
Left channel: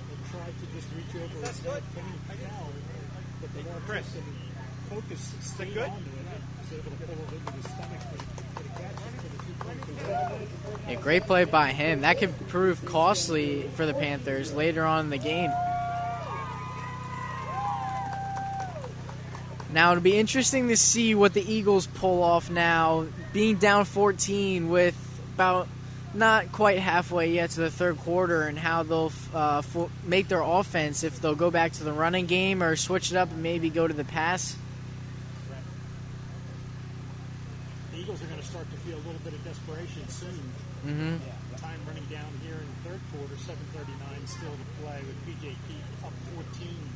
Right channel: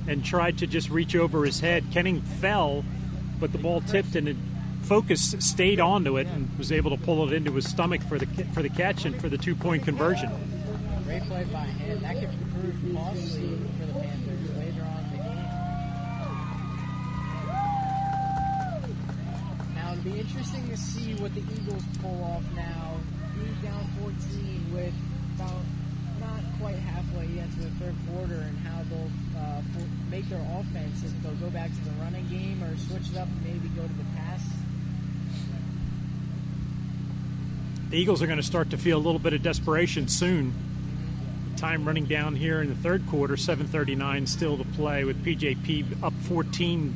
and tried to just reach over his head. Kenning fell, but the ball tipped and focus stayed onto it and was able to pull it into his stomach for the catch and for the 2-point conversion. A great play by him. That could prove costly for the Panthers later on in the game. Now, it'll be interesting to see what the Eagles pull off now, being down 14 with about not quite halfway yet to the third quarter, and how they'll make their offense, if they'll go back to the running game or switch it up and maybe go to the pass. The Eagles are going to start to feel a little bit of desperation soon. Time running down here in the third quarter, 7:39 still to play with PJP up 14-0.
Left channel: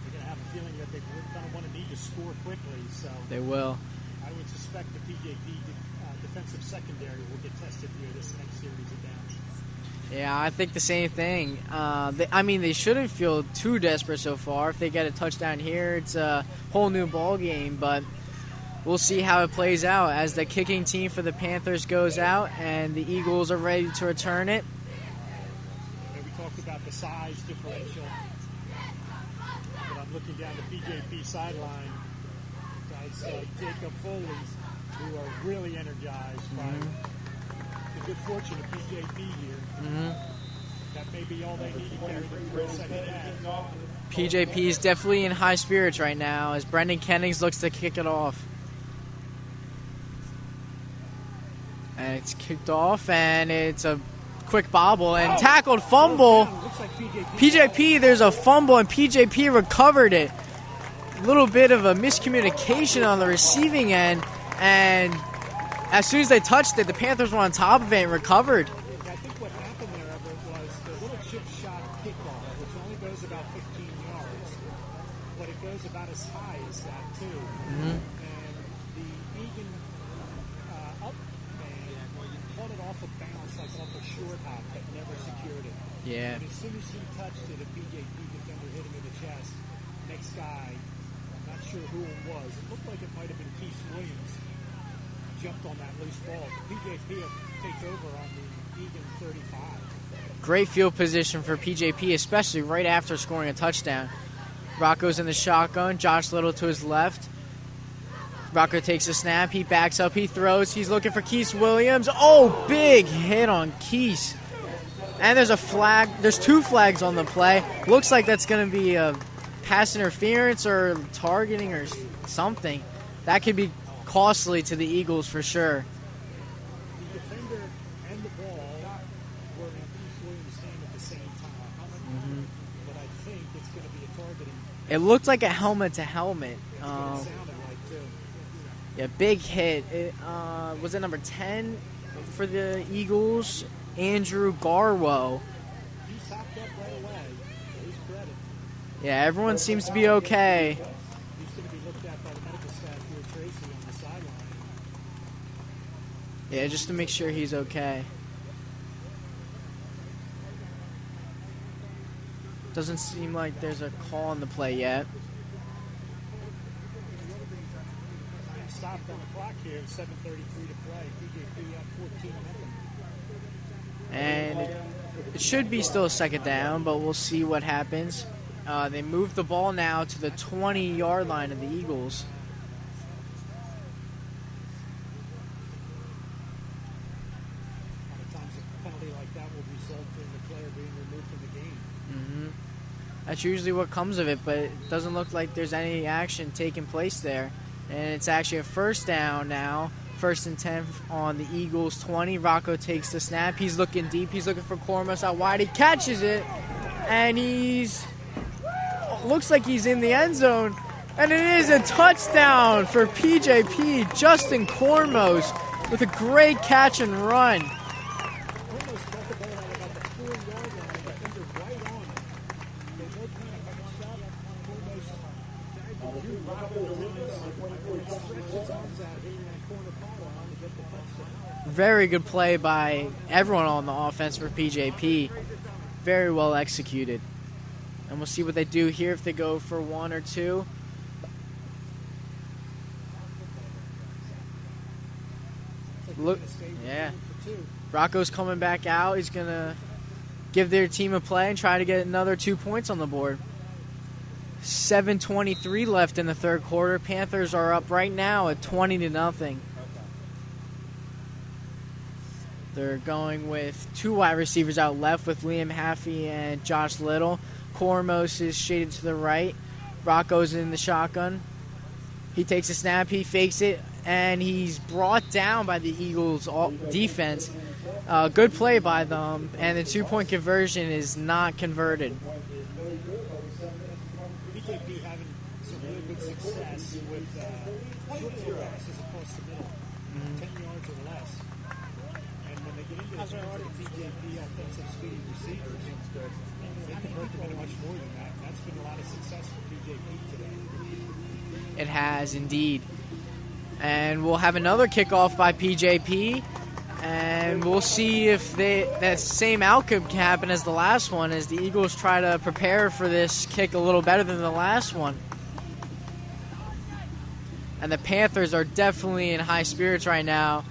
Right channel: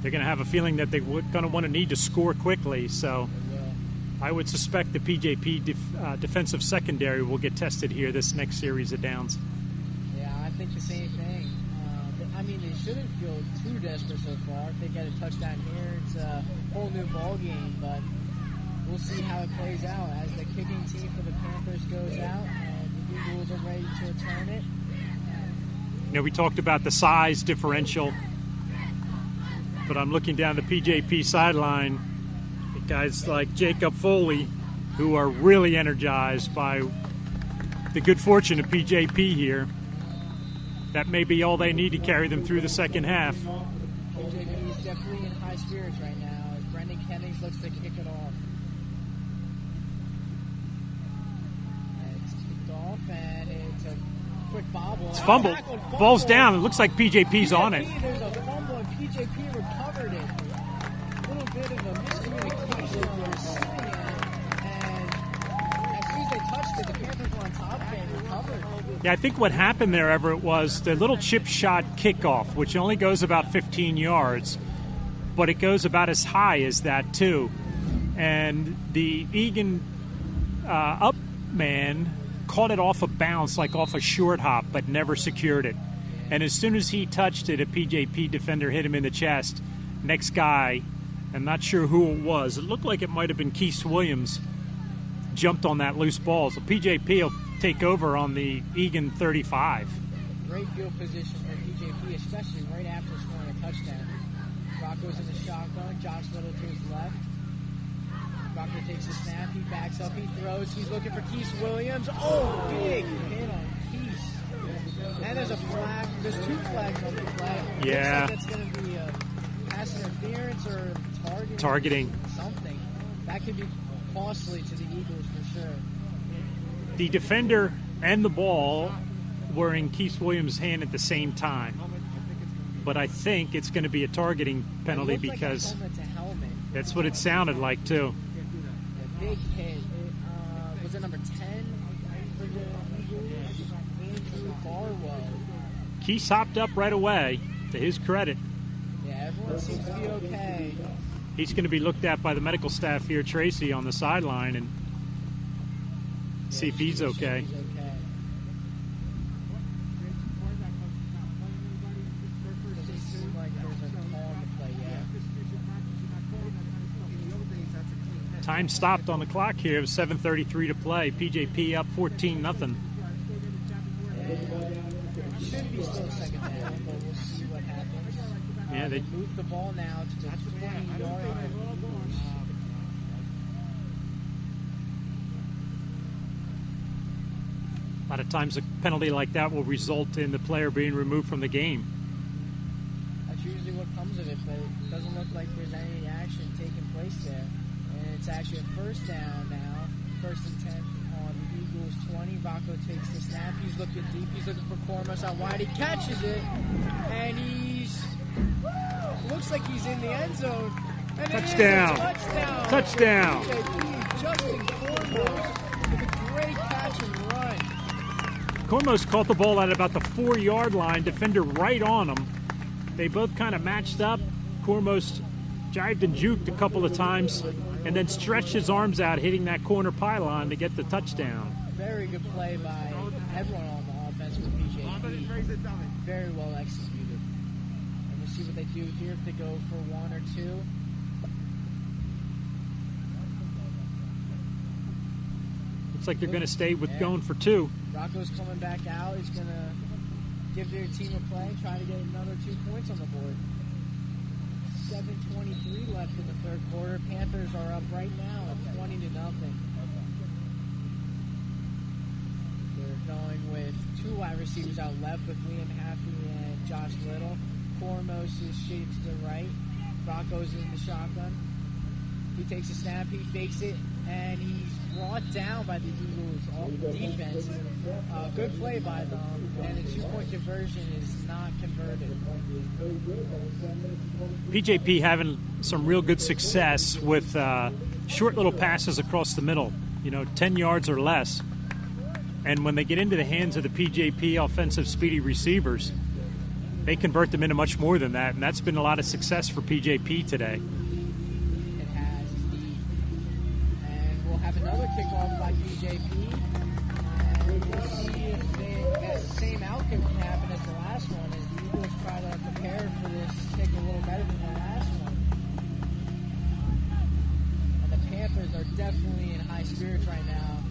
They're going to have a feeling that they're going to want to need to score quickly. So They will. I would suspect the PJP defensive secondary will get tested here this next series of downs. Yeah, I think the same thing. They shouldn't feel too desperate so far. If they get a touchdown here, it's a whole new ball game. But we'll see how it plays out as the kicking team for the Panthers goes out and the Eagles are ready to return it. You know, we talked about the size differential, but I'm looking down the PJP sideline. Guys like Jacob Foley, who are really energized by the good fortune of PJP here. That may be all they need to carry them through the second half. PJP is definitely in high spirits right now as Brendan Kennings looks to kick it off. And it's kicked off, and it's a quick bobble and tackled fumble. Falls down. It looks like PJP's on it. There's a fumble, and PJP recovered it. A little bit of a miscommunication on the receiving end, and as soon as they touched it, the Panthers were on top of it and recovered. Yeah, I think what happened there, Everett, was the little chip shot kickoff, which only goes about 15 yards, but it goes about as high as that, too. And the Egan up man caught it off a bounce, like off a short hop, but never secured it. Yeah. And as soon as he touched it, a PJP defender hit him in the chest. Next guy I'm not sure who it was. It looked like it might have been Keith Williams jumped on that loose ball. So PJP will take over on the Egan 35. Great field position for PJP, especially right after scoring a touchdown. Rocco's in the shotgun. Josh Little to his left. Rocco takes a snap. He backs up. He throws. He's looking for Keith Williams. Oh, big hit on Keith. And there's a flag. There's 2 flags on the play. Yeah. Looks like that's going to be a pass interference or targeting. Or something. That could be costly to the Eagles for sure. The defender and the ball were in Keith Williams' hand at the same time. But I think it's going to be a targeting penalty. It looked like a helmet to helmet. That's what it sounded like, too. Yeah, big hit. Was it number 10 for the Eagles? Andrew Garwo. Keith hopped up right away, to his credit. Yeah, everyone seems to be okay. He's going to be looked at by the medical staff here, Tracy, on the sideline, and see if just to he's make okay. sure he's okay. Doesn't seem like there's a call on the play yet. Time stopped on the clock here. It was 7:33 to play. PJP up 14-0. And it should be still a second down, but we'll see what happens. They move the ball now to the 20-yard line of the Eagles. A lot of times a penalty like that will result in the player being removed from the game. That's usually what comes of it, but it doesn't look like there's any action taking place there. And it's actually a first down now. 1st and 10 on the Eagles 20. Rocco takes the snap. He's looking deep. He's looking for Cormos out wide. He catches it, and looks like he's in the end zone. And it is a touchdown for PJP. Justin Cormos with a great catch and run. Cormos caught the ball at about the 4-yard line. Defender right on him. They both kind of matched up. Cormos jived and juked a couple of times and then stretched his arms out, hitting that corner pylon to get the touchdown. Very good play by everyone on the offense for PJP. Very well executed. And we'll see what they do here, if they go for 1 or 2. Looks like they're going to stay with going for 2. Rocco's coming back out. He's going to give their team a play and try to get another 2 points on the board. 7:23 left in the third quarter. Panthers are up right now at 20-0. They're going with 2 wide receivers out left with Liam Haffey and Josh Little. Cormos is shaded to the right. Rocco's in the shotgun. He takes a snap, he fakes it, and he's brought down by the Eagles defense. Good play by them, and the 2-point conversion is not converted. PJP having some real good success with short little passes across the middle, 10 yards or less. And when they get into the hands of the PJP offensive speedy receivers, they convert them into much more than that, and that's been a lot of success for PJP today. It has indeed. And we'll have another kickoff by PJP, and we'll see if that same outcome can happen as the last one, as the Eagles try to prepare for this kick a little better than the last one. And the Panthers are definitely in high spirits right now,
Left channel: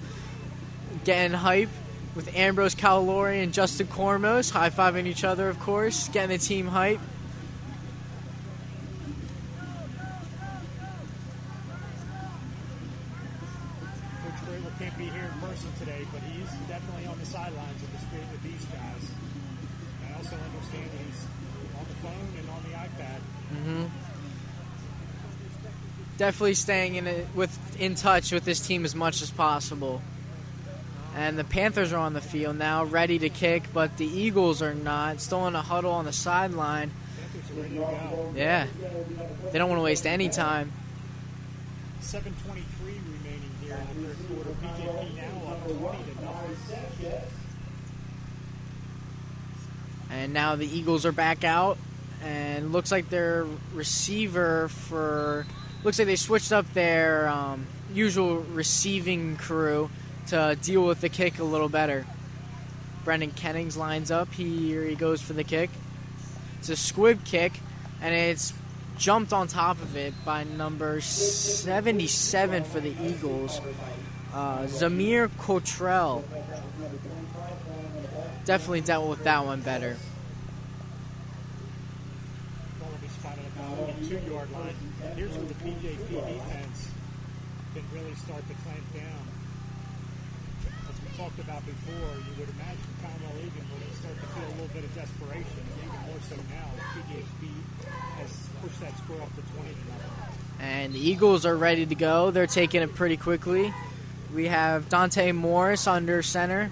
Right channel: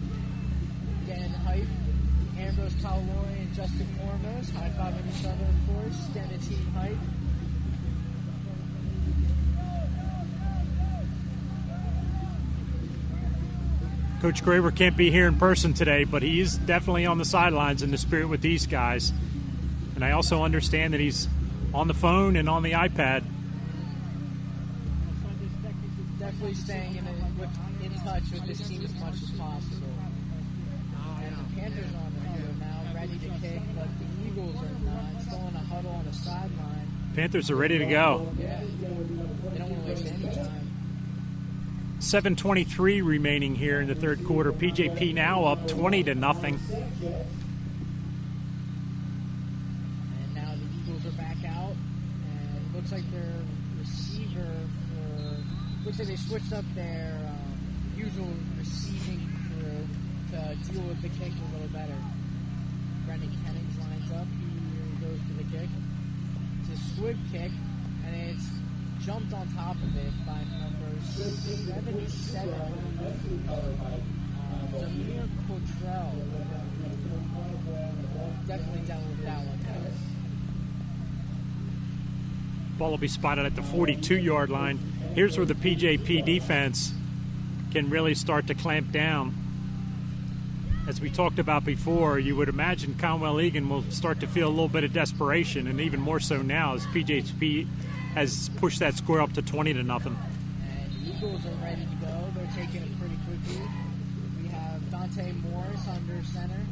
getting hype with Ambrose Calori and Justin Cormos, high-fiving each other, of course, getting the team hype. Coach Graver can't be here in person today, but he is definitely on the sidelines in the spirit with these guys. And I also understand that he's on the phone and on the iPad. Definitely staying in touch with this team as much as possible. And the Panthers are on the field now, ready to kick, but the Eagles are not. Still in a huddle on the sideline. Panthers are ready to go. Yeah. They don't want to waste any time. 7:23 remaining here in the third quarter. PJP now up 20-0. And now the Eagles are back out, and looks like their receiver looks like they switched up their usual receiving crew to deal with the kick a little better. Brendan Kennings lines up. Here he goes for the kick. It's a squib kick, and it's jumped on top of it by number 77 for the Eagles, Zamir Cottrell. Definitely dealt with that one better. Ball will be spotted at the 42-yard line. Here's where the PJP defense can really start to clamp down. As we talked about before, you would imagine Conwell Egan will start to feel a little bit of desperation, and even more so now as PJP has pushed that score up to 20-0. And the Eagles are ready to go. They're taking it pretty quickly. We have Dante Morris under center.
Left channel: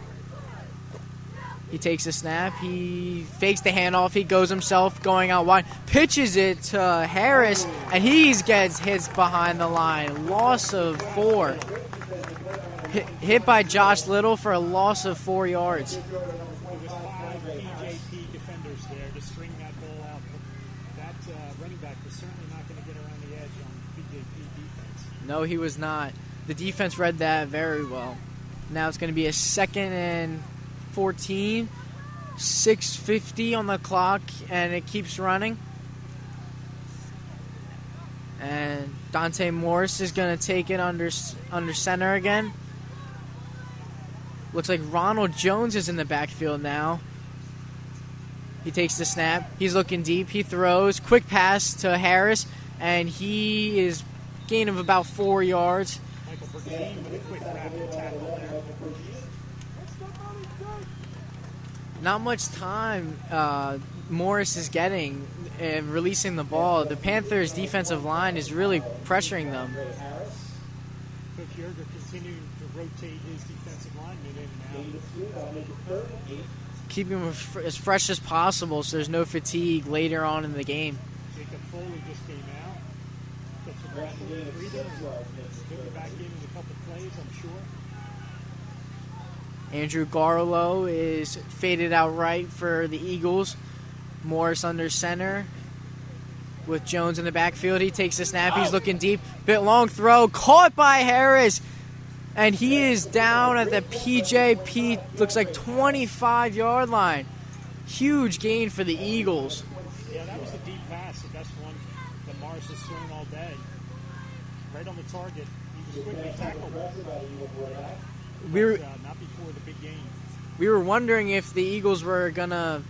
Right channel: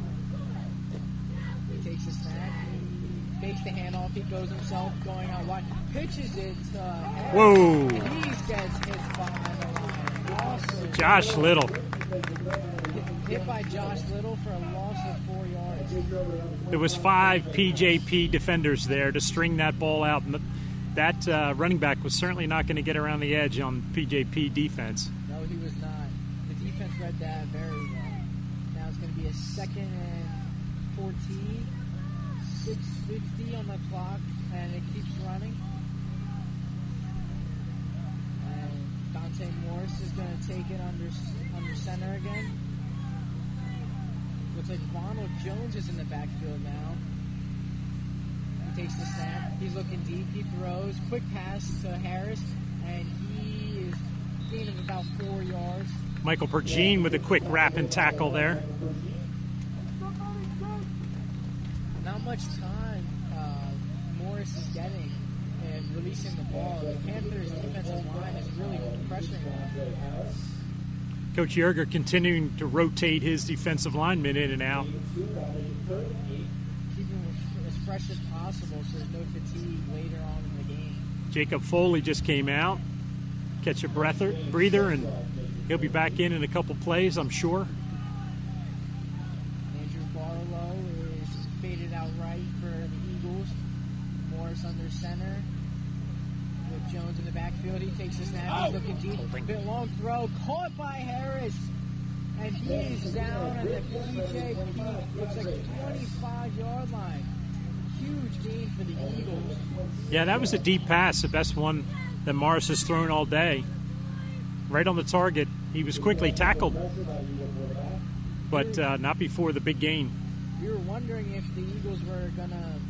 He takes a snap. He fakes the handoff. He goes himself, going out wide. Pitches it to Harris, Whoa. and he gets hit behind the line. Loss of Josh 4. Little. Hit by Josh Little for a loss of 4 yards. There was 5 PJP defenders there to string that ball out. And that running back was certainly not going to get around the edge on PJP defense. No, he was not. The defense read that very well. Now it's going to be a 2nd and 14, 6:50 on the clock, and it keeps running. And Dante Morris is going to take it under center again. Looks like Ronald Jones is in the backfield now. He takes the snap. He's looking deep. He throws. Quick pass to Harris, and he is gain of about 4 yards. Michael Pergine with a quick wrap and tackle there. Not much time Morris is getting and releasing the ball. The Panthers' defensive line is really pressuring them. Coach Yerger continuing to rotate his defensive linemen in and out. Keeping them as fresh as possible so there's no fatigue later on in the game. Jacob Foley just came out. Catch a breather, and he'll be back in a couple plays, I'm sure. Andrew Garlow is faded out right for the Eagles. Morris under center with Jones in the backfield. He takes the snap. He's looking deep. Bit long throw. Caught by Harris. And he is down at the PJP, looks like 25-yard line. Huge gain for the Eagles. Yeah, that was a deep pass, the best one that Morris has thrown all day. Right on the target. He was quickly tackled, but not before the big gain. We were wondering if the Eagles were going to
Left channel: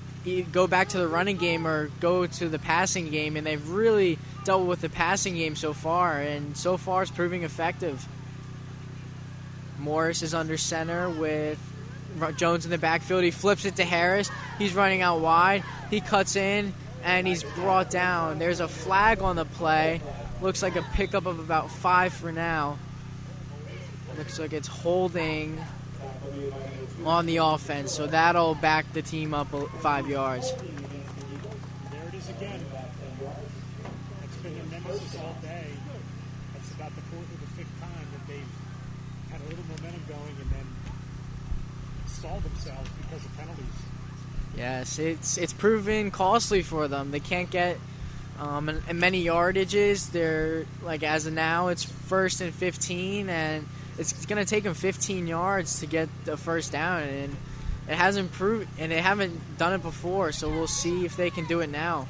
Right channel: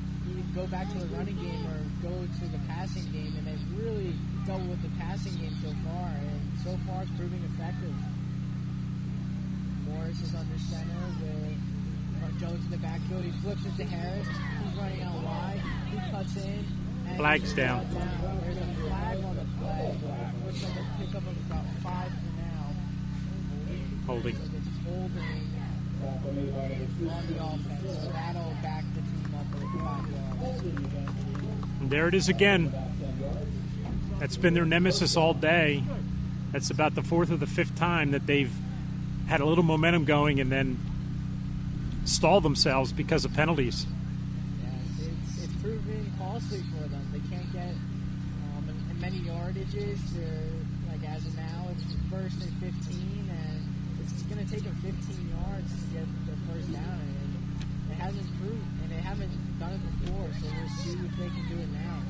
go back to the running game or go to the passing game, and they've really dealt with the passing game so far, and so far it's proving effective. Morris is under center with Jones in the backfield. He flips it to Harris. He's running out wide. He cuts in, and Flag's he's down. brought down. There's a flag on the play. Looks like a pickup of about 5 for now. Holding. Looks like it's holding on the offense, so that'll back the team up 5 yards. And there it is again. That's been their nemesis all day. That's about the 4th or the 5th time that they've had a little momentum going and then stalled themselves because of penalties. Yes, it's proven costly for them. They can't get in many yardages. They're like, as of now, it's 1st and 15, and it's going to take them 15 yards to get the first down, and it hasn't proved, and they haven't done it before. So we'll see if they can do it now.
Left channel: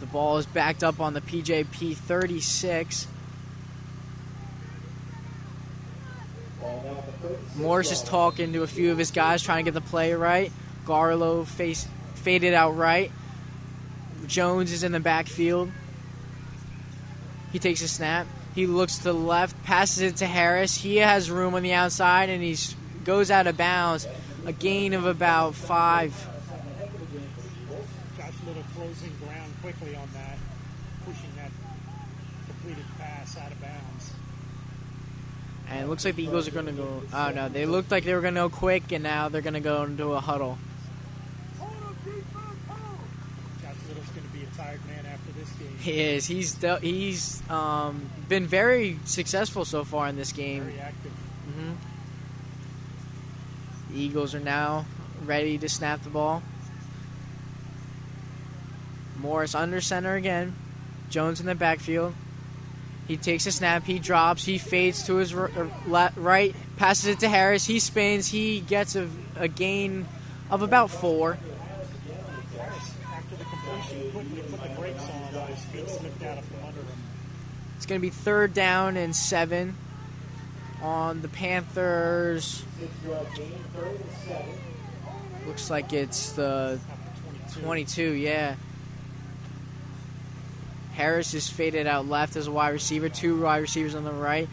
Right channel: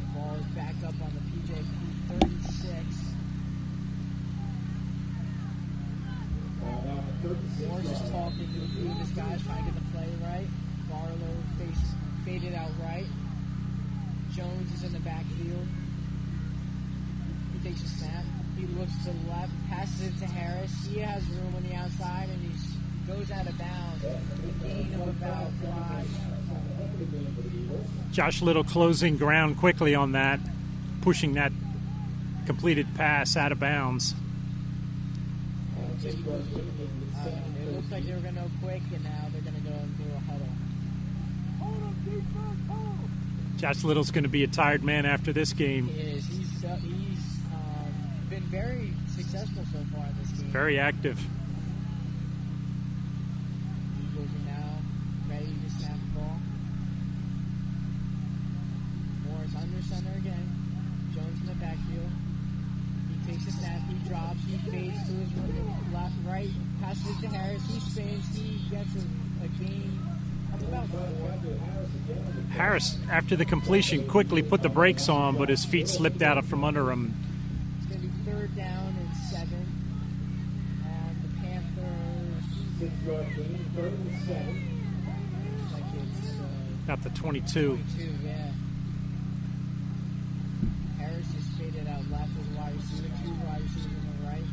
The ball is backed up on the PJP 36. Morris is talking to a few of his guys, trying to get the play right. Garlow faded out right. Jones is in the backfield. He takes a snap. He looks to the left, passes it to Harris. He has room on the outside, and he goes out of bounds. A gain of about 5. Josh Little closing ground quickly on that, pushing that completed pass out of bounds. And it looks like the Eagles are going to go. Oh, no. They looked like they were going to go quick, and now they're going to go into a huddle. Josh Little's going to be a tired man after this game. He is. He's been very successful so far in this game. Very active. The Eagles are now ready to snap the ball. Morris under center again. Jones in the backfield. He takes a snap. He drops. He fades to his right. Passes it to Harris. He spins. He gets a gain of about 4. Harris, after the completion, quickly put the brakes on, but his feet slipped out from under him. It's going to be 3rd down and 7 on the Panthers. Looks like it's the Got the 22. 22, yeah. Harris is faded out left as a wide receiver. 2 wide receivers on the right.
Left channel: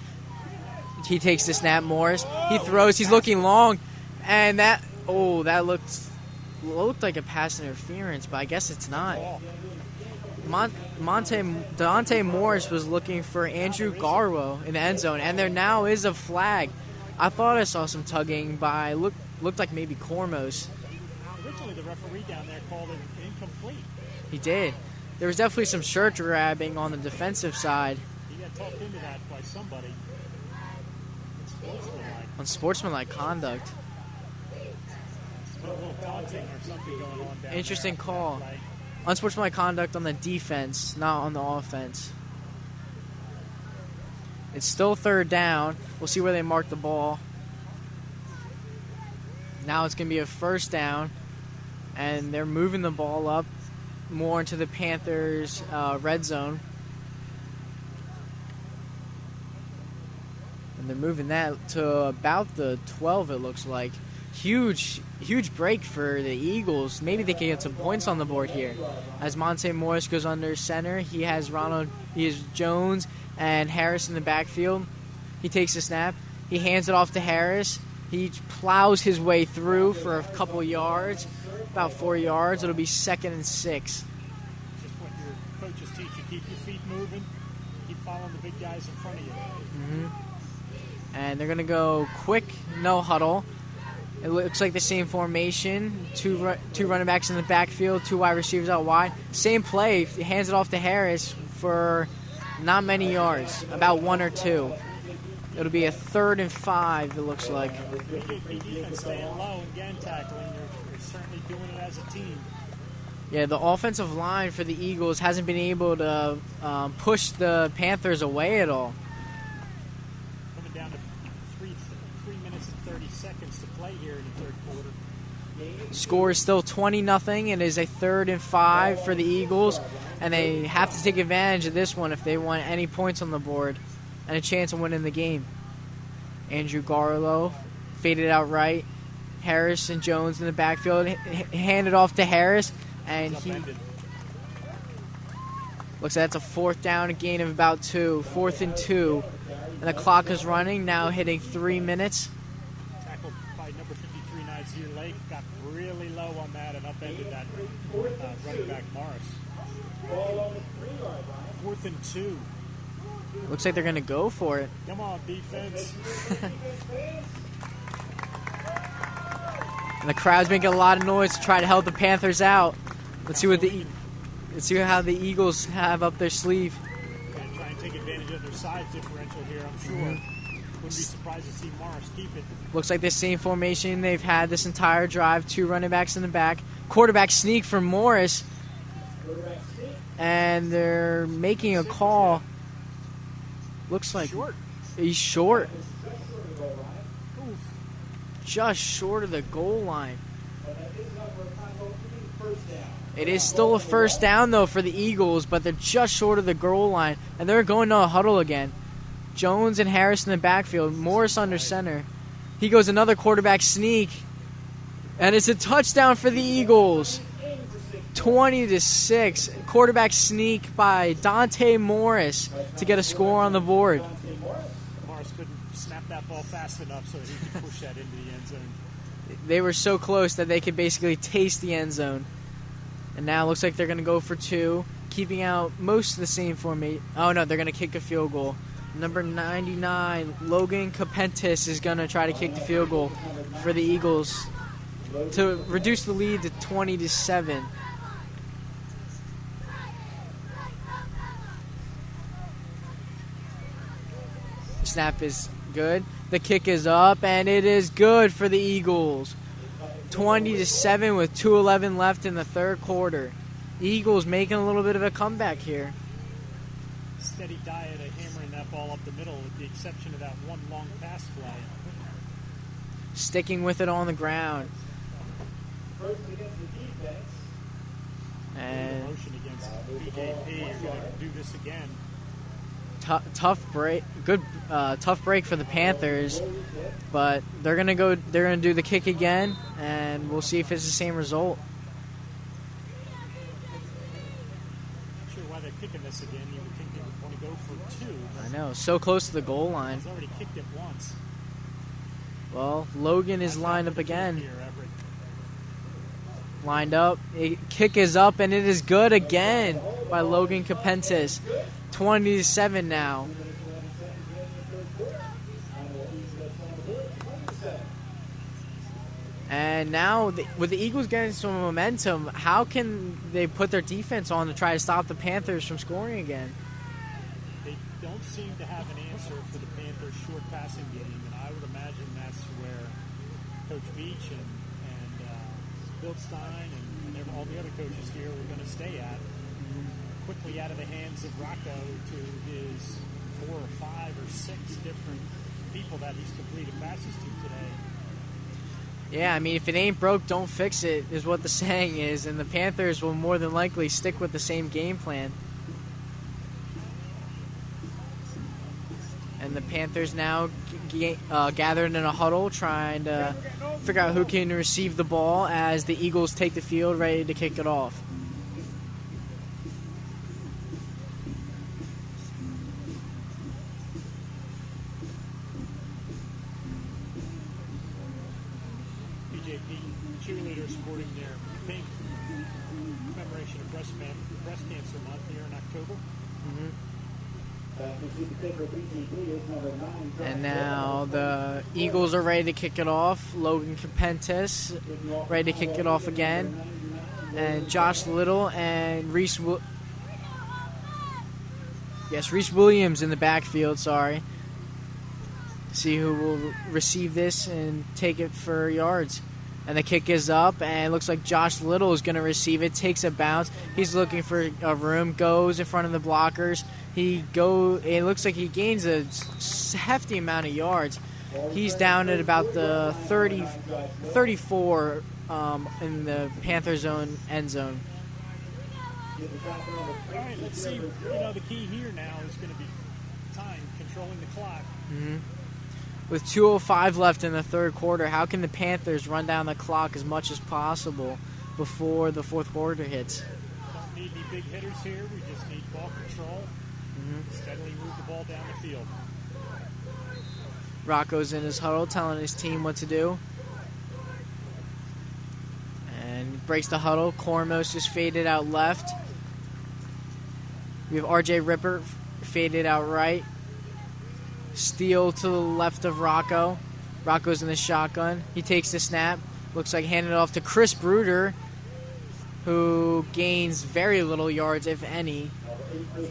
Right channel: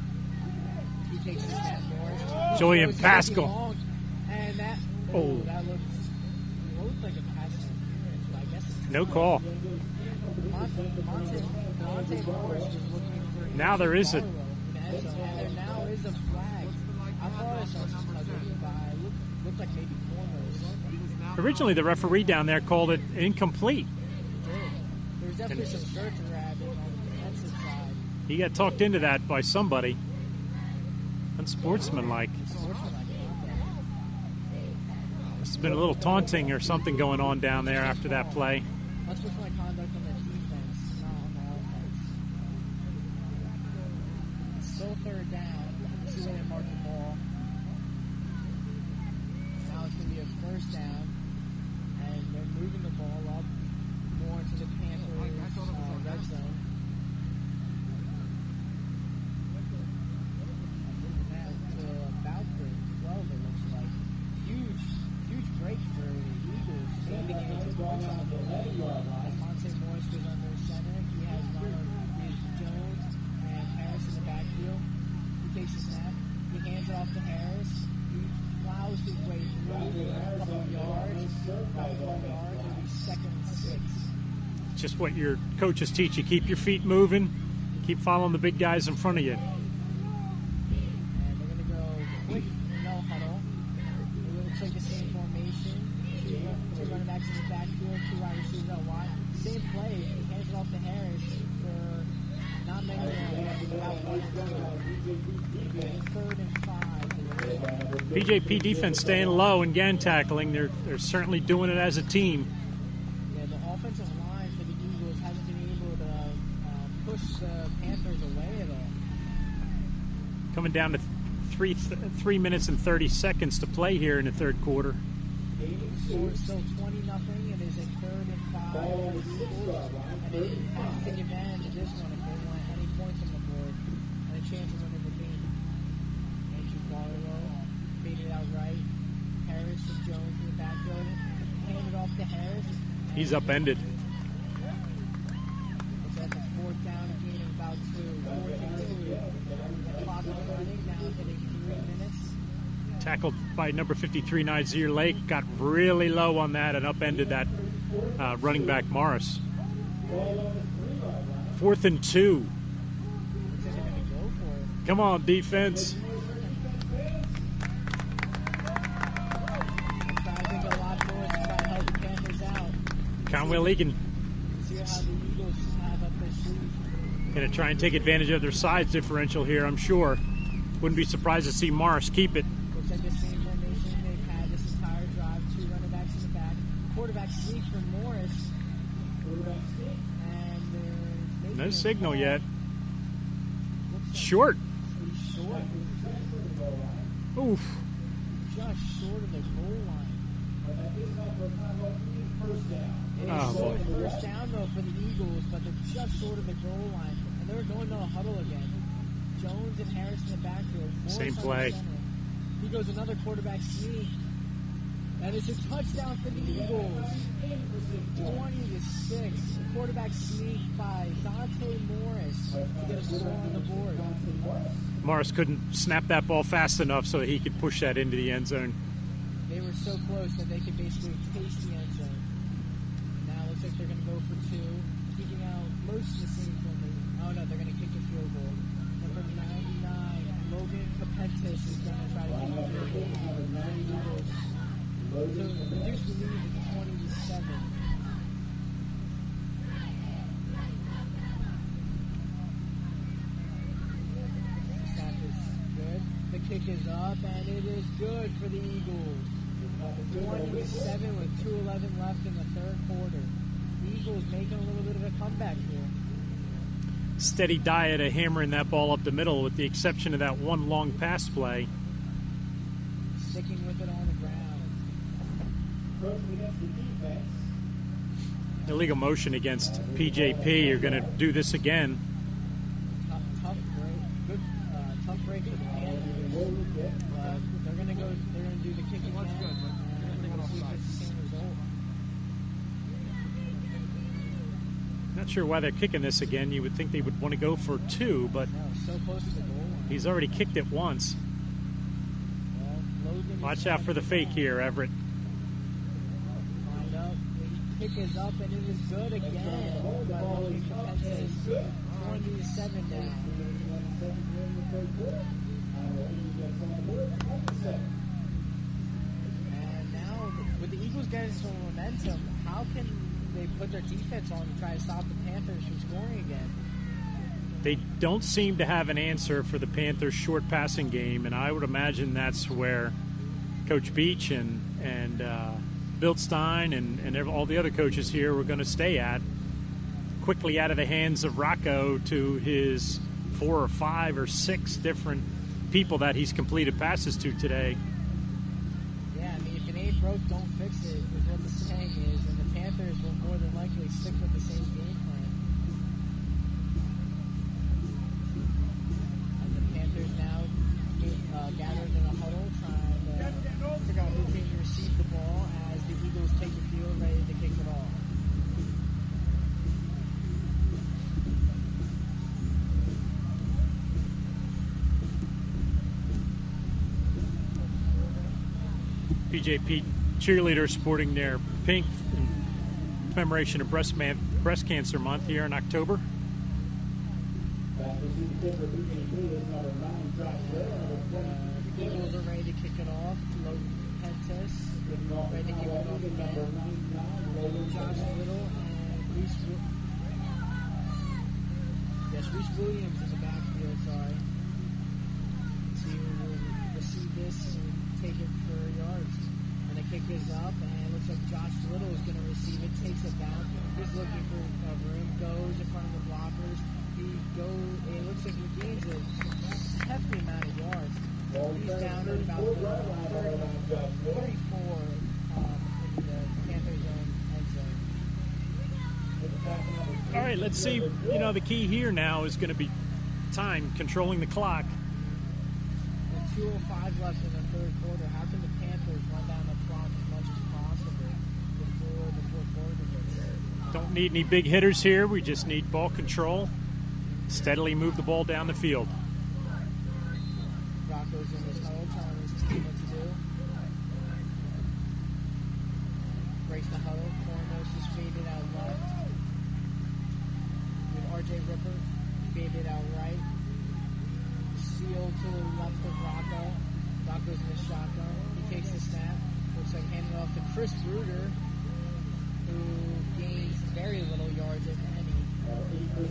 He takes the snap. Morris. He throws. He's looking long. And that looked like a pass interference, but I guess it's No not. call. Dante Morris was looking for Andrew Garwo in the end zone, and there now is a flag. I thought I saw some tugging by looked like maybe Cormos. Originally, the referee down there called it incomplete. He did. There was definitely some shirt grabbing on the defensive side. He got talked into that by somebody. Unsportsmanlike. Unsportsmanlike conduct. There's been a little taunting or something going on down there Interesting after call. that play. Unsportsmanlike conduct on the defense, not on the offense. It's still 3rd down. We'll see where they mark the ball. Now it's going to be a 1st down, and they're moving the ball up more into the Panthers' red zone. And they're moving that to about the 12, it looks like. Huge break for the Eagles. Maybe they can get some points on the board here. As Monte Morris goes under center, he has Jones and Harris in the backfield. He takes the snap. He hands it off to Harris. He plows his way through for a couple yards, about 4 yards. It'll be 2nd and 6. Just what your coaches teach you. Keep your feet moving. Keep following the big guys in front of you. And they're going to go quick, no huddle. It looks like the same formation. Two running backs in the backfield, 2 wide receivers out wide. Same play. He hands it off to Harris for not many yards, about 1 or 2. It'll be a 3rd and 5, it looks like. PJP defense staying low and gang tackling. They're certainly doing it as a team. Yeah, the offensive line for the Eagles hasn't been able to push the Panthers away at all. Coming down to 3 minutes and 30 seconds to play here in the 3rd quarter. Score is still 20-0. It is a 3rd and 5 for the Eagles, and they have to take advantage of this one if they want any points on the board and a chance of winning the game. Andrew Garlow faded out right. Harris and Jones in the backfield. Handed off to Harris. And he's upended. Looks like that's a 4th down, a gain of about 2. 4th and 2. And the clock is running, now hitting 3 minutes. Tackled by number 53, Nazir Lake. Got really low on that and upended that running back Morris. 4th and 2. Looks like they're going to go for it. Come on, defense. And the crowd's making a lot of noise to try to help the Panthers out. Let's see how the Eagles have up their sleeve. Going to try and take advantage of their size differential here, I'm sure. Wouldn't be surprised to see Morris keep it. Looks like the same formation they've had this entire drive. 2 running backs in the back. Quarterback sneak for Morris. And they're making a call. Yet. Looks like short. He's short. Oof. Just short of the goal line. It is still a 1st down, though, for the Eagles, but they're just short of the goal line. And they're going to a huddle again. Jones and Harris in the backfield. Morris under center. He goes another quarterback sneak. And it's a touchdown for the Eagles. 20-6. Quarterback sneak by Dante Morris to get a score on the board. Morris couldn't snap that ball fast enough so that he could push that into the end zone. They were so close that they could basically taste the end zone. And now it looks like they're going to go for 2, keeping out most of the same formation. Oh, no, they're going to kick a field goal. Number 99, Logan Capentis, is going to try to kick the field goal for the Eagles to reduce the lead to 20-7. Snap is good. The kick is up, and it is good for the Eagles. 20-7 with 2:11 left in the 3rd quarter. Eagles making a little bit of a comeback here. Steady diet of hammering that ball up the middle with the exception of that one long pass play. Sticking with it on the ground. Illegal motion against PJP. You're going to do this again. Tough break. Good, tough break for the Panthers, but they're gonna go. They're gonna do the kick again, and we'll see if it's the same result. Not sure why they're kicking this again. You would think they would want to go for two, but No, so close to the goal line. he's already kicked it once. Well, Logan is Watch out lined for up the again. fake here, Everett. Lined up. Kick is up, and it is good again by Logan Capentis. 20-7 now. And now, with the Eagles getting some momentum, how can they put their defense on to try to stop the Panthers from scoring again? They don't seem to have an answer for the Panthers' short passing game, and I would imagine that's where Coach Beach and Bildstein and all the other coaches here were going to stay at. Quickly out of the hands of Rocco to his 4 or 5 or 6 different people that he's completed passes to today. Yeah, I mean, if it ain't broke, don't fix it, is what the saying is, and the Panthers will more than likely stick with the same game plan. And the Panthers now gathered in a huddle, trying to figure out who can receive the ball as the Eagles take the field, ready to kick it off. PJP cheerleaders sporting their pink in commemoration of Breast Cancer Month here in October. And now the Eagles are ready to kick it off. Logan Capentis ready to kick it off again. And Josh Little and Reese Williams in the backfield, sorry. See who will receive this and take it for yards. And the kick is up, and it looks like Josh Little is going to receive it. Takes a bounce. He's looking for a room. Goes in front of the blockers. It looks like he gains a hefty amount of yards. He's down at about the 34 in the Panthers' own end zone. All right, let's see. The key here now is going to be time, controlling the clock. With 2:05 left in the third quarter, how can the Panthers run down the clock as much as possible before the fourth quarter hits? Don't need any big hitters here. We just need ball control. Steadily move the ball down the field. Rocco's in his huddle telling his team what to do. And breaks the huddle. Cormos just faded out left. We have RJ Ripper faded out right. Steele to the left of Rocco. Rocco's in the shotgun. He takes the snap. Looks like handed off to Chris Bruder, who gains very little yards, if any.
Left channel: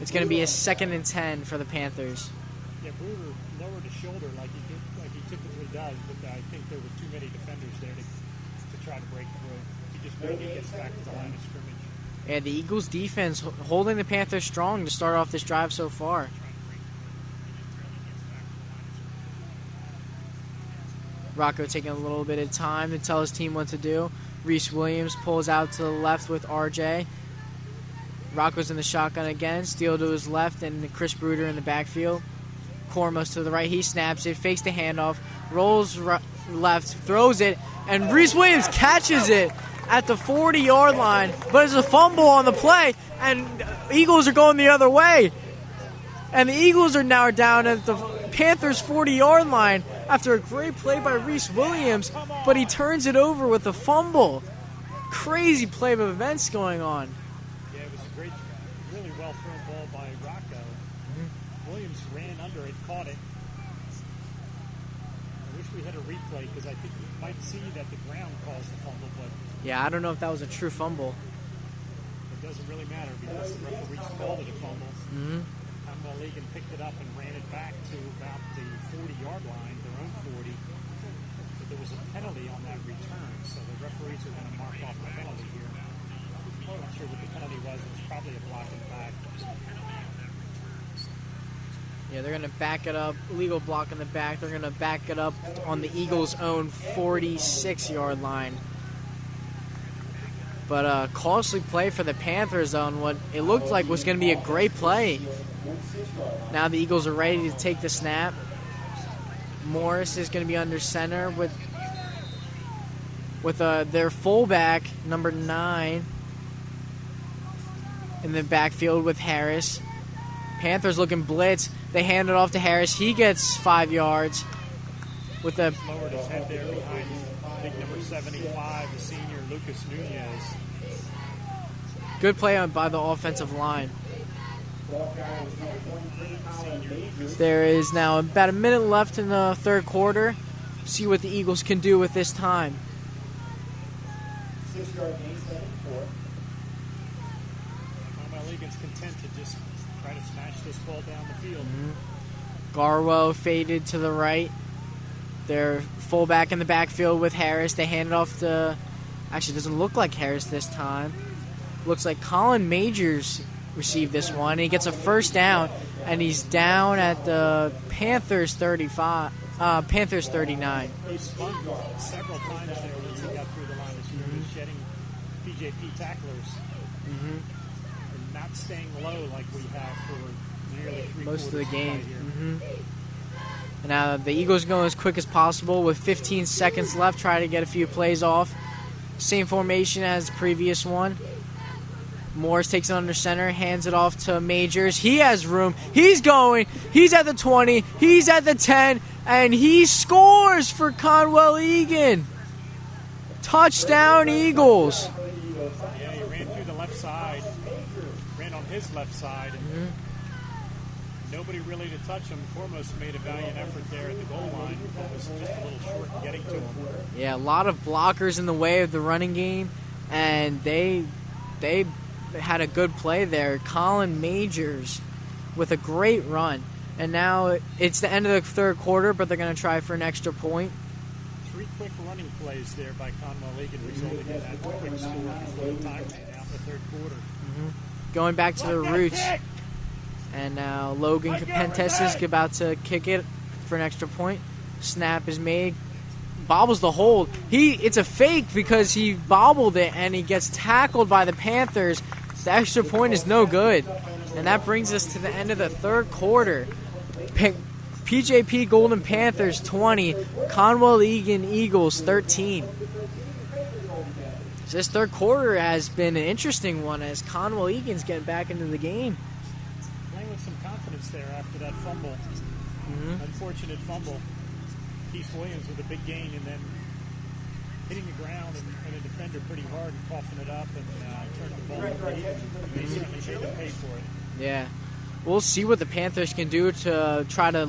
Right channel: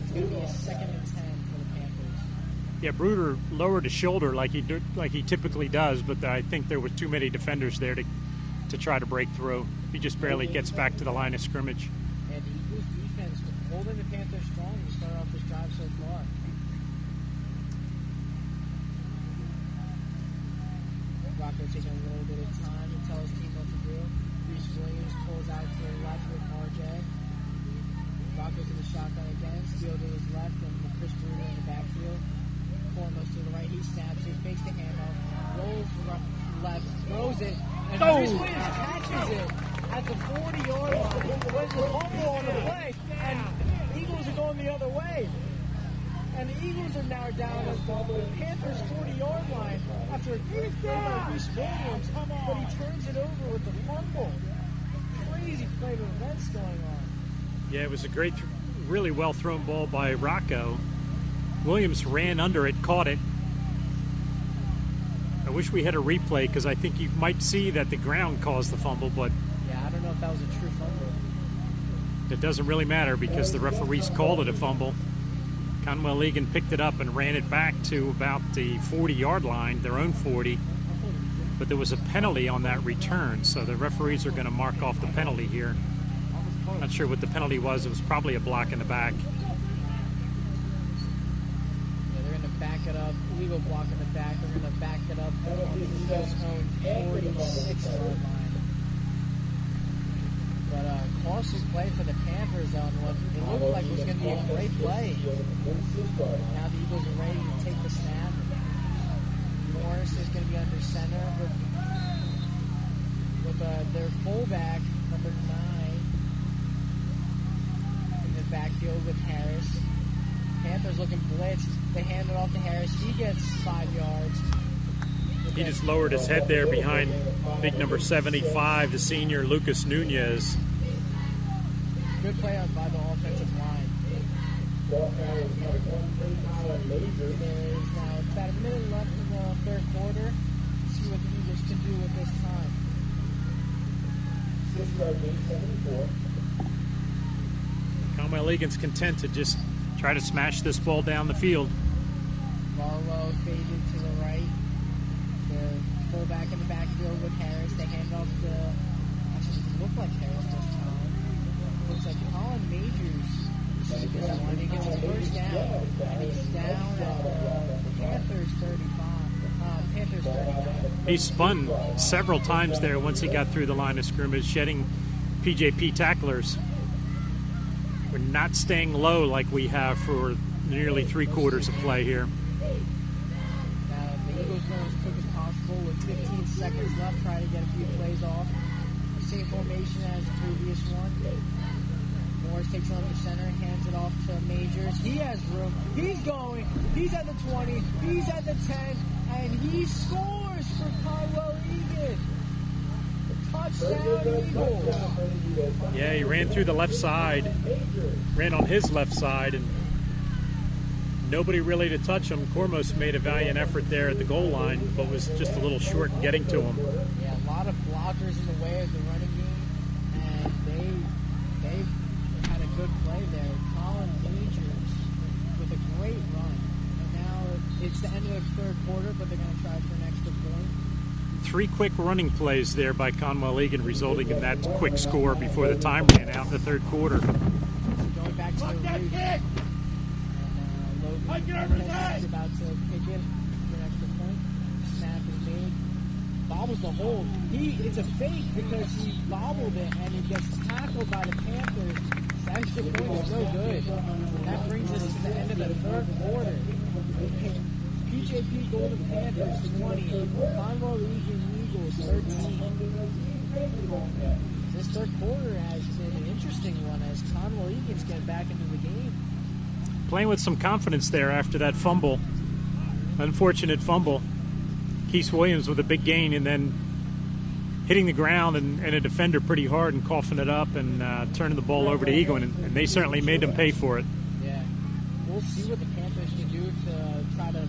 It's going to be a 2nd and 10 for the Panthers. Yeah, Bruder lowered his shoulder like he typically does, but I think there were too many defenders there to try to break through. He just barely gets back to the line of scrimmage. Yeah, the Eagles' defense holding the Panthers strong to start off this drive so far. Rocco taking a little bit of time to tell his team what to do. Reese Williams pulls out to the left with RJ. Rocco's in the shotgun again. Steele to his left and Chris Bruder in the backfield. Cormos to the right. He snaps it, fakes the handoff, rolls left, throws it, and Reese Williams catches it at the 40-yard line. But there's a fumble on the play, and Eagles are going the other way. And the Eagles are now down at the Panthers' 40-yard line after a great play by Reese Williams, but he turns it over with a fumble. Crazy play of events going on. Yeah, it was a great, really well-thrown ball by Rocco. Williams ran under it, caught it. I wish we had a replay because I think you might see that the ground caused the fumble, but yeah, I don't know if that was a true fumble. It doesn't really matter because the referees called it a fumble. Conwell Egan picked it up and ran it back to about the 40-yard line, their own 40. But there was a penalty on that return, so the referees are going to mark off the penalty here. Not sure what the penalty was. It was probably a block in the back. Yeah, they're going to back it up. Legal block in the back. They're going to back it up on the Eagles' own 46-yard line. But costly play for the Panthers on what it looked like was going to be a great play. Now the Eagles are ready to take the snap. Morris is going to be under center with their fullback, number 9, in the backfield with Harris. Panthers looking blitz. They hand it off to Harris. He gets 5 yards. He just lowered his head there behind big number 75, the senior Lucas Nunez. Good play by the offensive line. There is now about a minute left in the third quarter. See what the Eagles can do with this time. Conwell Egan's content to just try to smash this ball down the field. Garwo faded to the right. Their fullback in the backfield with Harris. They hand it off to, actually doesn't look like Harris this time. Looks like Colin Majors received this one. He gets a first down, and he's down at the Panthers 35, Panthers 39. He spun several times there once he got through the line of scrimmage, shedding PJP tacklers. We're not staying low like we have for nearly 3 quarters of play here. Now the Eagles go as quick as possible with 15 seconds left, try to get a few plays off. Same formation as the previous one. Morris takes it under center, hands it off to Majors. He has room. He's going. He's at the 20. He's at the 10. And he scores for Conwell Egan. Touchdown, Eagles. Yeah, he ran through the left side. Ran on his left side. And nobody really to touch him. Cormos made a valiant effort there at the goal line, but was just a little short in getting to him. Yeah, a lot of blockers in the way of the running game. And they had a good play there. Colin Majors with a great run. And now it's the end of the third quarter, but they're going to try for an extra point. 3 quick running plays there by Conwell Egan, resulting in that quick score before the time ran out in the third quarter. Going back to the roots. And now Logan Capentes is about to kick it for an extra point. Snap is made. Bobbles the hold. It's a fake because he bobbled it and he gets tackled by the Panthers. The extra point is no good. And that brings us to the end of the third quarter. PJP Golden Panthers 20, Conwell Egan Eagles 13. This third quarter has been an interesting one as Conwell Egan's getting back into the game. Playing with some confidence there after that fumble. Unfortunate fumble. Keith Williams with a big gain and then hitting the ground and a defender pretty hard and coughing it up and turning the ball over to Egan, and they certainly made them pay for it. Yeah. We'll see what the Panthers can do to try to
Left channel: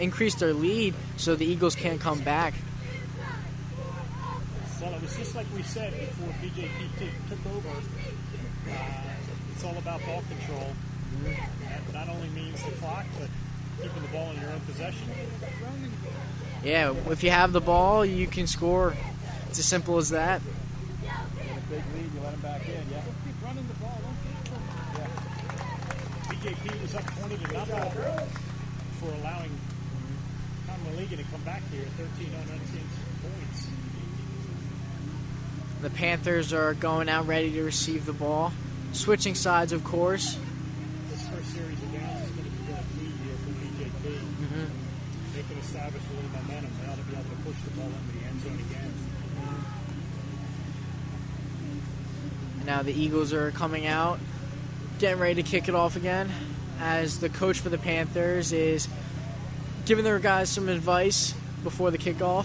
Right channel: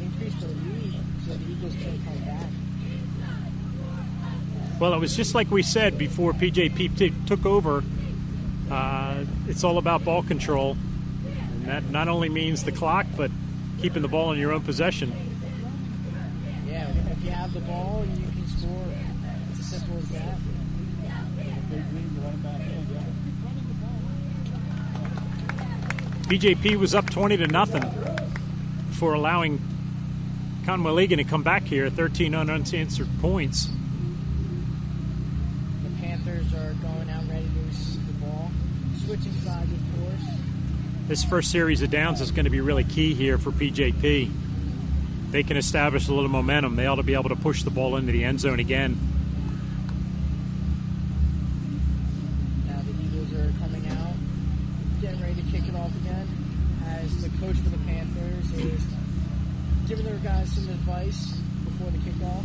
increase their lead so the Eagles can't come back. Well, it was just like we said before PJP took over. It's all about ball control. And that not only means the clock, but keeping the ball in your own possession. Yeah, if you have the ball, you can score. It's as simple as that. PJP was up 20-0 for allowing Conwell Egan to come back here, 13 unanswered points. The Panthers are going out ready to receive the ball. Switching sides, of course. This first series of downs is going to be really key here for PJP. They can establish a little momentum. They ought to be able to push the ball into the end zone again. Now the Eagles are coming out, getting ready to kick it off again, as the coach for the Panthers is giving their guys some advice before the kickoff.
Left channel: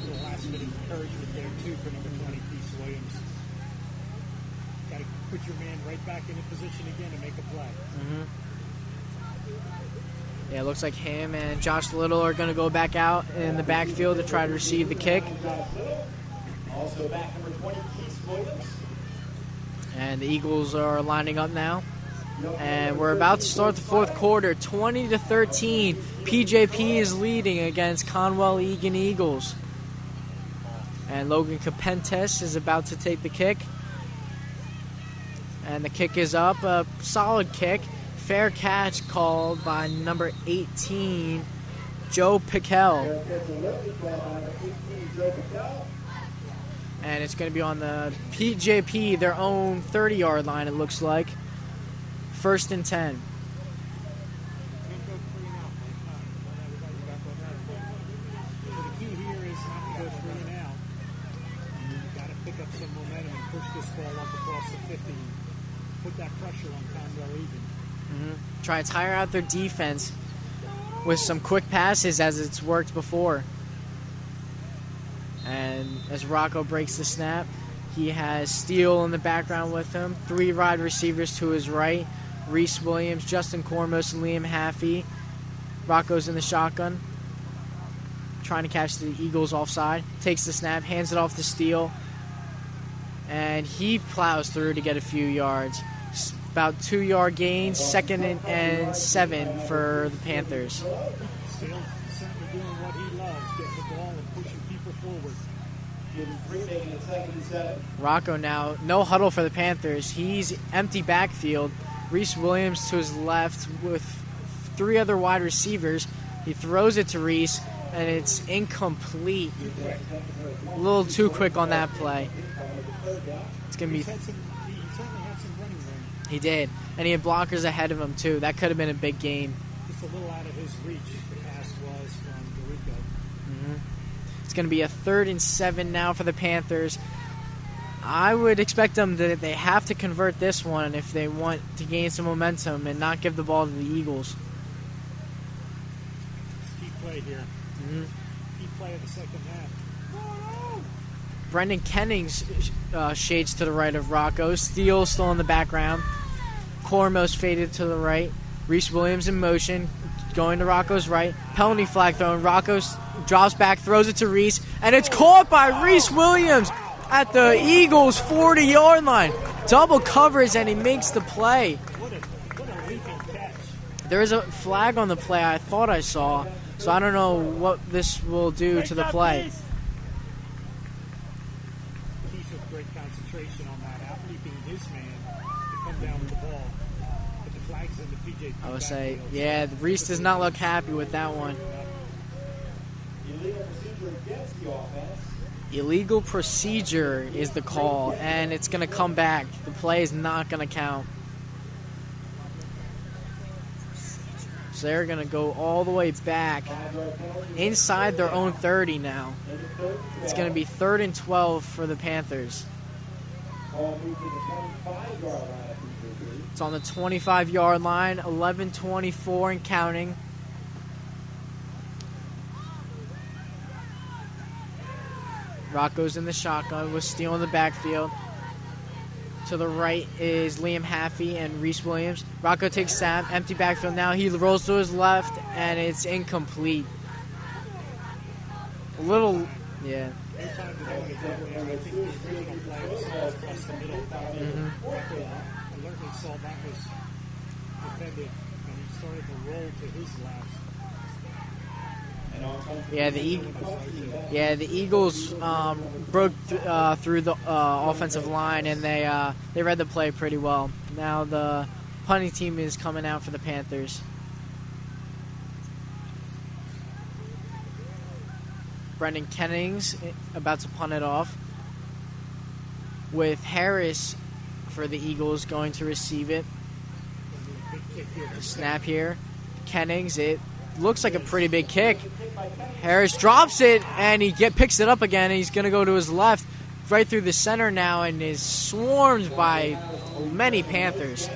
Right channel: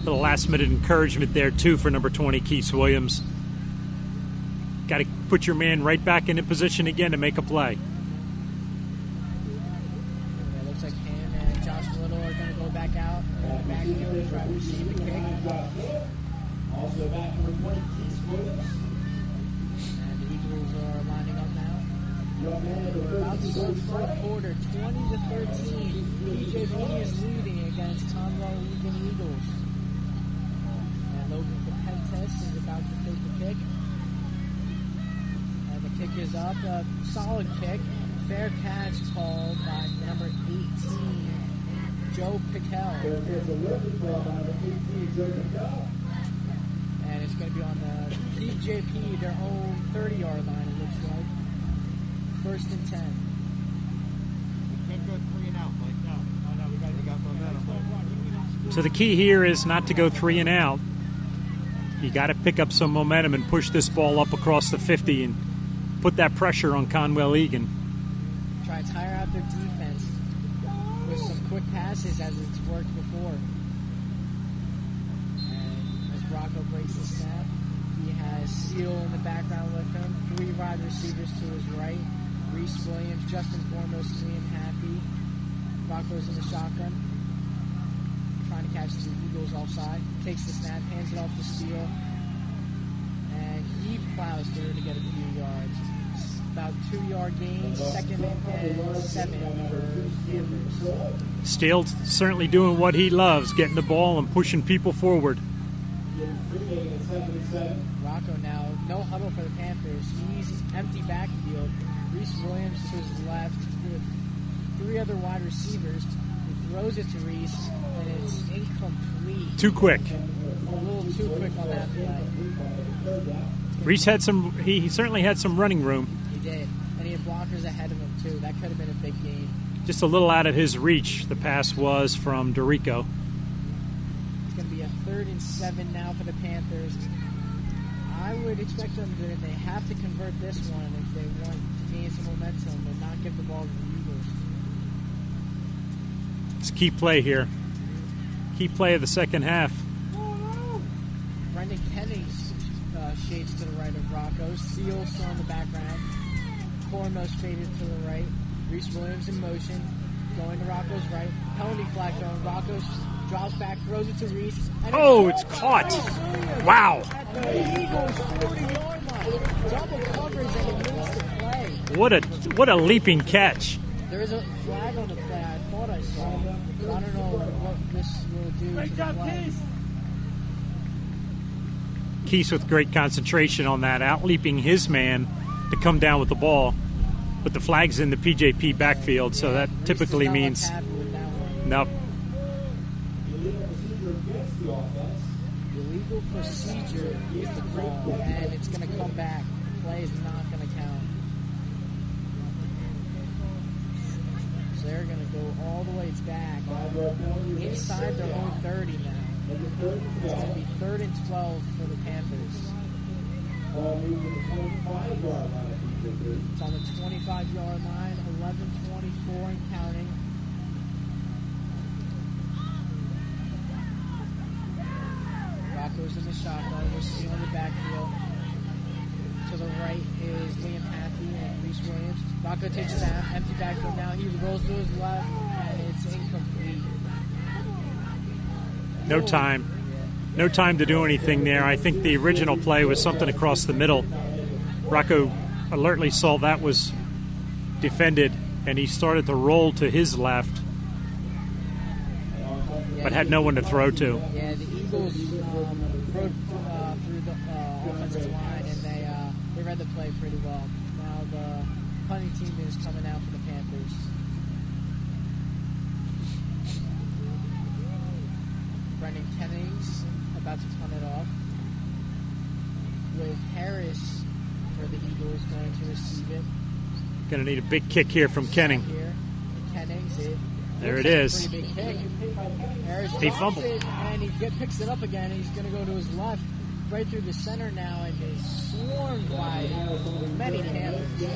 A little last-minute encouragement there, too, for number 20, Keith Williams. Got to put your man right back into position again to make a play. Yeah, it looks like him and Josh Little are going to go back out in the backfield to try to receive the kick. Also back number 20, Keith Williams. And the Eagles are lining up now. And we're about to start the fourth quarter, 20-13. PJP is leading against Conwell Egan Eagles. And Logan Capentes is about to take the kick. And the kick is up, a solid kick. Fair catch called by number 18, Joe Piquel. and it's going to be on the PJP, their own 30-yard line, it looks like. 1st and 10. Can't go 3 and out. We got momentum. So the key here is not to go 3 and out. You got to pick up some momentum and push this ball up across the 50 and put that pressure on Conwell Egan. Try to tire out their defense with some quick passes as it's worked before. And as Rocco breaks the snap, he has Steele in the background with him. 3 wide receivers to his right. Reese Williams, Justin Cormos, and Liam Haffey. Rocco's in the shotgun, trying to catch the Eagles offside. Takes the snap, hands it off to Steele, and he plows through to get a few yards. About 2-yard gains, 2nd and 7 for the Panthers. Steele's certainly doing what he loves, getting the ball and pushing people forward. Rocco now, no huddle for the Panthers. He's empty backfield. Reese Williams to his left with 3 other wide receivers. He throws it to Reese, and it's incomplete. Too quick. A little too quick on that play. Reese had some. He certainly had some running room. He did, and he had blockers ahead of him too. That could have been a big gain. Just a little out of his reach. The pass was from Dorico. It's going to be a 3rd and 7 now for the Panthers. I would expect them that they have to convert this one if they want to gain some momentum and not give the ball to the Eagles. It's a key play here. Key play of the second half. Brendan Kennings shades to the right of Rocco. Steele still in the background. Cormos faded to the right. Reese Williams in motion, going to Rocco's right. Penalty flag thrown. Rocco drops back, throws it to Reese, and it's caught by Reese Williams. Wow. At the Eagles' 40-yard line. Double coverage, and he makes the play. What a leaping catch. There is a flag on the play I thought I saw, so I don't know what this will do to the play. Keese with great concentration on that, out-leaping his man to come down with the ball. But the flag's in the PJP backfield, so that Reese typically does not means... look happy with that one. Nope. Illegal procedure is the call, and it's going to come back. The play is not going to count. So they're going to go all the way back inside their own 30 now. It's going to be 3rd and 12 for the Panthers. It's on the 25-yard line, 11:24 and counting. Rocco's in the shotgun with Steele in the backfield. To the right is Liam Haffey and Reese Williams. Rocco takes snap, empty backfield now. He rolls to his left, and it's incomplete. No time. Yeah. No time to do anything there. I think the original play was something across the middle. Rocco alertly saw that was defended, and he started to roll to his left, but had no one to throw to. Yeah, the Eagles broke through the offensive line, and they read the play pretty well. Now the punting team is coming out for the Panthers. Brendan Kennings about to punt it off, with Harris for the Eagles going to receive it. Going to need a big kick here from Snap Kenning. here. Kennings, it looks like a is. pretty big kick. Harris drops it, and he picks it up again, and he's going to go to his left, right through the center now, and is swarmed by many Panthers.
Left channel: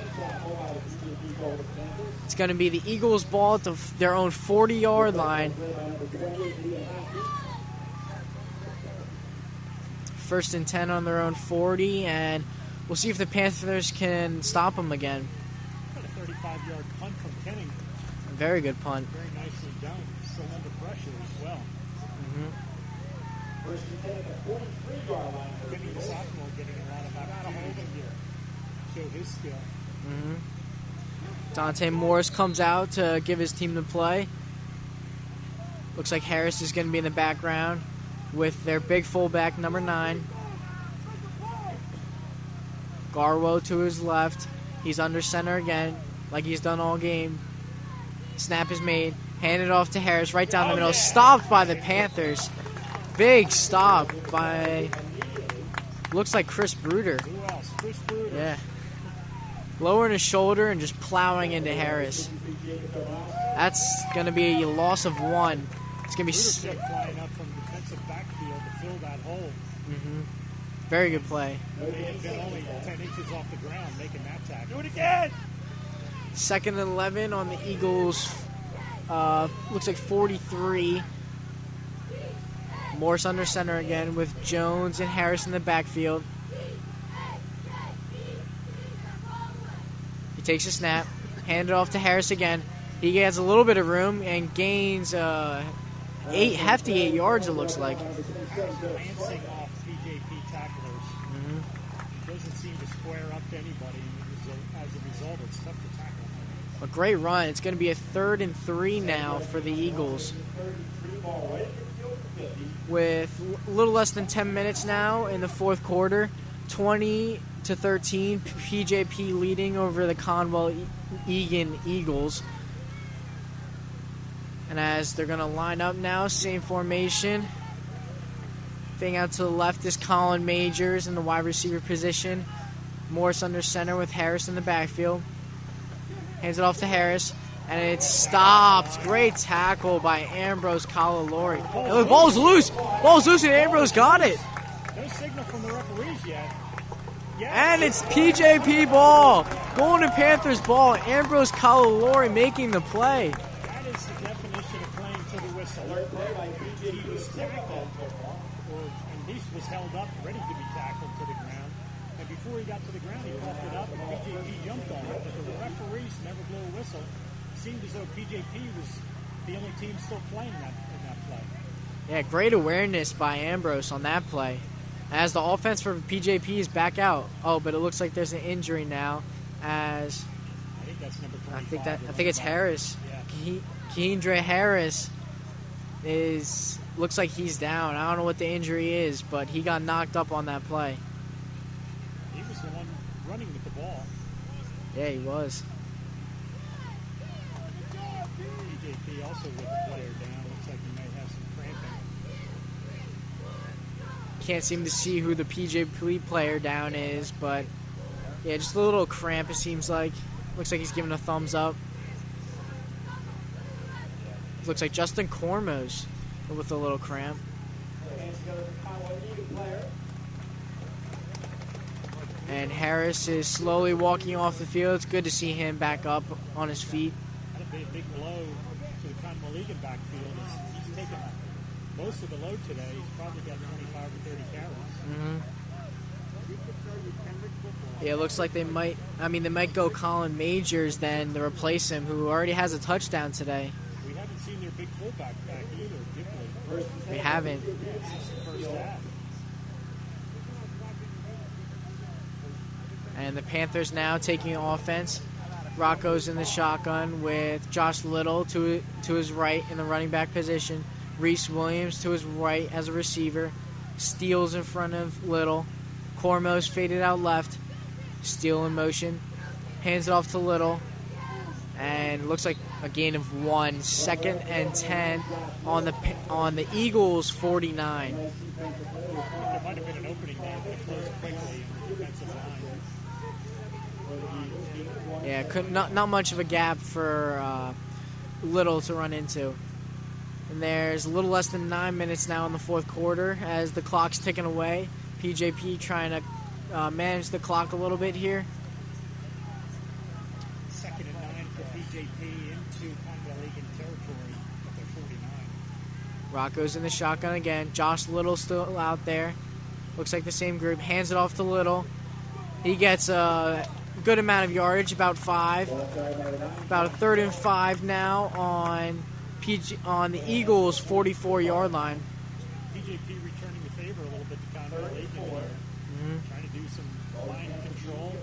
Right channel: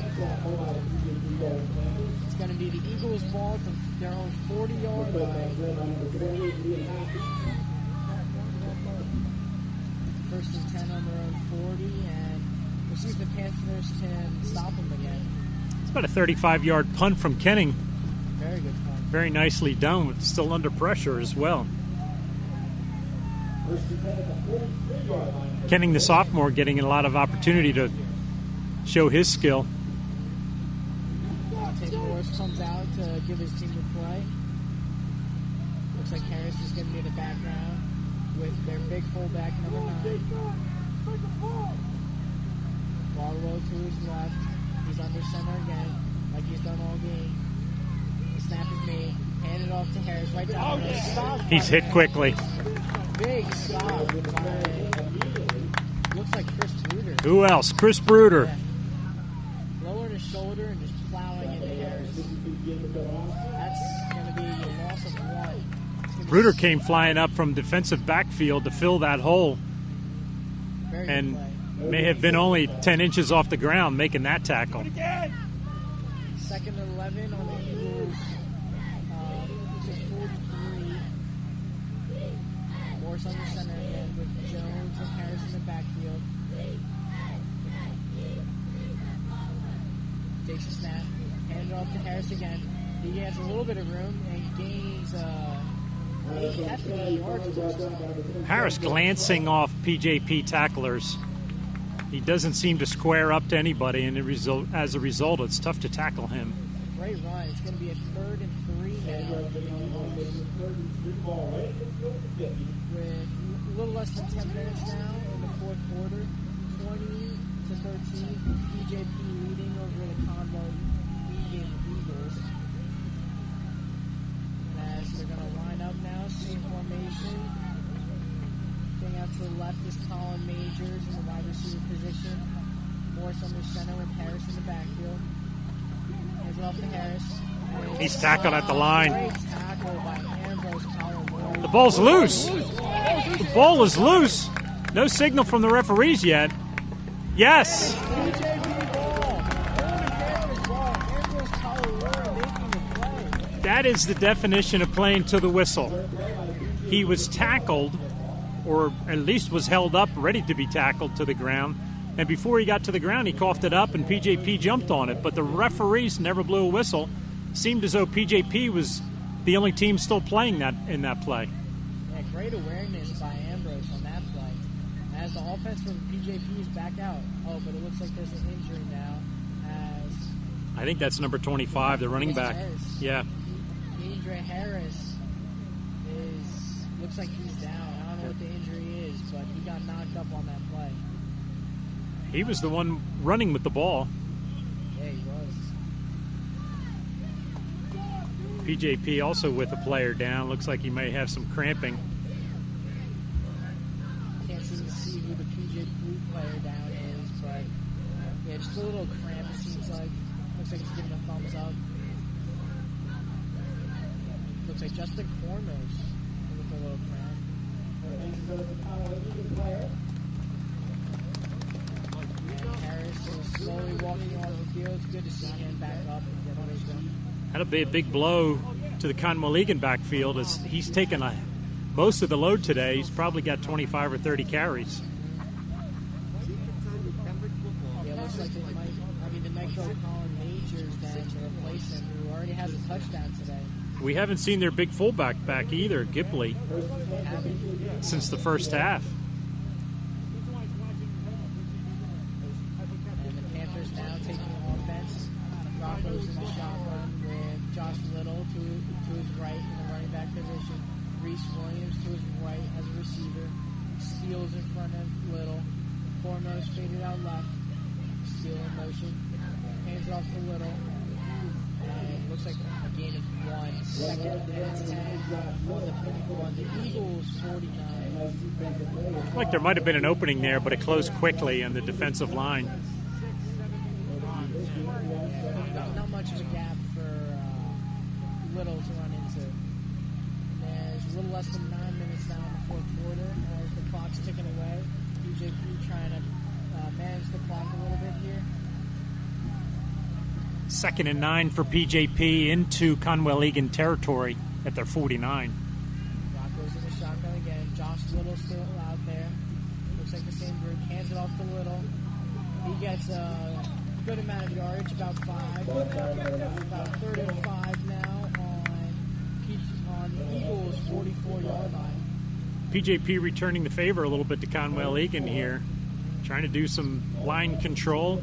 It's going to be the Eagles' ball at their own 40-yard line. 1st and 10 on their own 40, and we'll see if the Panthers can stop them again. It's about a 35-yard punt from Kenning. Very good punt. Very nicely done, but still under pressure as well. Kenning, the sophomore, getting a lot of opportunity to show his skill. Dante Morris comes out to give his team the play. Looks like Harris is going to be in the background with their big fullback, number 9. Garwo to his left. He's under center again, like he's done all game. Snap is made. Handed off to Harris right down the middle. Stopped by the Panthers. Big stop by looks like Chris Bruder. Who else? Chris Bruder. Yeah. Lowering his shoulder and just plowing into Harris. That's going to be a loss of 1. It's going to be Bruder came flying up from defensive backfield to fill that hole. Very good And play. may have been only 10 inches off the ground making that tackle. 2nd and 11 on the Eagles. Looks like 43. Morse under center again with Jones and Harris in the backfield. He takes a snap, hand it off to Harris again. He gets a little bit of room and gains hefty 8 yards, it looks like. Harris glancing off PJP tacklers. He doesn't seem to square up to anybody, and as a result, it's tough to tackle him. A great run. It's going to be a 3rd and 3 now for the Eagles. With a little less than 10 minutes now in the 4th quarter, 20-13, PJP leading over the Conwell-Egan Eagles. And as they're going to line up now, same formation. Thing out to the left is Colin Majors in the wide receiver position. Morris under center with Harris in the backfield. Hands it off to Harris. And it's He's tackled at the stopped. line. Great tackle by Ambrose Calalori. The ball's loose. Ball's loose. Ball's loose, and Ball Ambrose is got loose. it. No signal from the referees yet. Yes. And it's PJP ball. Golden Panthers ball. Ambrose Calalori making the play. That is the definition of playing to the whistle. He was tackled, or at least was held up, ready to be tackled to the ground. And before he got to the ground, he coughed it up, and PJP jumped on it. But the referees never blew a whistle. Seemed as though PJP was the only team still playing that in that play. Yeah, great awareness by Ambrose on that play. As the offense for PJP is back out. Oh, but it looks like there's an injury now. As I think that's number 25, the I running think it's back. Harris. Yeah. Keandre Harris looks like he's down. I don't know what the injury is, but he got knocked up on that play. He was the one running with the ball. Yeah, he was. PJP also with a player down. Looks like he may have some cramping. Can't seem to see who the PJP player down is, but yeah, just a little cramp it seems like. Looks like he's giving a thumbs up. Looks like Justin Cormos with a little cramp. And Harris is slowly walking off the field. It's good to see him back up on his feet. That'll be a big blow to the Conwell-Egan backfield as he's taken most of the load today. He's probably got 25 or 30 carries. Yeah, it looks like they might go Colin Majors then to replace him, who already has a touchdown today. We haven't seen their big fullback back either, Gipley, They haven't. since the first half. And the Panthers now taking offense. Rocco's in the shotgun with Josh Little to his right in the running back position. Reese Williams to his right as a receiver. Steele's in front of Little. Cormos faded out left. Steele in motion. Hands it off to Little. And looks like a gain of 1. 2nd and 10 on the Eagles 49. Like there might have been an opening there, but it closed quickly on the defensive line. Yeah, not much of a gap for Little to run into. And there's a little less than 9 minutes now in the 4th quarter as the clock's ticking away. PJP trying to manage the clock a little bit here. 2nd and 9 for PJP into Conwell-Egan territory at their 49. Rocco's in the shotgun again. Josh Little still out there. Looks like the same group. Hands it off to Little. He gets a good amount of yardage, about 5. About a 3rd and 5 now on the Eagles' 44-yard line. PJP returning the favor a little bit to Conwell-Egan here. Trying to do some line control,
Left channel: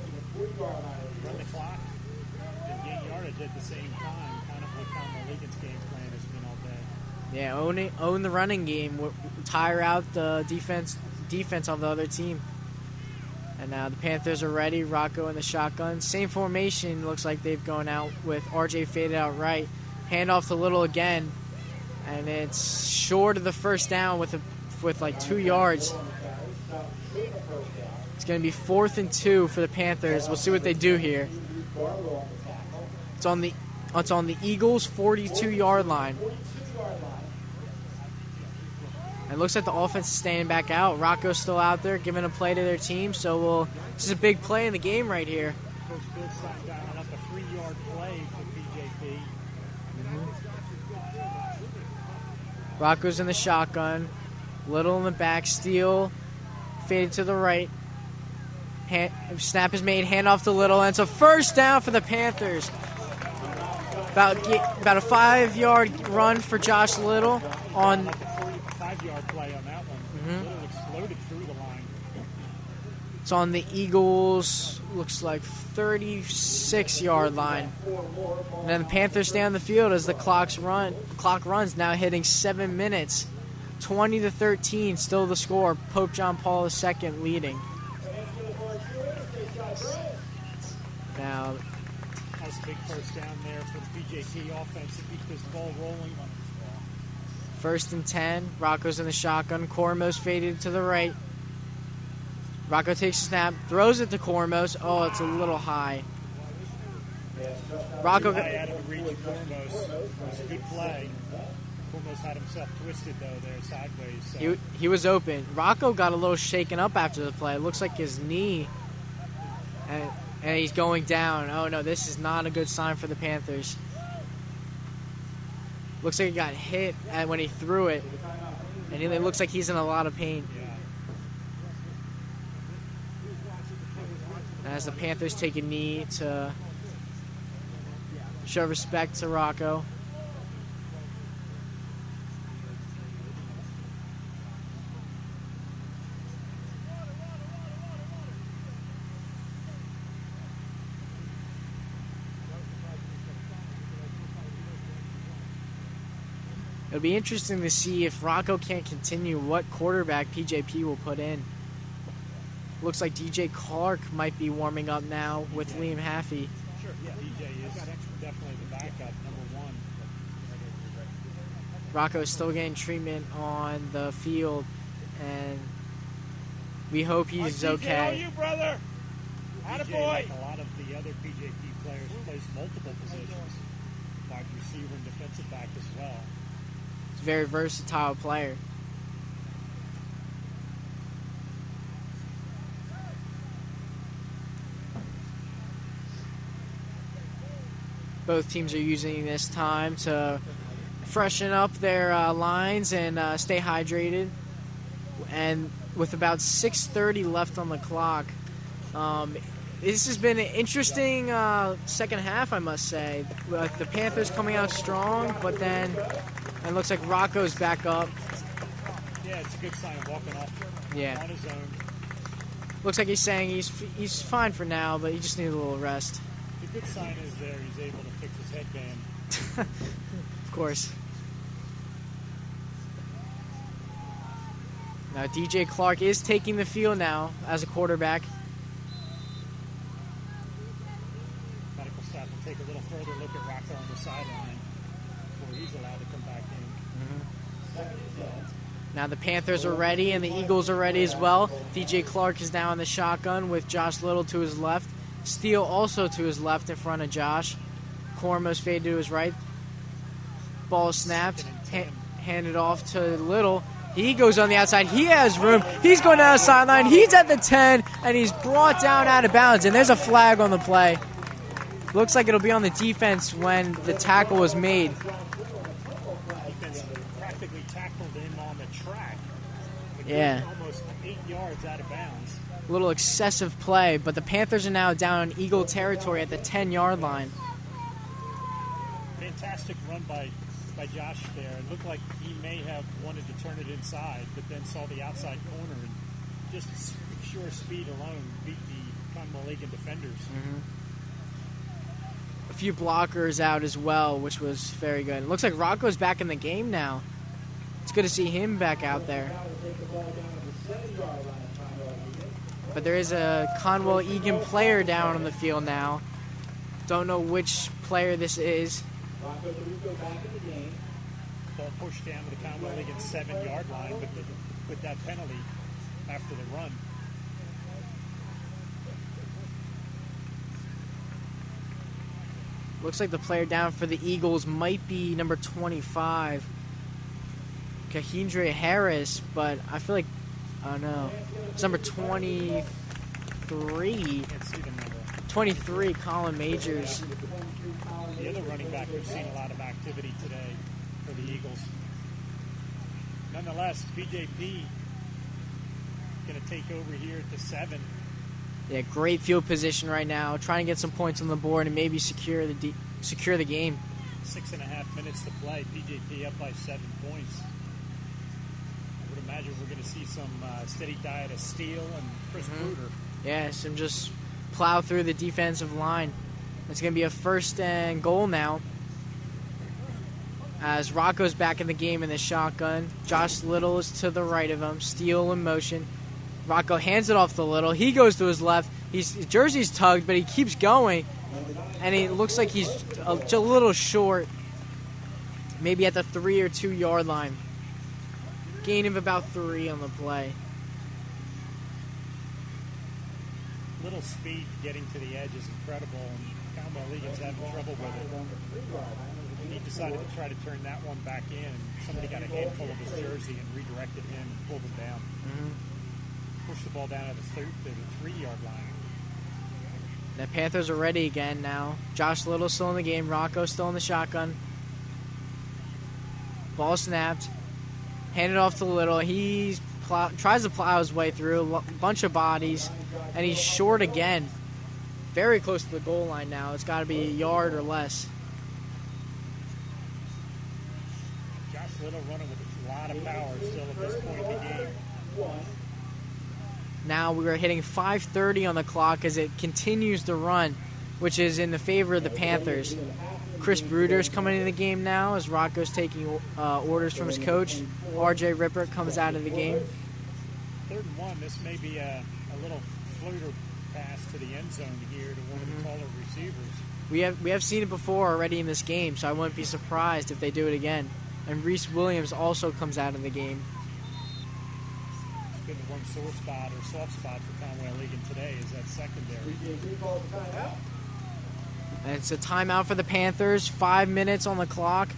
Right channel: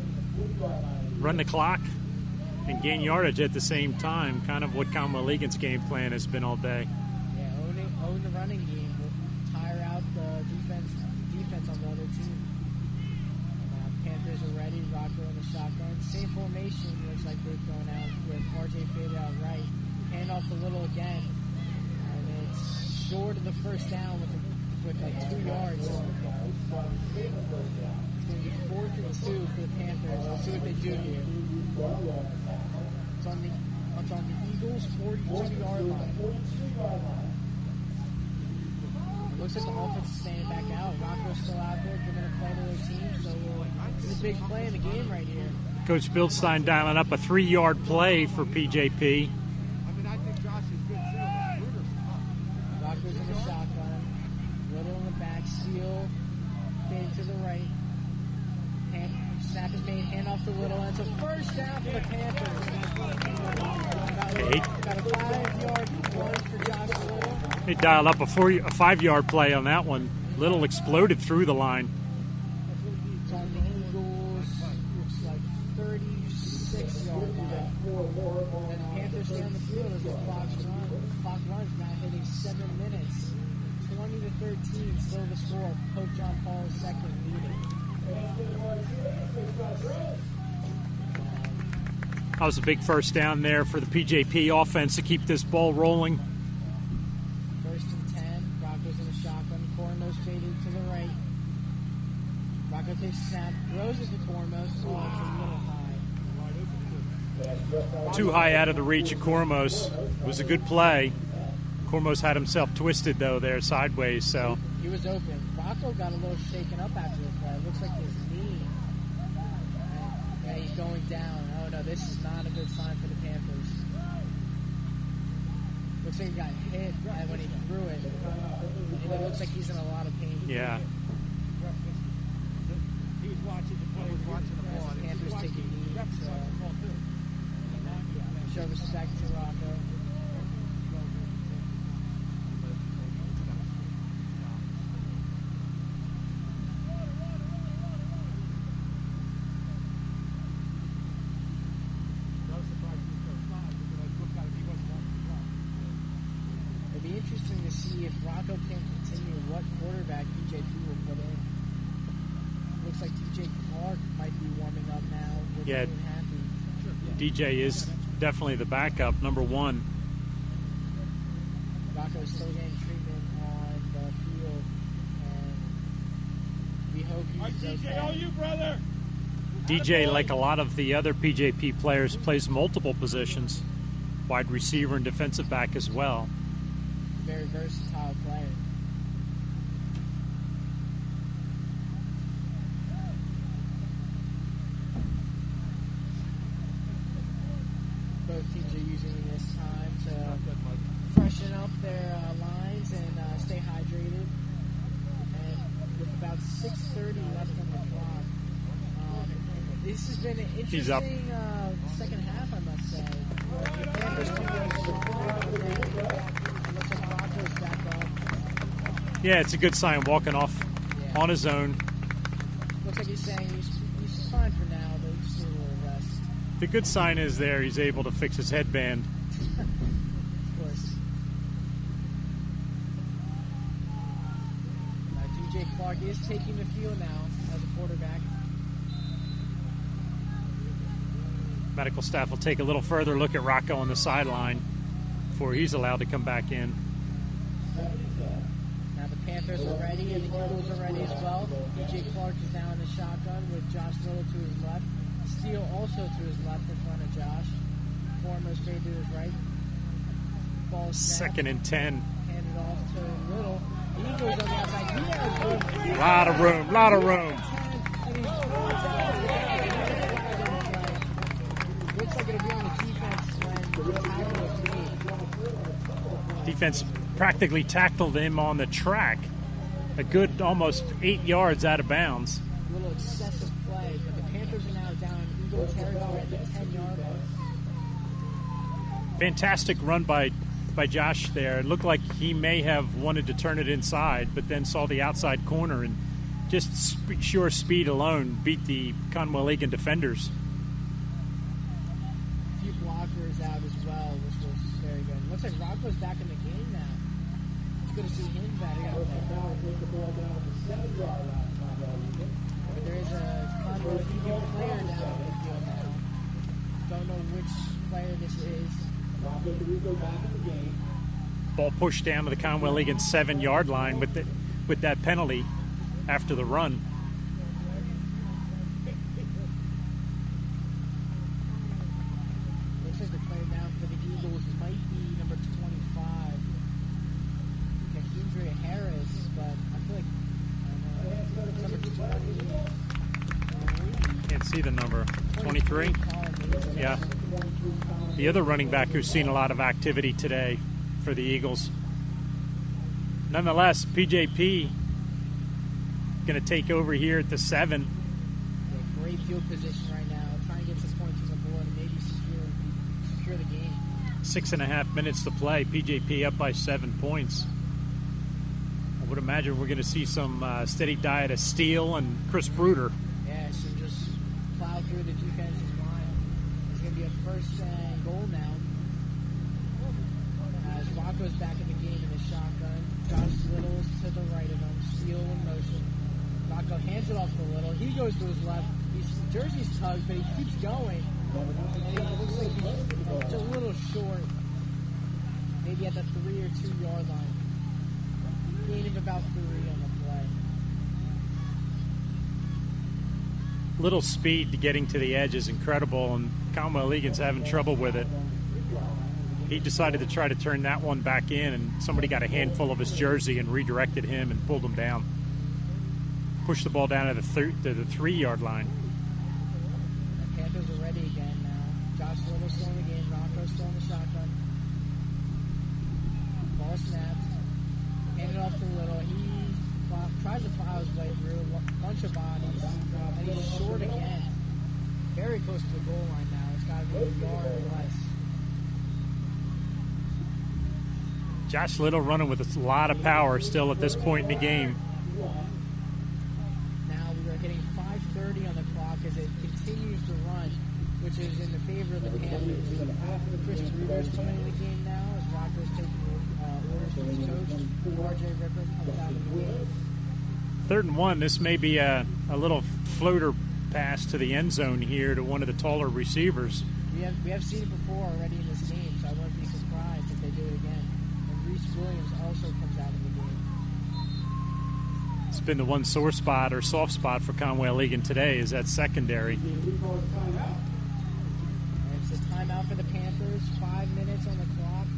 run the clock, and gain yardage at the same time. Kind of what Conwell-Egan's game plan has been all day. Yeah, own the running game, tire out the defense of the other team. And now the Panthers are ready. Rocco in the shotgun. Same formation. Looks like they've gone out with RJ faded out right. Hand off to Little again. And it's short of the first down with like 2 yards. It's going to be 4th and 2 for the Panthers. We'll see what they do here. It's on the Eagles' 42-yard line. It looks like the offense is staying back out. Rocco's still out there giving a play to their team. So this is a big play in the game right here. Coach Bildstein dialing up a 3-yard play for PJP. Rocco's in the shotgun. Little in the back. Steal. Faded to the right. Snap is made. Handoff to Little. And it's a first down for the Panthers. About a 5-yard run for Josh Little. He dialed up a 5-yard play on that one. Little exploded through the line. It's on the Eagles, looks like 36-yard line. And then the Panthers stay on the field as the clock runs, now hitting 7 minutes. 20-13, still the score. Pope John Paul II leading. Now, that was a big first down there for the PJP offense to keep this ball rolling. 1st and 10. Rocco's in the shotgun. Cormos faded to the right. Rocco takes a snap, throws it to Cormos. Oh, it's a little high. Too high out of the reach of Cormos. It was a good play. Cormos had himself twisted, though, there sideways. So he was open. Rocco got a little shaken up after the play. It looks like his knee, and he's going down. Oh, no, this is not a good sign for the Panthers. Looks like he got hit when he threw it, and it looks like he's in a lot of pain. Yeah. As the Panthers take a knee to show respect to Rocco. It'll be interesting to see if Rocco can't continue, what quarterback PJP will put in. Looks like DJ Clark might be warming up now with Liam Haffey. DJ is definitely the backup, number 1. Rocco's still getting treatment on the field, and we hope he's okay. DJ, like a lot of the other PJP players, plays multiple positions, wide receiver and defensive back as well. He's a very versatile player. Both teams are using this time to freshen up their lines and stay hydrated. And with about 6:30 left on the clock, this has been an interesting second half, I must say. The Panthers coming out strong, but then it looks like Rocco's back up. Yeah, it's a good sign walking off on his own. Looks like he's saying he's fine for now, but he just needs a little rest. The good sign is there he's able to fix his headband. Of course. Now DJ Clark is taking the field now as a quarterback. Medical staff will take a little further look at Rocco on the sideline before he's allowed to come back in. Now the Panthers are ready and the Eagles are ready as well. DJ Clark is now in the shotgun with Josh Little to his left. Steele also to his left in front of Josh. Cormos fade to his right. Ball snapped. 2nd and 10. Handed off to Little. He goes on the outside. He has room. He's going down the sideline. He's at the 10, and he's brought down out of bounds. And there's a flag on the play. Looks like it'll be on the defense when the tackle was made. Defense practically tackled him on the track. A good almost 8 yards out of bounds. A little excessive play, but the Panthers are now down in Eagle territory at the 10-yard line. Fantastic run by Josh there. It looked like he may have wanted to turn it inside, but then saw the outside corner and just sheer speed alone beat the Conwell-Egan defenders. A few blockers out as well, which was very good. It looks like Rocco's back in the game now. It's good to see him back out there. But there is a Conwell-Egan player down on the field now. Don't know which player this is. Ball pushed down to the Conwell-Egan 7-yard line with that penalty after the run. Looks like the player down for the Eagles might be number 25, Kahindra Harris, but I feel like, oh no, it's number 23. Can't see the number. 23, Colin Majors. Yeah. The other running back who's seen a lot of activity today for the Eagles. Nonetheless, PJP going to take over here at the 7. Yeah, great field position right now, trying to get some points on the board and maybe secure the game. 6.5 minutes to play. PJP up by 7 points. I would imagine we're going to see some steady diet of Steele and Chris Bruder. Yes, and just plow through the defensive line. It's going to be a 1st and goal now. As Rocco's back in the game in the shotgun. Josh Little is to the right of him. Steele in motion. Rocco hands it off to Little. He goes to his left. His jersey's tugged, but he keeps going. And he looks like he's a little short. Maybe at the 3 or 2 yard line. Gain of about 3 on the play. Little speed to getting to the edge is incredible, and Commonwealth Egan's having trouble with it. He decided to try to turn that one back in, and somebody got a handful of his jersey and redirected him and pulled him down. Pushed the ball down to the 3 yard line. The Panthers are ready again now. Josh Little still in the game. Rocco still in the shotgun. Ball snapped. Handed off to Little. He tries to plow his way through. A bunch of bodies. And he's short again. Very close to the goal line now. It's got to be a yard or less. Josh Little running with a lot of power still at this point in the game. Now we are hitting 5:30 on the clock as it continues to run, which is in the favor of the Panthers. Chris Bruder is coming into the game now as Rocco's taking orders from his coach. RJ Ripper comes out of the game. 3rd and 1. This may be a little floater pass to the end zone here to one of the taller receivers. We have seen it before already in this game, so I wouldn't be surprised if they do it again. And Reese Williams also comes out of the game. It's been the one sore spot or soft spot for Conway Egan today is that secondary. And it's a timeout for the Panthers. 5 minutes on the clock.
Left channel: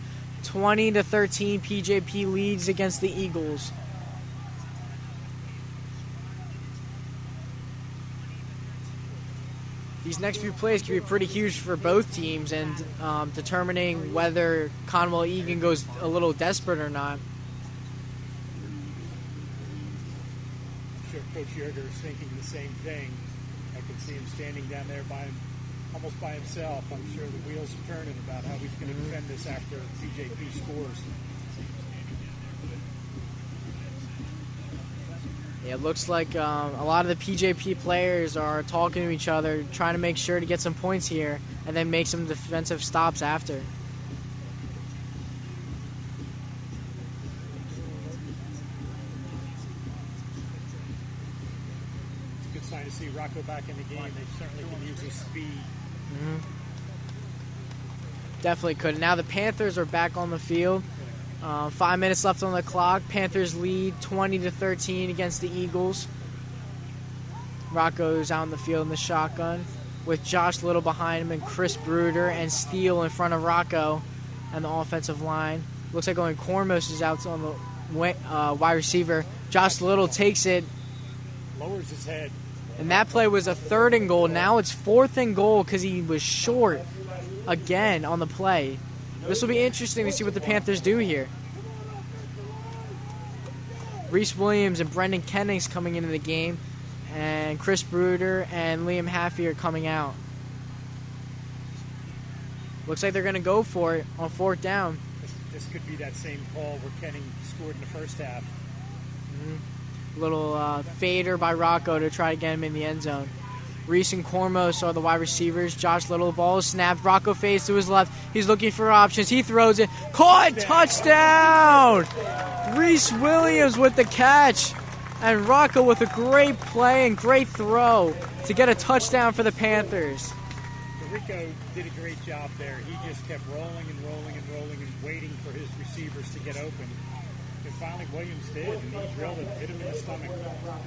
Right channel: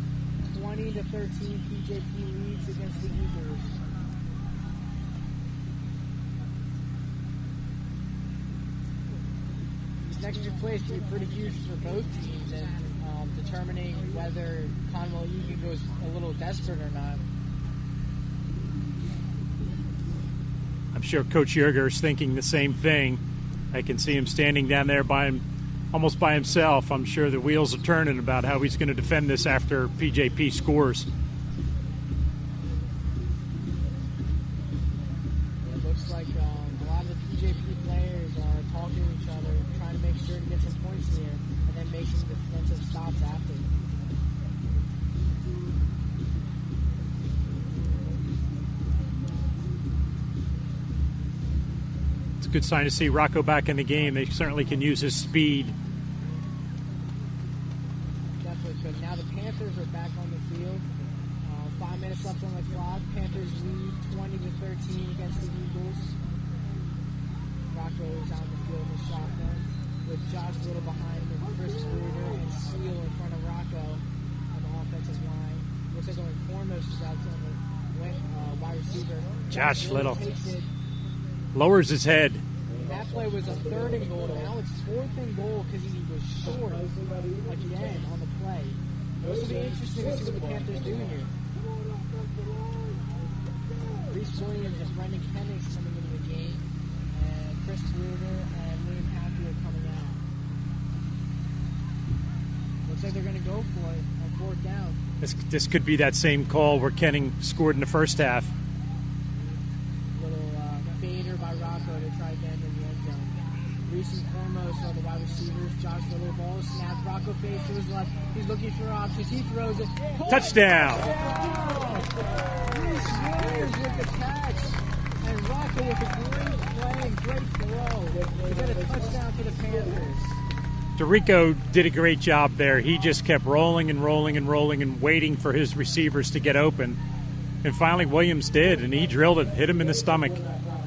20-13, PJP leads against the Eagles. These next few plays can be pretty huge for both teams and determining whether Conwell Egan goes a little desperate or not. I'm sure Coach Yerger is thinking the same thing. I can see him standing down there almost by himself. I'm sure the wheels are turning about how he's going to defend this after PJP scores. It looks like a lot of the PJP players are talking to each other, trying to make sure to get some points here, and then make some defensive stops after. It's a good sign to see Rocco back in the game. They certainly can use his speed. Definitely could. Now the Panthers are back on the field. 5 minutes left on the clock. Panthers lead 20-13 against the Eagles. Rocco's out in the field in the shotgun with Josh Little behind him and Chris Bruder and Steele in front of Rocco and the offensive line. Looks like only Cormos is out on the wide receiver. Josh Little takes it. Lowers his head. And that play was a 3rd and goal. Now it's 4th and goal because he was short again on the play. This will be interesting to see what the Panthers do here. Reese Williams and Brendan Kennings coming into the game, and Chris Bruder and Liam Haffey are coming out. Looks like they're going to go for it on 4th down. This could be that same call where Kenning scored in the first half. Little fader by Rocco to try to get him in the end zone. Reese and Cormos are the wide receivers. Josh Little, the ball is snapped. Rocco fades to his left. He's looking for options. He throws it. Caught! Touchdown! Reese Williams with the catch. And Rocco with a great play and great throw to get a touchdown for the Panthers. DeRico did a great job there. He just kept rolling and rolling and rolling and waiting for his receivers to get open. And finally Williams did, and he drilled it, hit him in the stomach.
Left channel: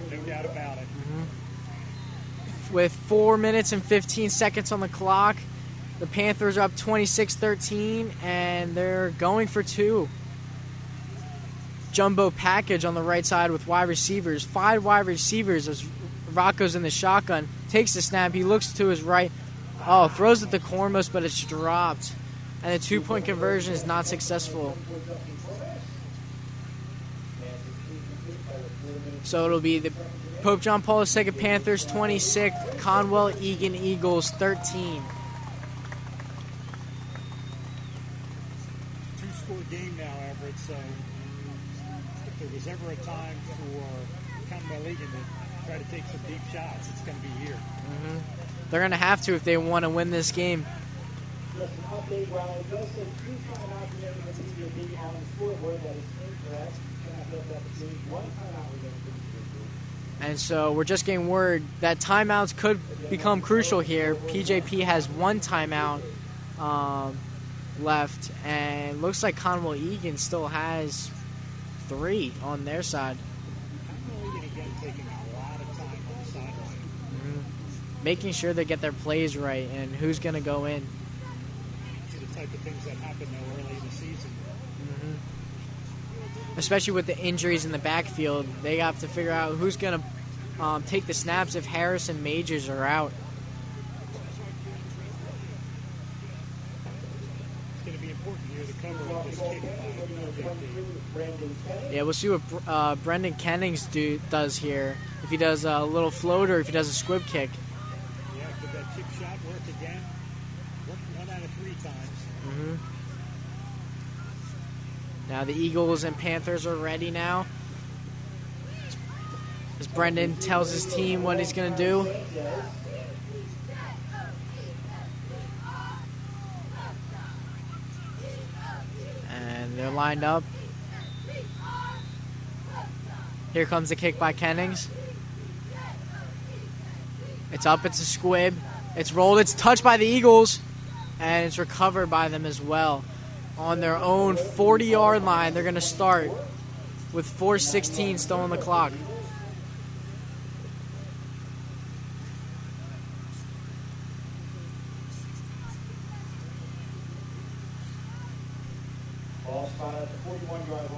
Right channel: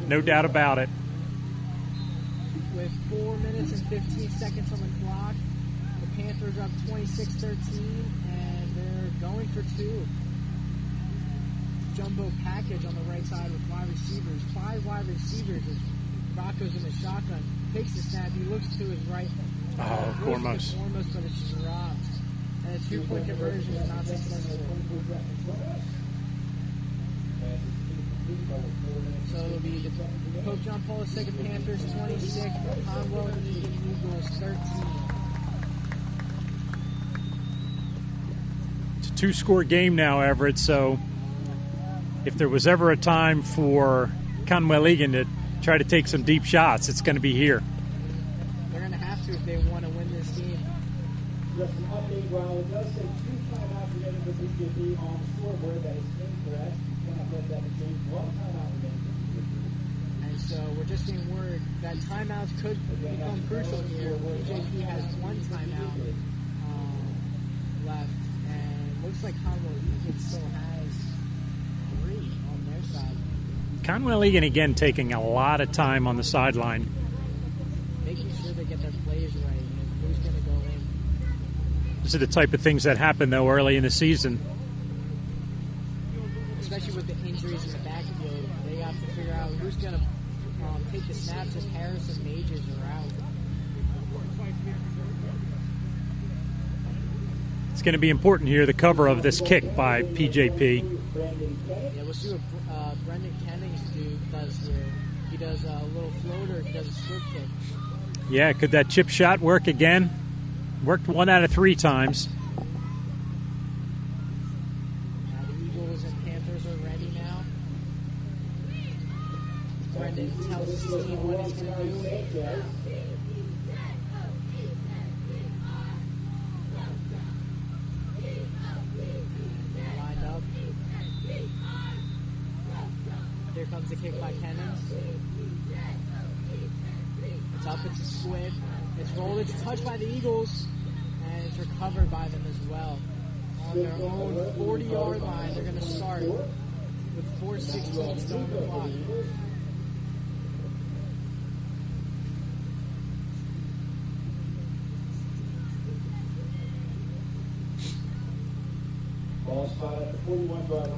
No doubt about it. With 4 minutes and 15 seconds on the clock, The Panthers are up 26-13, and they're going for two. Jumbo package on the right side with wide receivers. 5 wide receivers as Rocco's in the shotgun. Takes the snap. He looks to his right. Oh, throws at the cornmost, but it's dropped. And the 2-point conversion is not successful. So it'll be the Pope John Paul II Panthers 26, Conwell Egan Eagles 13. It's a 2-score game now, Everett, so if there was ever a time for Conwell Egan to try to take some deep shots, it's going to be here. They're going to have to if they want to win this game. Just an update, Ryan. It does say 2 timeouts remaining for PCTV on the scoreboard. That is incorrect. Cannot let that be changed. 1 timeout remaining for PCTV. And so we're just getting word that timeouts could become crucial here. PJP has 1 timeout left, and looks like Conwell Egan still has 3 on their side. Conwell Egan again taking a lot of time on the sideline. Making sure they get their plays right and who's going to go in. These are the type of things that happen, though, early in the season. Especially with the injuries in the backfield, they have to figure out who's going to take the snaps if Harris and Majors are out. It's going to be important here, the cover of this kick by PJP. Yeah, we'll see what Brendan Kennings does here. If he does a little float or if he does a squib kick. Yeah, could that chip shot work again? Worked 1 out of 3 times. Now the Eagles and Panthers are ready now. As Brendan tells his team what he's going to do. And they're lined up. Here comes the kick by Kennings. It's up, it's a squib. It's rolled, it's touched by the Eagles, and it's recovered by them as well. On their own 40-yard line, they're going to start with 4:16 still on the clock. Ball spot at the 41-yard line.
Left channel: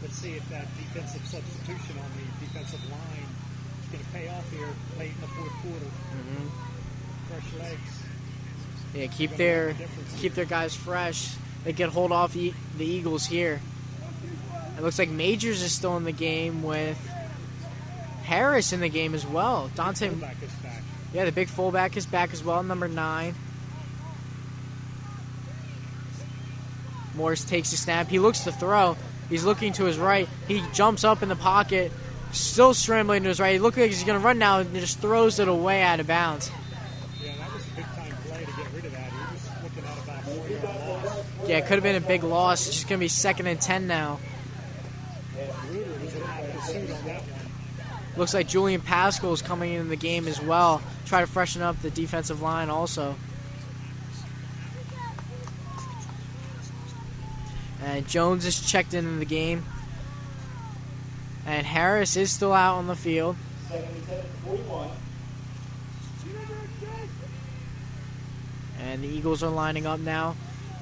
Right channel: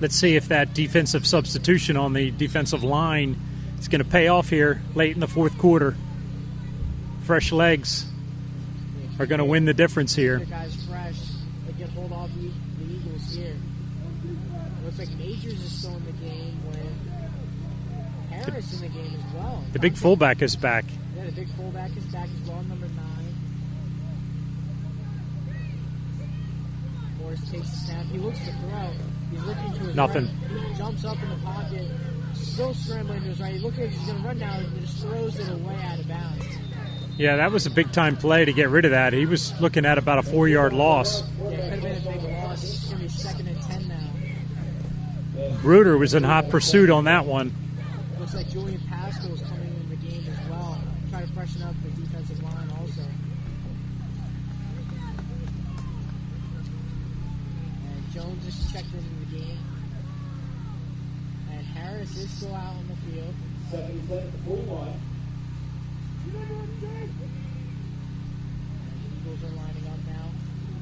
Let's see if that defensive substitution on the defensive line is going to pay off here late in the 4th quarter. Fresh legs are going to win the difference here. Keep their guys fresh. They can hold off the Eagles here. It looks like Majors is still in the game with Harris in the game as well. The big fullback is back. Yeah, the big fullback is back as well, number 9. Morris takes the snap. He looks to throw. He's looking to his right. He jumps up in the pocket, still scrambling to his right. He looks like he's going to run now and just throws it away out of bounds. Yeah, that was a big-time play to get rid of that. He was looking at about a 4-yard loss. Yeah, it could have been a big loss. It's just going to be 2nd and 10 now. Bruder was in hot pursuit on that one. Looks like Julian Pascal is coming into the game as well. Try to freshen up the defensive line also. And Jones is checked into the game. And Harris is still out on the field. And the Eagles are lining up now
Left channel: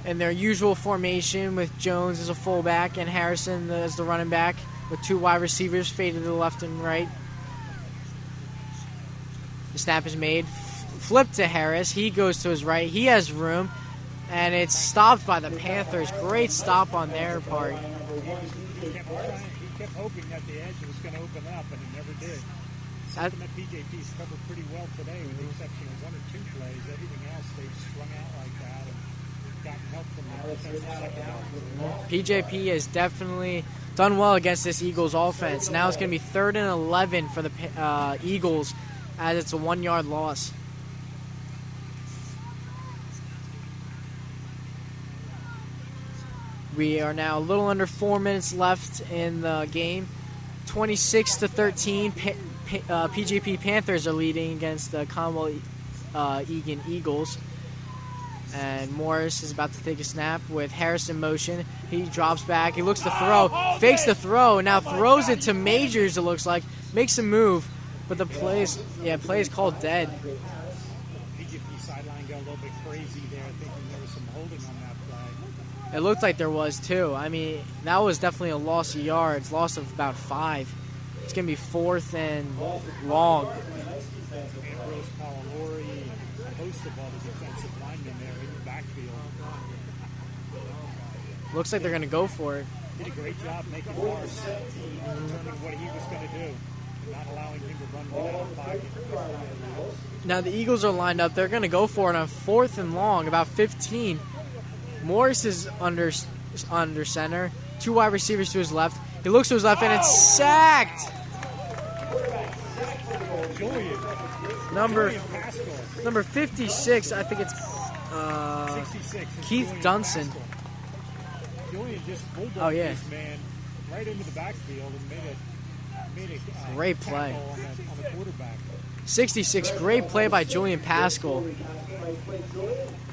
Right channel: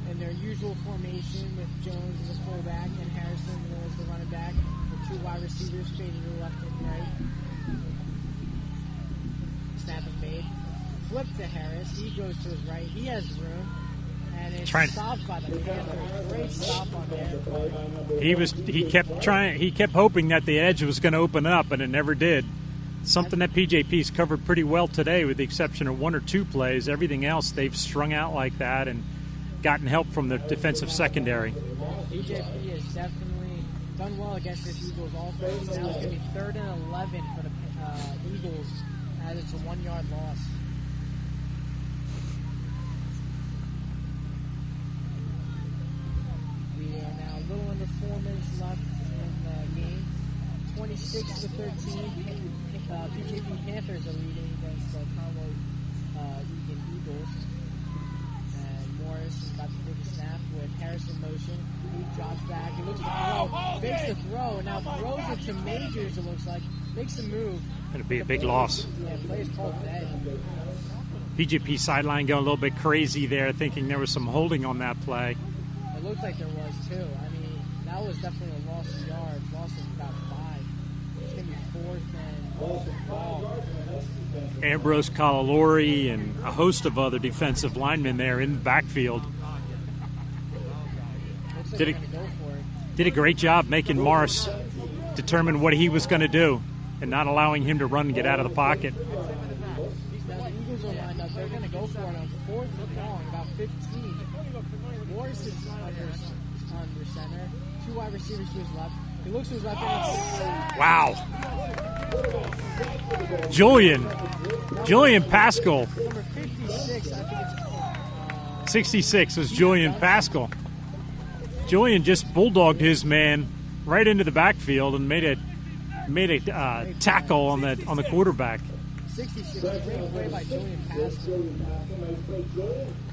in their usual formation with Jones as a fullback and Harrison as the running back with 2 wide receivers faded to the left and right. The snap is made. Flip to Harris. He goes to his right. He has room. And it's stopped by the Panthers. Great stop on their part. He kept hoping that the edge was going to open up, and it never did. Something that PJP's covered pretty well today, with the exception of 1 or 2 plays. Everything else they've strung out like that and gotten help from the defensive secondary. PJP has definitely done well against this Eagles offense. Now it's going to be 3rd and 11 for the Eagles, as it's a 1-yard loss. We are now a little under 4 minutes left in the game. 26-13, PJP Panthers are leading against the Conwell Egan Eagles. And Morris is about to take a snap with Harris in motion. He drops back. He looks to throw. Fakes the throw. Now throws it to Majors, it looks like. Makes a move. But the play is called dead. PJP sideline going a little bit crazy there, thinking there was some holding on that play. It looked like there was too. I mean, that was definitely a loss of yards, loss of about 5. It's going to be 4th and long. Ambrose Calalori and a host of other defensive linemen there in the backfield. Looks like they're going to go for it. Did a great job making Morris determine what he was going to do and not allowing him to run and get out of the pocket. Now the Eagles are lined up. They're going to go for it on 4th and long, about 15. Morris is under center. 2 wide receivers to his left. He looks to his left, and it's sacked. Wow. Julian Pascal. Number 56, I think it's 66 was Keith Julian Dunson. Pascal. Julian just bulldogged Oh, yeah. his man right into the backfield and made a Great tackle on the quarterback. 66, great play by Julian Pascal.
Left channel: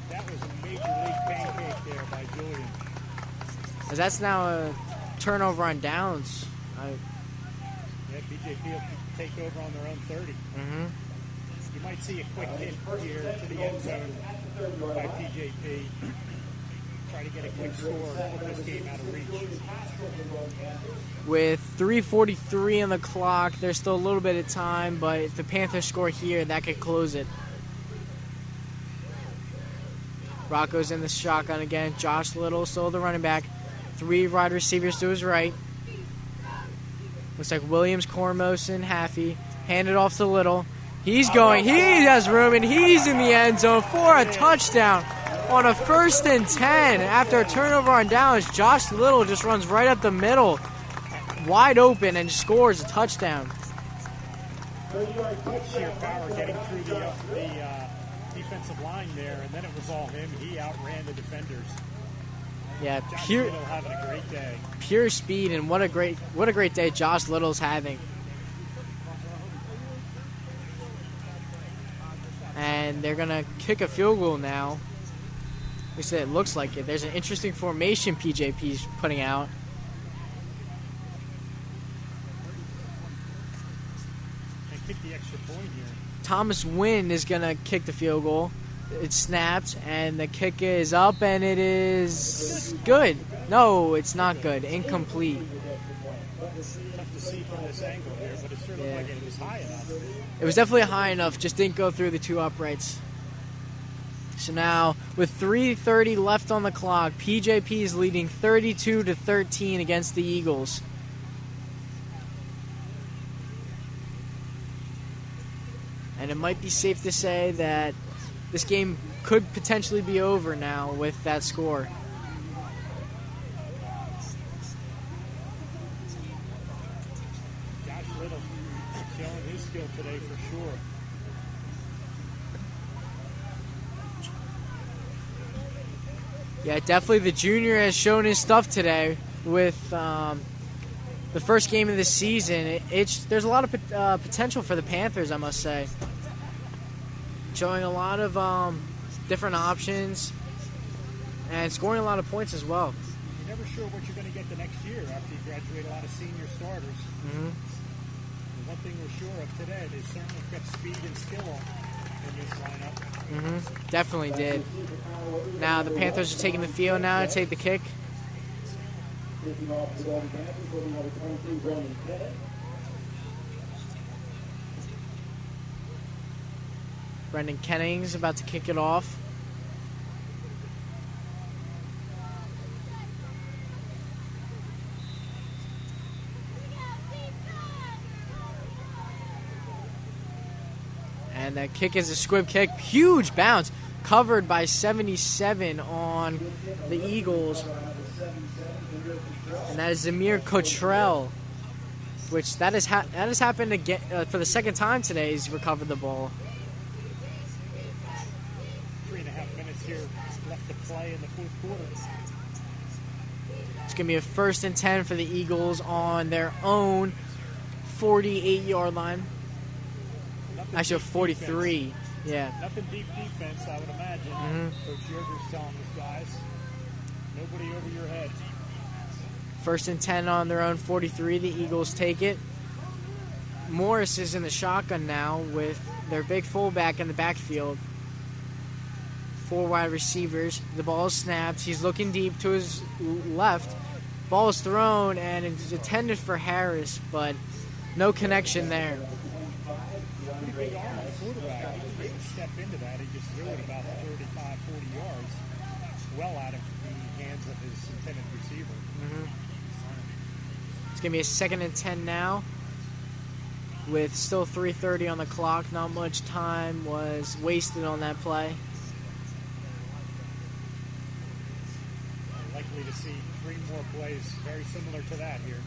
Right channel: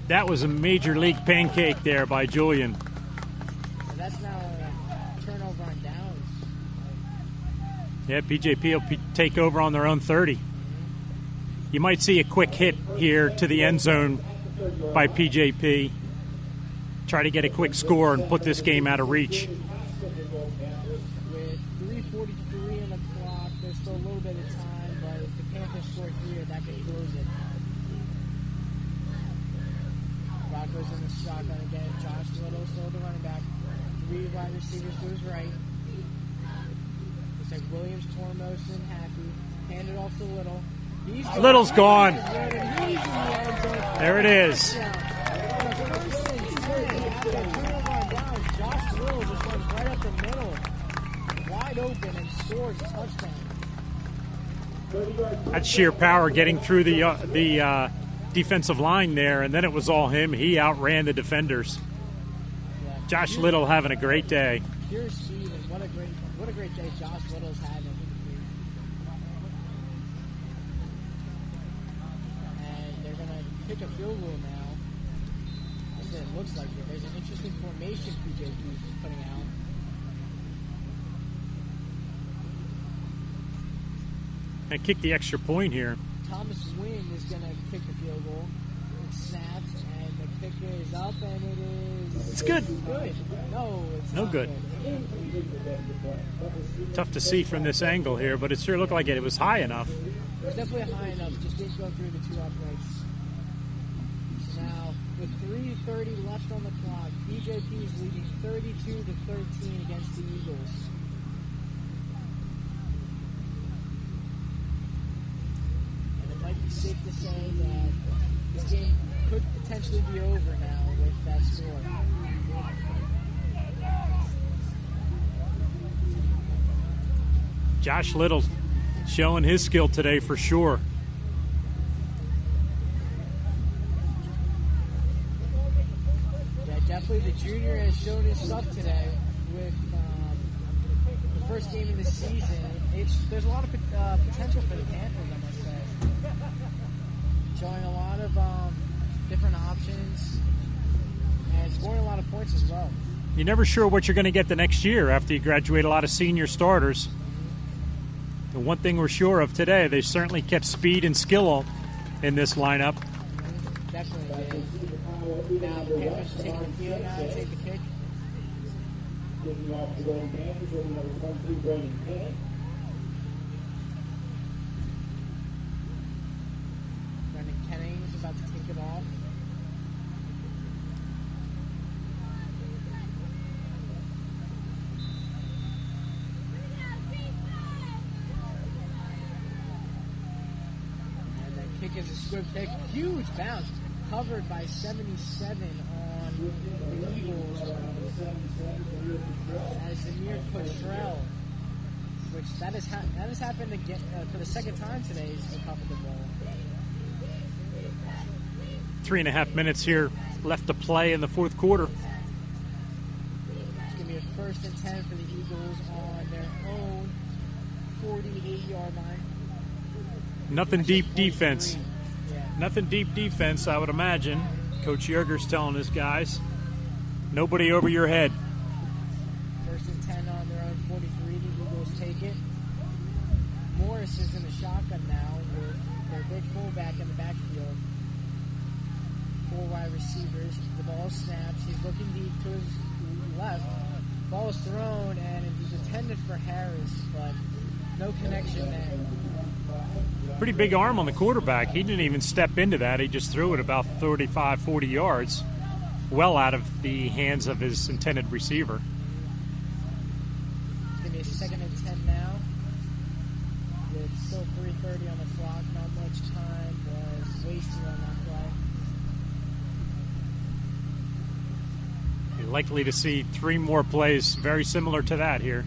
That was a major league pancake there by Julian. As that's now a turnover on downs. Yeah, PJP will take over on their own 30. You might see a quick hit here to the end zone by PJP. Try to get a quick score and put this game out of reach. With 3:43 on the clock, there's still a little bit of time, but if the Panthers score here, that could close it. Rocco's in the shotgun again. Josh Little, still the running back. 3 wide receivers to his right. Looks like Williams, Cormoson, Haffey. Handed off to Little. He's going. Little's He gone. has room, and he's in the end zone for There a it is. touchdown. On a 1st and 10, after a turnover on downs, Josh Little just runs right up the middle, wide open, and scores a touchdown. That's sheer power getting through the defensive line there, and then it was all him. He outran the defenders. Yeah, Josh pure, Little having a great day. pure speed, and what a great day Josh Little's having. And they're gonna kick a field goal now. At least it looks like it. There's an interesting formation PJP's putting out. And kick the extra point here. Thomas Wynn is gonna kick the field goal. It's snapped, and the kick is up, and it is good. No, it's No not good. good. Incomplete. Tough to see from this angle here, but it sure looked like it was high enough. It was definitely high enough, just didn't go through the 2 uprights. So now, with 3:30 left on the clock, PJP is leading 32-13 against the Eagles. And it might be safe to say that this game could potentially be over now with that score. Josh Little showing his skill today for sure. Yeah, definitely the junior has shown his stuff today with the first game of the season. There's a lot of potential for the Panthers, I must say. Showing a lot of different options and scoring a lot of points as well. You're never sure what you're going to get the next year after you graduate a lot of senior starters. The one thing we're sure of today, they certainly kept speed and skill in this lineup. Definitely did. Now the Panthers are taking the field now to take the kick. Brendan Kenning's about to kick it off. And that kick is a squib kick. Huge bounce. Covered by 77 on the Eagles. And that is Zamir Cottrell. Which that has happened again for the second time today. He's recovered the ball. 3.5 minutes here left to play in the fourth quarter. It's going to be a 1st and 10 for the Eagles on their own 48-yard line. Nothing Actually, deep 43. defense. Yeah. Nothing deep defense, I would imagine. Coach Yerger's telling his guys, nobody over your head. 1st and 10 on their own 43. The Eagles take it. Morris is in the shotgun now with their big fullback in the backfield. 4 wide receivers. The ball is snapped. He's looking deep to his left. Ball is thrown, and it's intended for Harris, but no connection there. Pretty big arm on the quarterback. He didn't even step into that. He just threw it about 35, 40 yards, well out of the hands of his intended receiver. It's going to be a 2nd and 10 now with still 3:30 on the clock. Not much time was wasted on that play. Likely to see 3 more plays very similar to that here.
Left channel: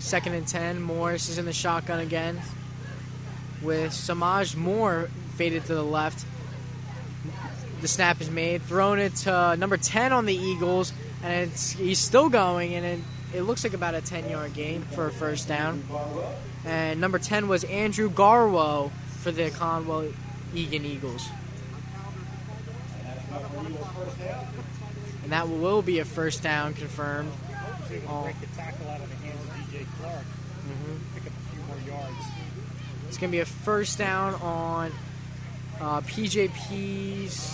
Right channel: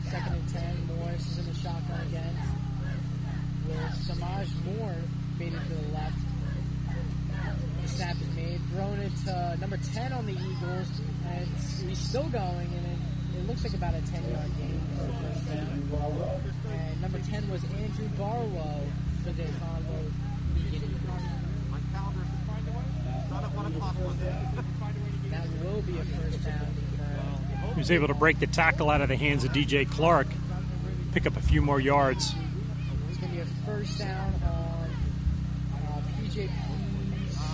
2nd and 10. Morris is in the shotgun again with Samaj Moore faded to the left. The snap is made, thrown it to number 10 on the Eagles, and he's still going, and it looks like about a 10-yard gain for a first down. And number 10 was Andrew Garwo for the Conwell Egan Eagles. And that will be a first down confirmed. He was able to break the tackle out of the hands of DJ Clark, pick up a few more yards. It's going to be a first down on PJP's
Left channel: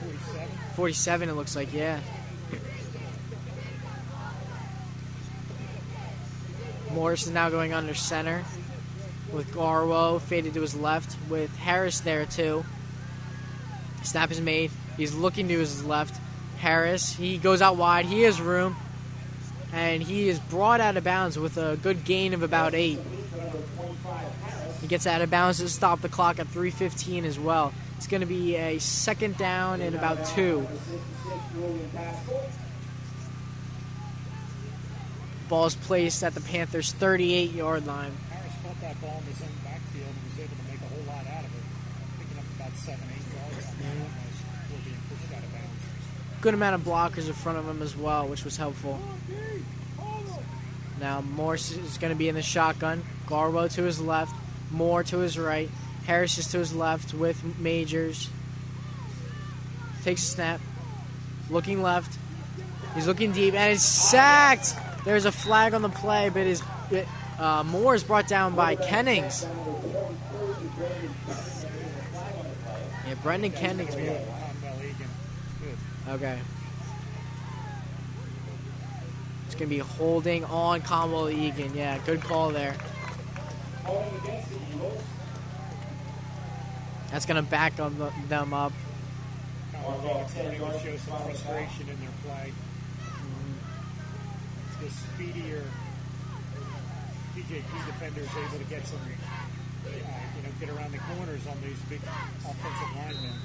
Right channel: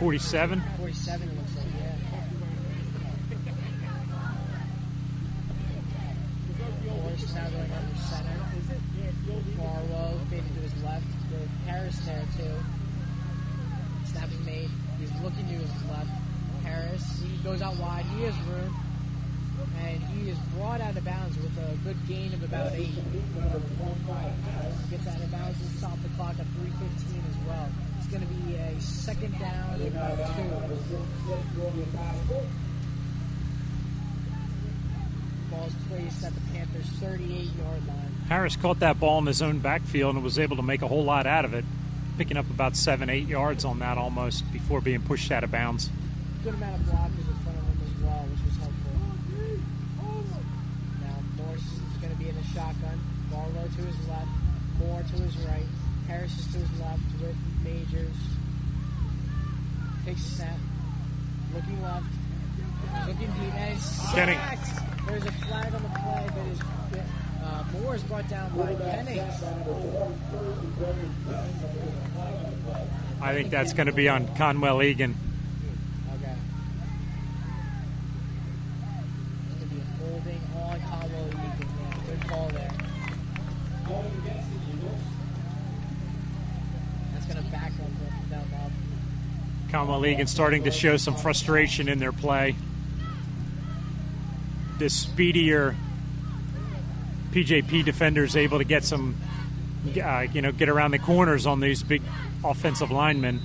47. 47, it looks like, yeah. Morris is now going under center with Garwo faded to his left with Harris there too. Snap is made. He's looking to his left. Harris, he goes out wide. He has room. And he is brought out of bounds with a good gain of about 8. He gets out of bounds to stop the clock at 3:15 as well. It's going to be a 2nd down and about 2. Ball is placed at the Panthers' 38-yard line. Harris caught that ball in his own backfield and was able to make a whole lot out of it, picking up about 7, 8 yards on that almost before being pushed out of bounds. Good amount of blockers in front of him as well, which was helpful. Now Morris is going to be in the shotgun. Garwo to his left, Moore to his right. Harris is to his left with Majors. Takes a snap. Looking left. He's looking deep, and it's sacked. There's a flag on the play, but Moore is brought down by Kennings. Yeah, I think that's going to be on Conwell Egan. Okay. It's going to be holding on Conwell Egan. Yeah, good call there. That's going to back them up. Conwell Egan starting to show some frustration in their play. The speedier PJP defenders able to get some, get around the corners on these big offensive linemen.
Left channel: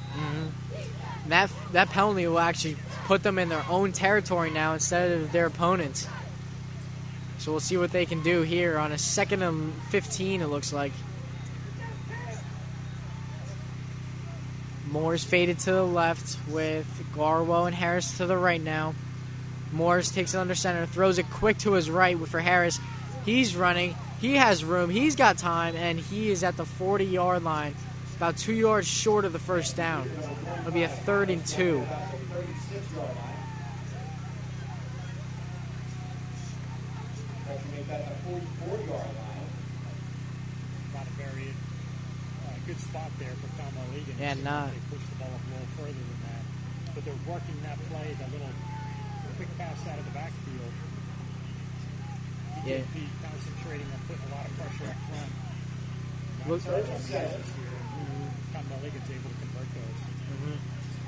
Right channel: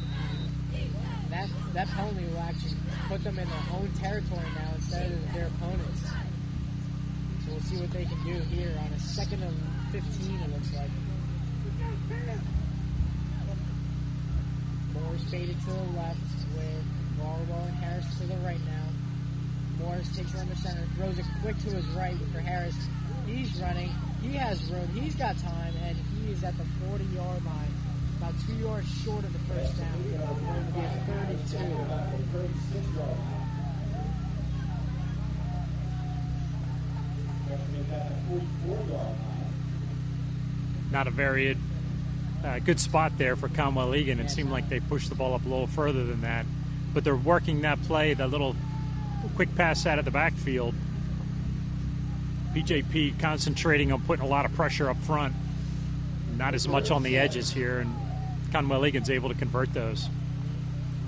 That penalty will actually put them in their own territory now instead of their opponents. So we'll see what they can do here on a 2nd and 15, it looks like. Moore's faded to the left with Garwo and Harris to the right now. Morris takes it under center, throws it quick to his right for Harris. He's running. He has room. He's got time, and he is at the 40-yard line, about 2 yards short of the first down. It'll be a 3rd and 2. Not a very good spot there for Conwell Egan. It Yeah, seemed not. like they pushed the ball up a little further than that. But they're working that play, that little quick pass out of the backfield. BJP concentrating on putting a lot of pressure up front. Not as much on the edges here, and Conwell Egan's able to convert those.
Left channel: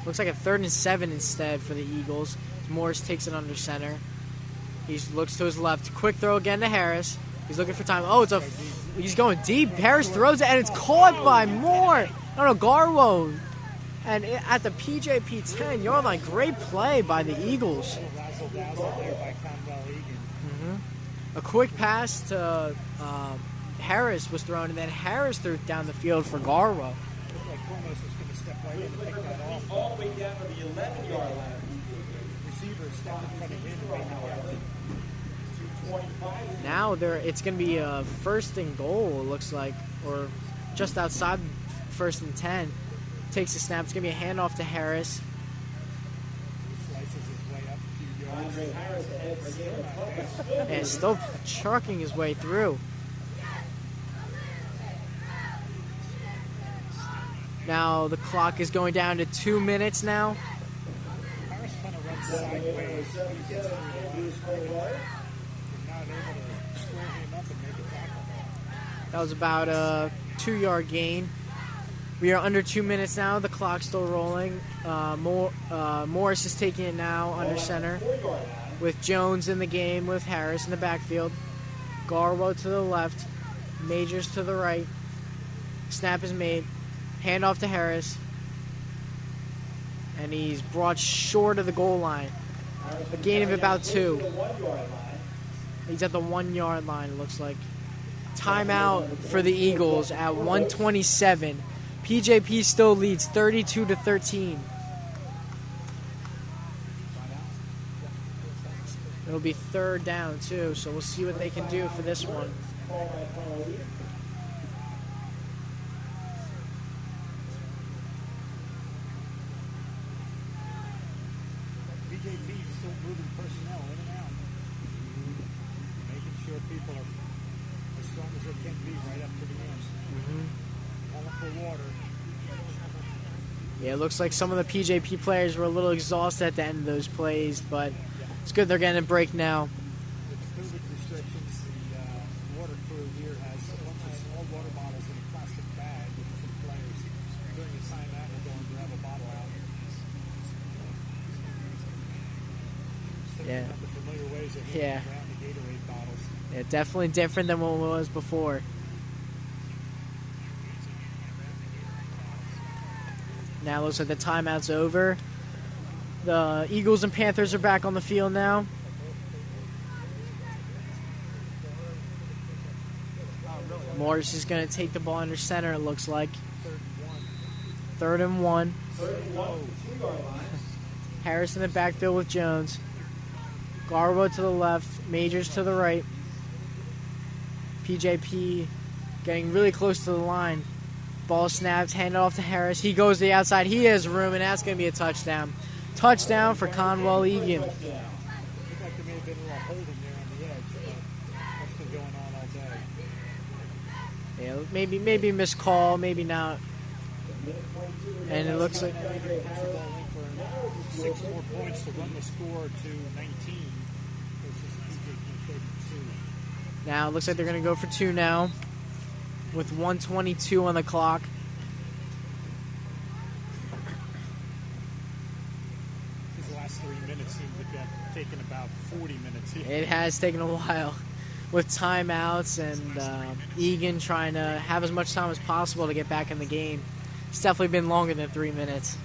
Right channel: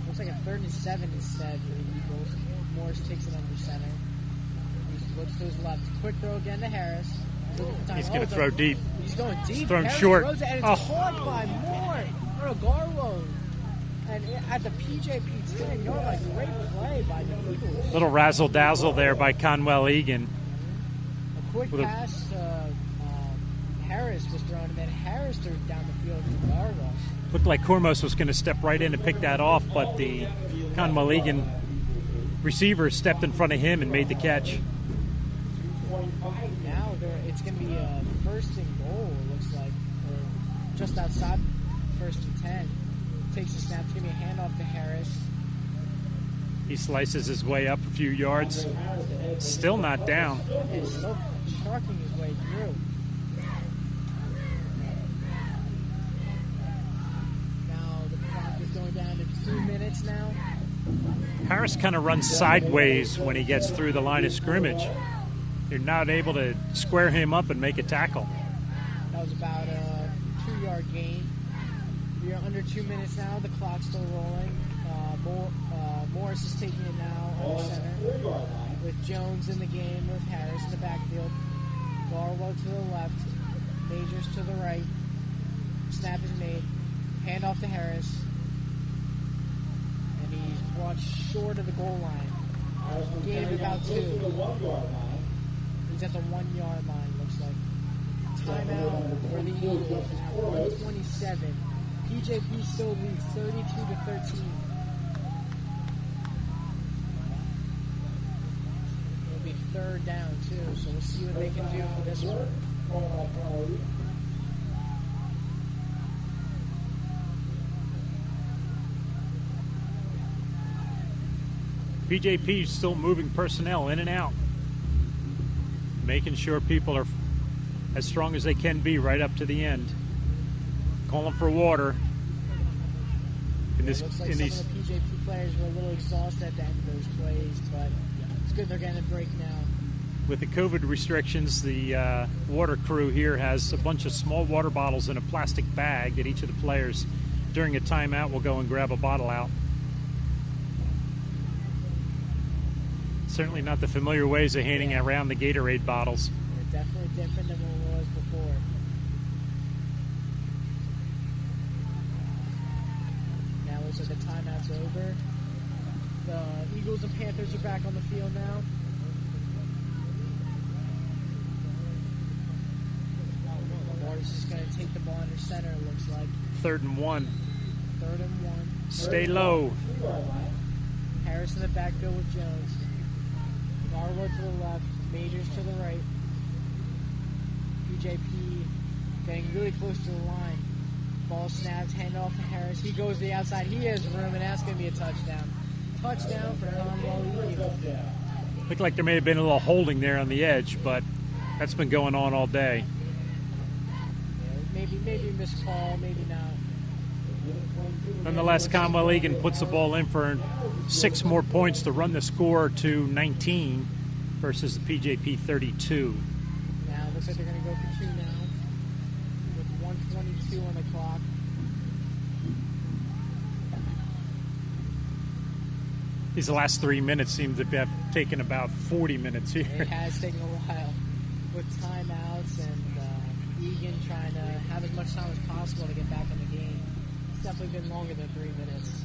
Looks like a 3rd and 7 instead for the Eagles. Morris takes it under center. He looks to his left. Quick throw again to Harris. He's looking for time. He's gonna throw deep. He's going deep. Throwing Harris short. throws it, and it's caught by Moore. I don't know, Garwo. And at the PJP 10-yard line, great play by the Eagles. Little razzle-dazzle there by Conwell Egan. A quick pass to Harris was thrown, and then Harris threw it down the field for Garwo. Looked like Kormos was going to step right in to pick that off, but the Conwell Egan receiver stepped in front of him and made the catch. Now it's going to be a 1st and goal, it looks like, or just outside 1st and 10. Takes the snap. It's going to be a handoff to Harris. He slices his way up a few yards. Still not down. And still trucking his way through. Now the clock is going down to 2 minutes now. Harris kind of runs sideways when he gets through the line of scrimmage. You're not able to square him up and make a tackle. That was about a 2-yard gain. We are under 2 minutes now. The clock's still rolling. Morris is taking it now under center with Jones in the game with Harris in the backfield. Garwo to the left. Majors to the right. Snap is made. Handoff to Harris. And he's brought short of the goal line. A gain of about 2. He's at the 1-yard line, it looks like. Timeout for the Eagles at 1:27. PJP still leads 32-13. It'll be 3rd down too, so we'll see what they can do for this one. PJP is still moving personnel in and out, making sure people are as strong as they can be right up to the end. Calling for water. Yeah, it looks like some of the PJP players were a little exhausted at the end of those plays, but it's good they're getting a break now. With the COVID restrictions, the water crew here has a bunch of small water bottles in a plastic bag that each of the players, during a timeout, will go and grab a bottle out. Certainly not the familiar ways of handing around the Gatorade bottles. Yeah, definitely different than what it was before. Now it looks like the timeout's over. The Eagles and Panthers are back on the field now. Morris is going to take the ball under center, it looks like. 3rd and 1. 3rd and 1. Stay low. Harris in the backfield with Jones. Garwo to the left. Majors to the right. PJP getting really close to the line. Ball snapped, handed off to Harris. He goes to the outside. He has room, and that's going to be a touchdown. Touchdown for Conwell Egan. Looked like there may have been a little holding there on the edge, but that's been going on all day. Yeah, maybe missed call, maybe not. Nonetheless, Conwell Egan puts the ball in for 6 more points to run the score to 19 versus the PJP 32. Now it looks like they're going to go for 2 now with 1:22 on the clock. These last 3 minutes seem to have taken about 40 minutes here. It has taken a while with timeouts and Egan trying to have as much time as possible to get back in the game. It's definitely been longer than 3 minutes.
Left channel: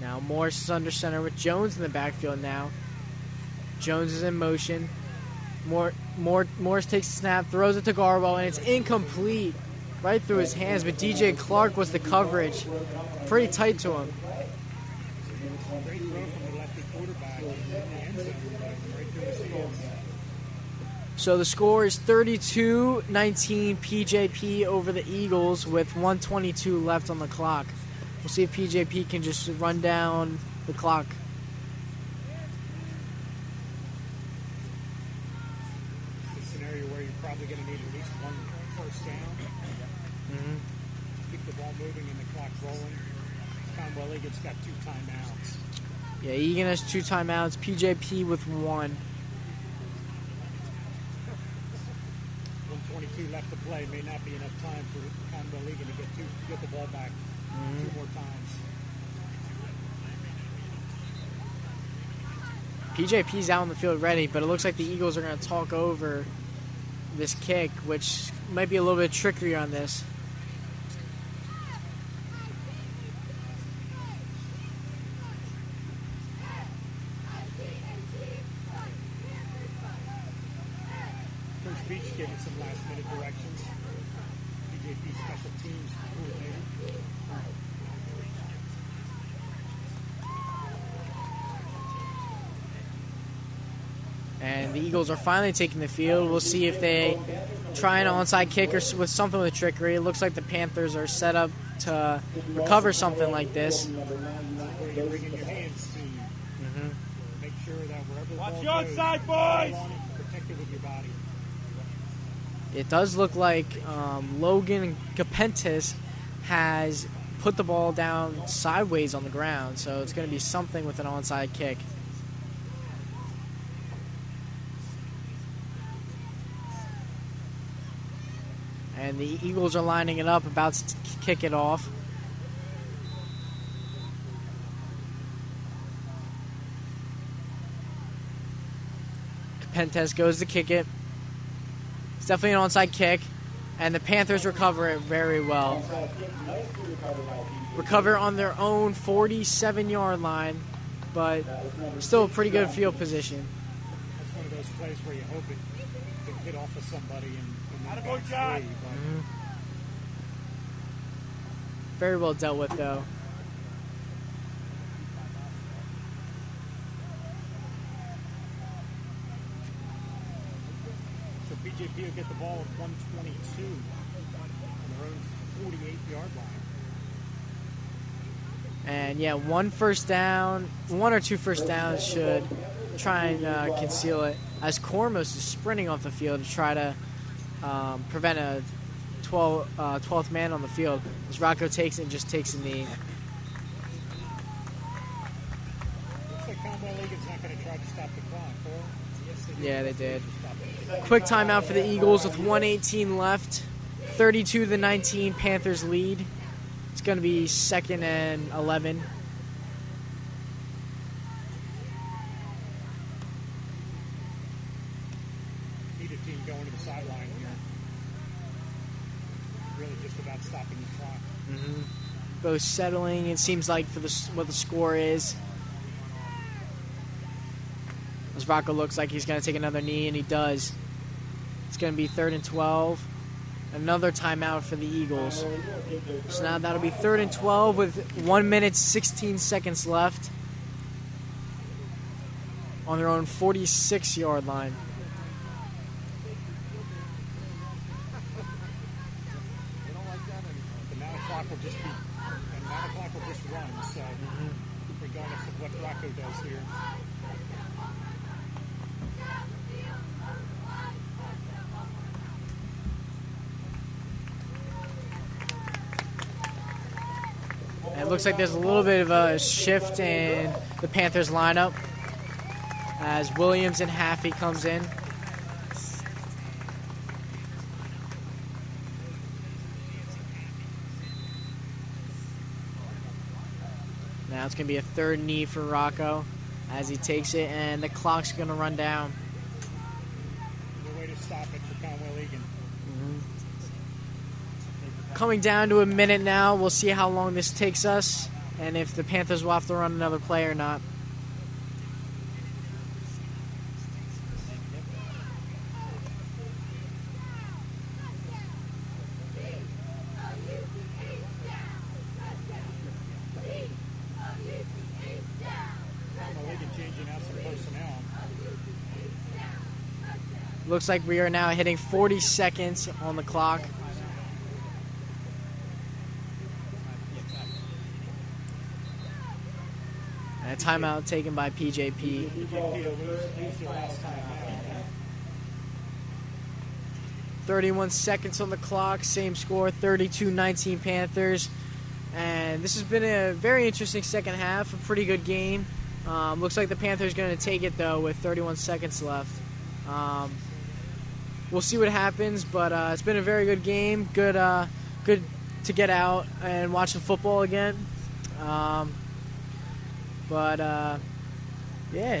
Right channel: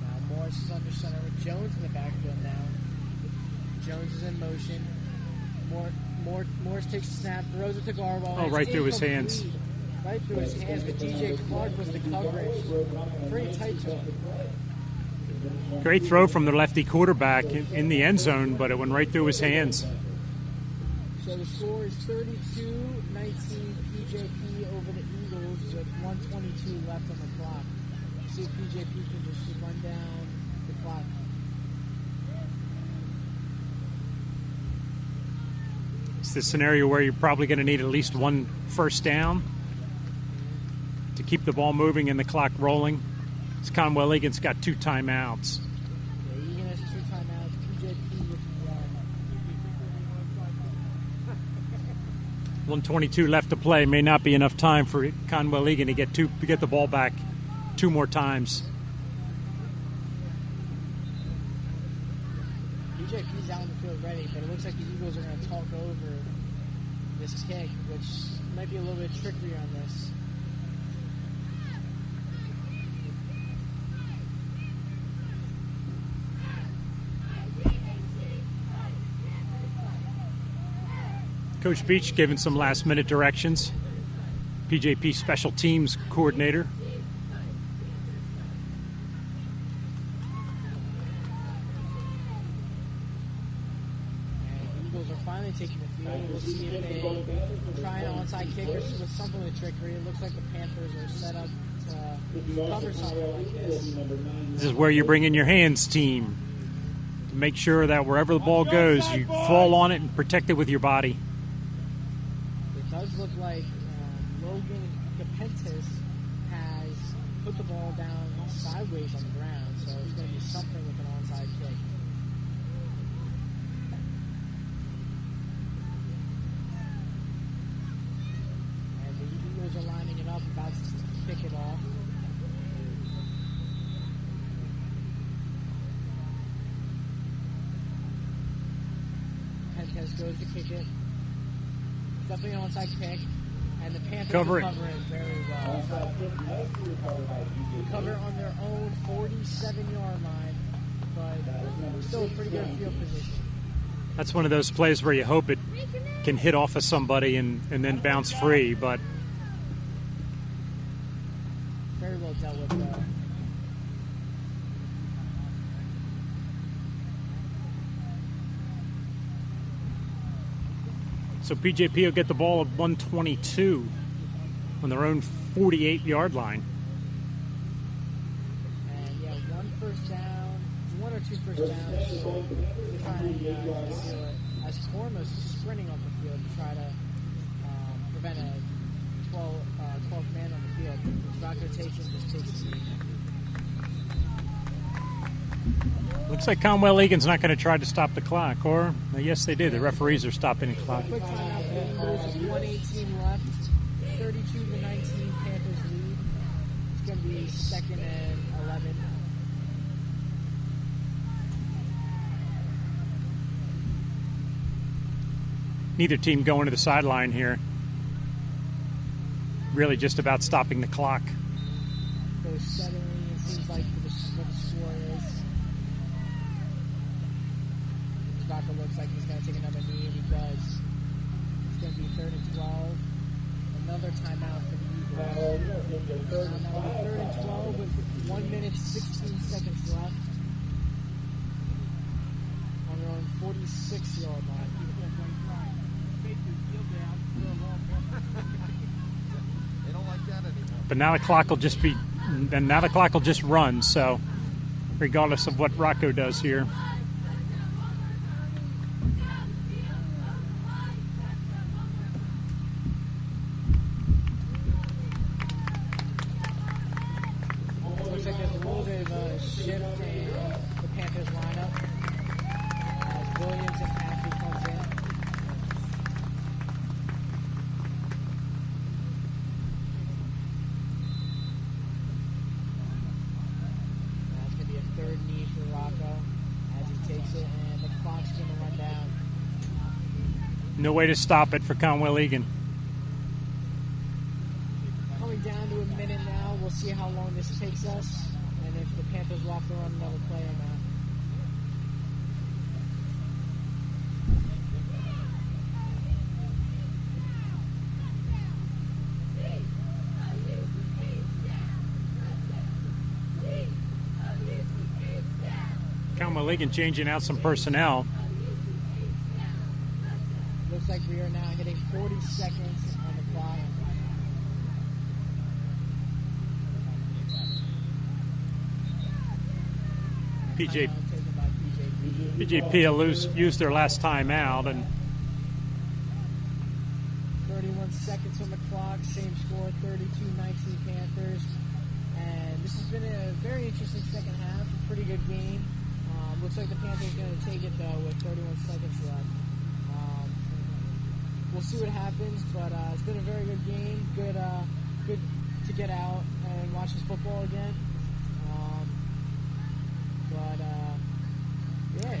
Now Morris is under center with Jones in the backfield now. Jones is in motion. Morris takes the snap, throws it to Garbo, and it's incomplete. Right through his hands, but DJ Clark was the coverage. Pretty tight to him. Great throw from the lefty quarterback in the end zone, but it went right through his hands. So the score is 32-19 PJP over the Eagles with 1:22 left on the clock. We'll see if PJP can just run down the clock. It's the scenario where you're probably going to need at least 1 first down to keep the ball moving and the clock rolling. Conwell Egan's got 2 timeouts. Yeah, Egan has 2 timeouts. PJP with 1. 1:22 left to play. May not be enough time for Conwell Egan to get the ball back 2 more times. PJP's out on the field ready, but it looks like the Eagles are going to talk over this kick, which might be a little bit trickier on this. Coach Beach giving some last-minute directions. PJP special teams coordinator. And the Eagles are finally taking the field. We'll see if they try an onside kick or with something with trickery. It looks like the Panthers are set up to recover something like this. This is where you bring in your hands team to make sure that wherever the ball goes, you fall on it and protect it with your body. It does look like Logan Capentes has put the ball down sideways on the ground, so it's going to be something with an onside kick. And the Eagles are lining it up, about to kick it off. Capentes goes to kick it. It's definitely an onside kick, and the Panthers recover it very well. Recover on their own 47-yard line, but still a pretty good field position. That's one of those plays where you hope it can hit off of somebody and then bounce free, but very well dealt with, though. so PJP will get the ball at 122 on their own 48-yard line. And yeah, one or two first downs should try and conceal it, as Kormos is sprinting off the field to try to prevent a 12th man on the field. As Rocco takes it and just takes a knee. Looks like Conwell Egan's not going to try to stop the clock, or yes, they did. Yeah, the referees are stopping the clock. Quick timeout for the Eagles with 1:18 left. 32-19, Panthers lead. It's going to be 2nd and 11. Neither team going to the sideline here. Really just about stopping the clock. Both settling, it seems like, for what the score is. As Rocco looks like he's going to take another knee, and he does. It's going to be 3rd and 12. Another timeout for the Eagles. So now that'll be 3rd and 12 with 1 minute 16 seconds left on their own 46-yard line. But now the clock will just run. So, regardless of what Rocco does here. It looks like there's a little bit of a shift in the Panthers lineup as Williams and Haffey comes in. Now it's going to be a 3rd knee for Rocco as he takes it, and the clock's going to run down. No way to stop it for Conwell Egan. Coming down to a minute now. We'll see how long this takes us and if the Panthers will have to run another play or not. Conwell Egan changing out some personnel. Looks like we are now hitting 40 seconds on the clock. And a timeout taken by PJP. PJP will use their last timeout, and 31 seconds on the clock, same score, 32-19 Panthers. And this has been a very interesting second half, a pretty good game. Looks like the Panthers are going to take it, though, with 31 seconds left. We'll see what happens, but it's been a very good game. Good to get out and watch some football again. Yeah.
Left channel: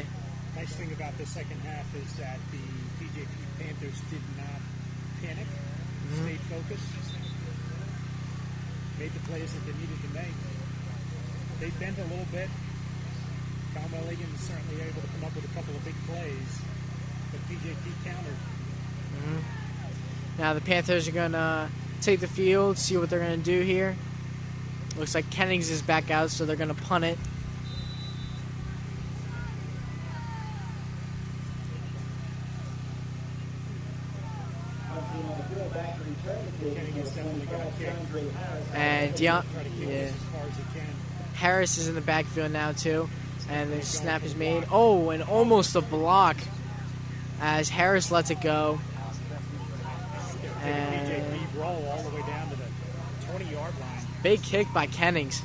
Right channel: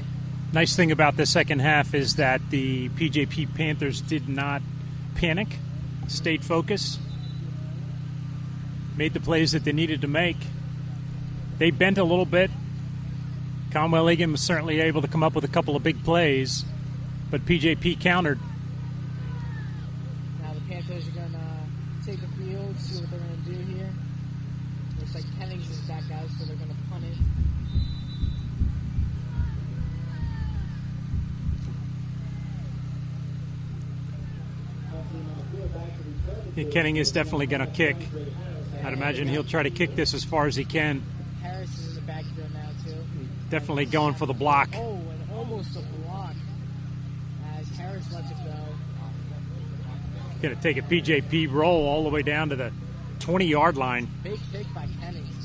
Nice thing about the second half is that the PJP Panthers did not panic, stayed focused, made the plays that they needed to make. They bent a little bit. Conwell Egan was certainly able to come up with a couple of big plays, but PJP countered. Now the Panthers are going to take the field, see what they're going to do here. Looks like Kennings is back out, so they're going to punt it. Kenning is definitely going to kick. I imagine he'll try to kick this as far as he can. Harris is in the backfield now too. Definitely And going snap for the is made. block. Oh, and almost a block as Harris lets it go. Going to take a PJP roll all the way down to the 20-yard line. Big kick by Kennings.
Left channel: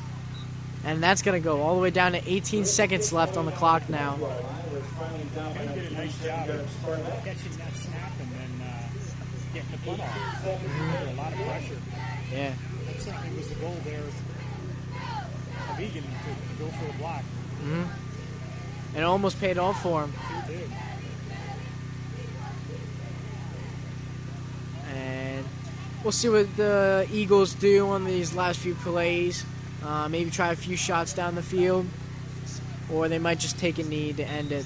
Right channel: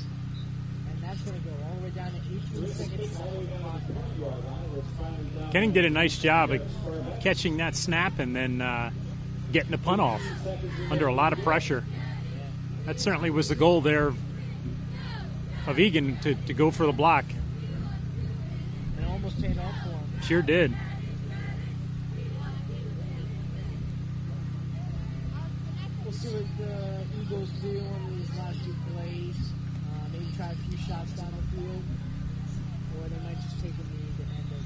And that's going to go all the way down to 18 seconds left on the clock now. Kenning did a nice job of catching that snap and then getting the punt off under a lot of pressure. Yeah. That certainly was the goal there of Egan to go for the block. Mm-hmm. It almost paid off for him. Sure did. And we'll see what the Eagles do on these last few plays. Maybe try a few shots down the field, or they might just take a knee to end it.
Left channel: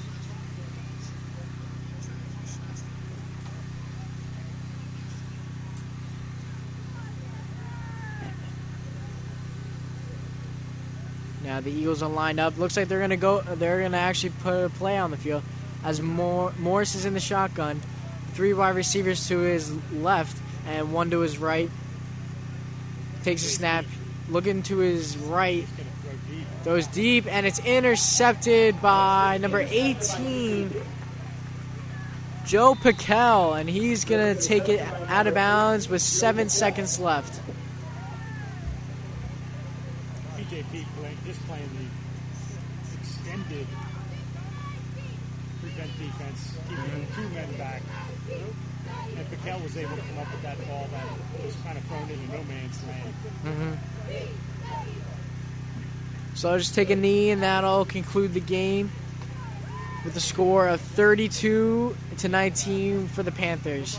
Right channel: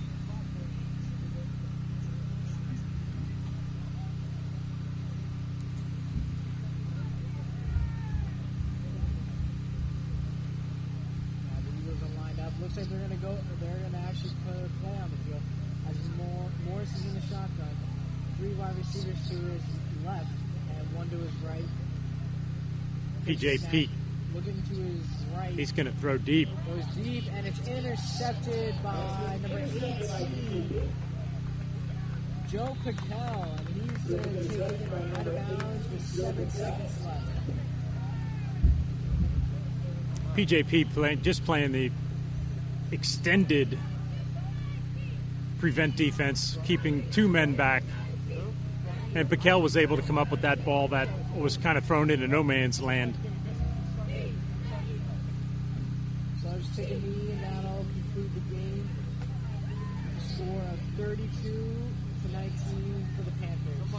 Now the Eagles are lined up. Looks like they're gonna go. They're gonna actually put a play on the field as Morris is in the shotgun. 3 wide receivers to his left and 1 to his right. Takes a snap. Looking to his right. He's going to throw deep. Throws deep, and it's intercepted by number 18, Joe Piquel, and he's going to take it out of bounds with 7 seconds left. PJP playing the extended prevent defense, keeping 2 men back. And Piquel was able to come up with that ball that was kind of thrown into no man's land. Mm-hmm. So I'll just take a knee, and that'll conclude the game with a score of 32-19 for the Panthers.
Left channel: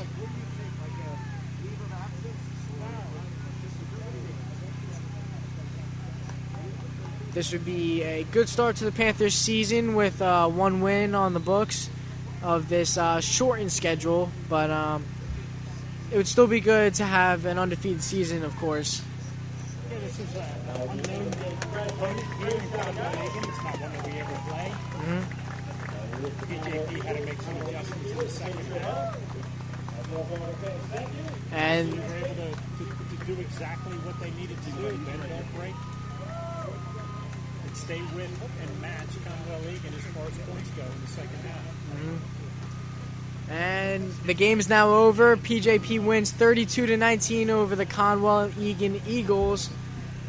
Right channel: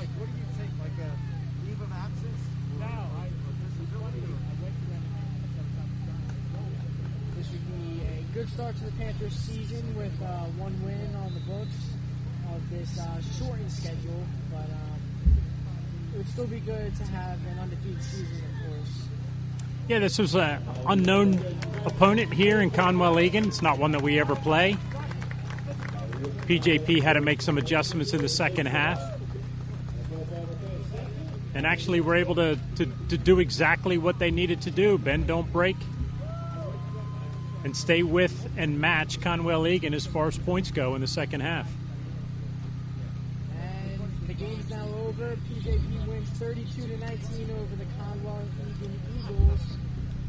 This would be a good start to the Panthers season with 1 win on the books of this shortened schedule, but it would still be good to have an undefeated season, of course. Yeah, this was an unknown opponent here in Conwell-Egan. It's not one that we ever play. Mm-hmm. PJP had to make some adjustments in the second half. And actually were able to do exactly what they needed to do. Bend, don't break. And stay with and match Conwell-Egan as far as points go in the second half. Mm-hmm. And the game is now over. PJP wins 32-19 over the Conwell-Egan Eagles.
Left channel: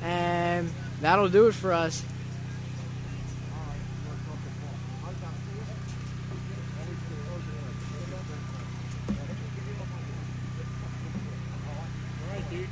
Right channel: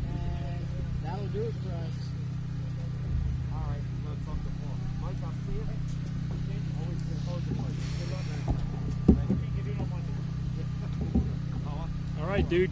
And that'll do it for us. All right, dude.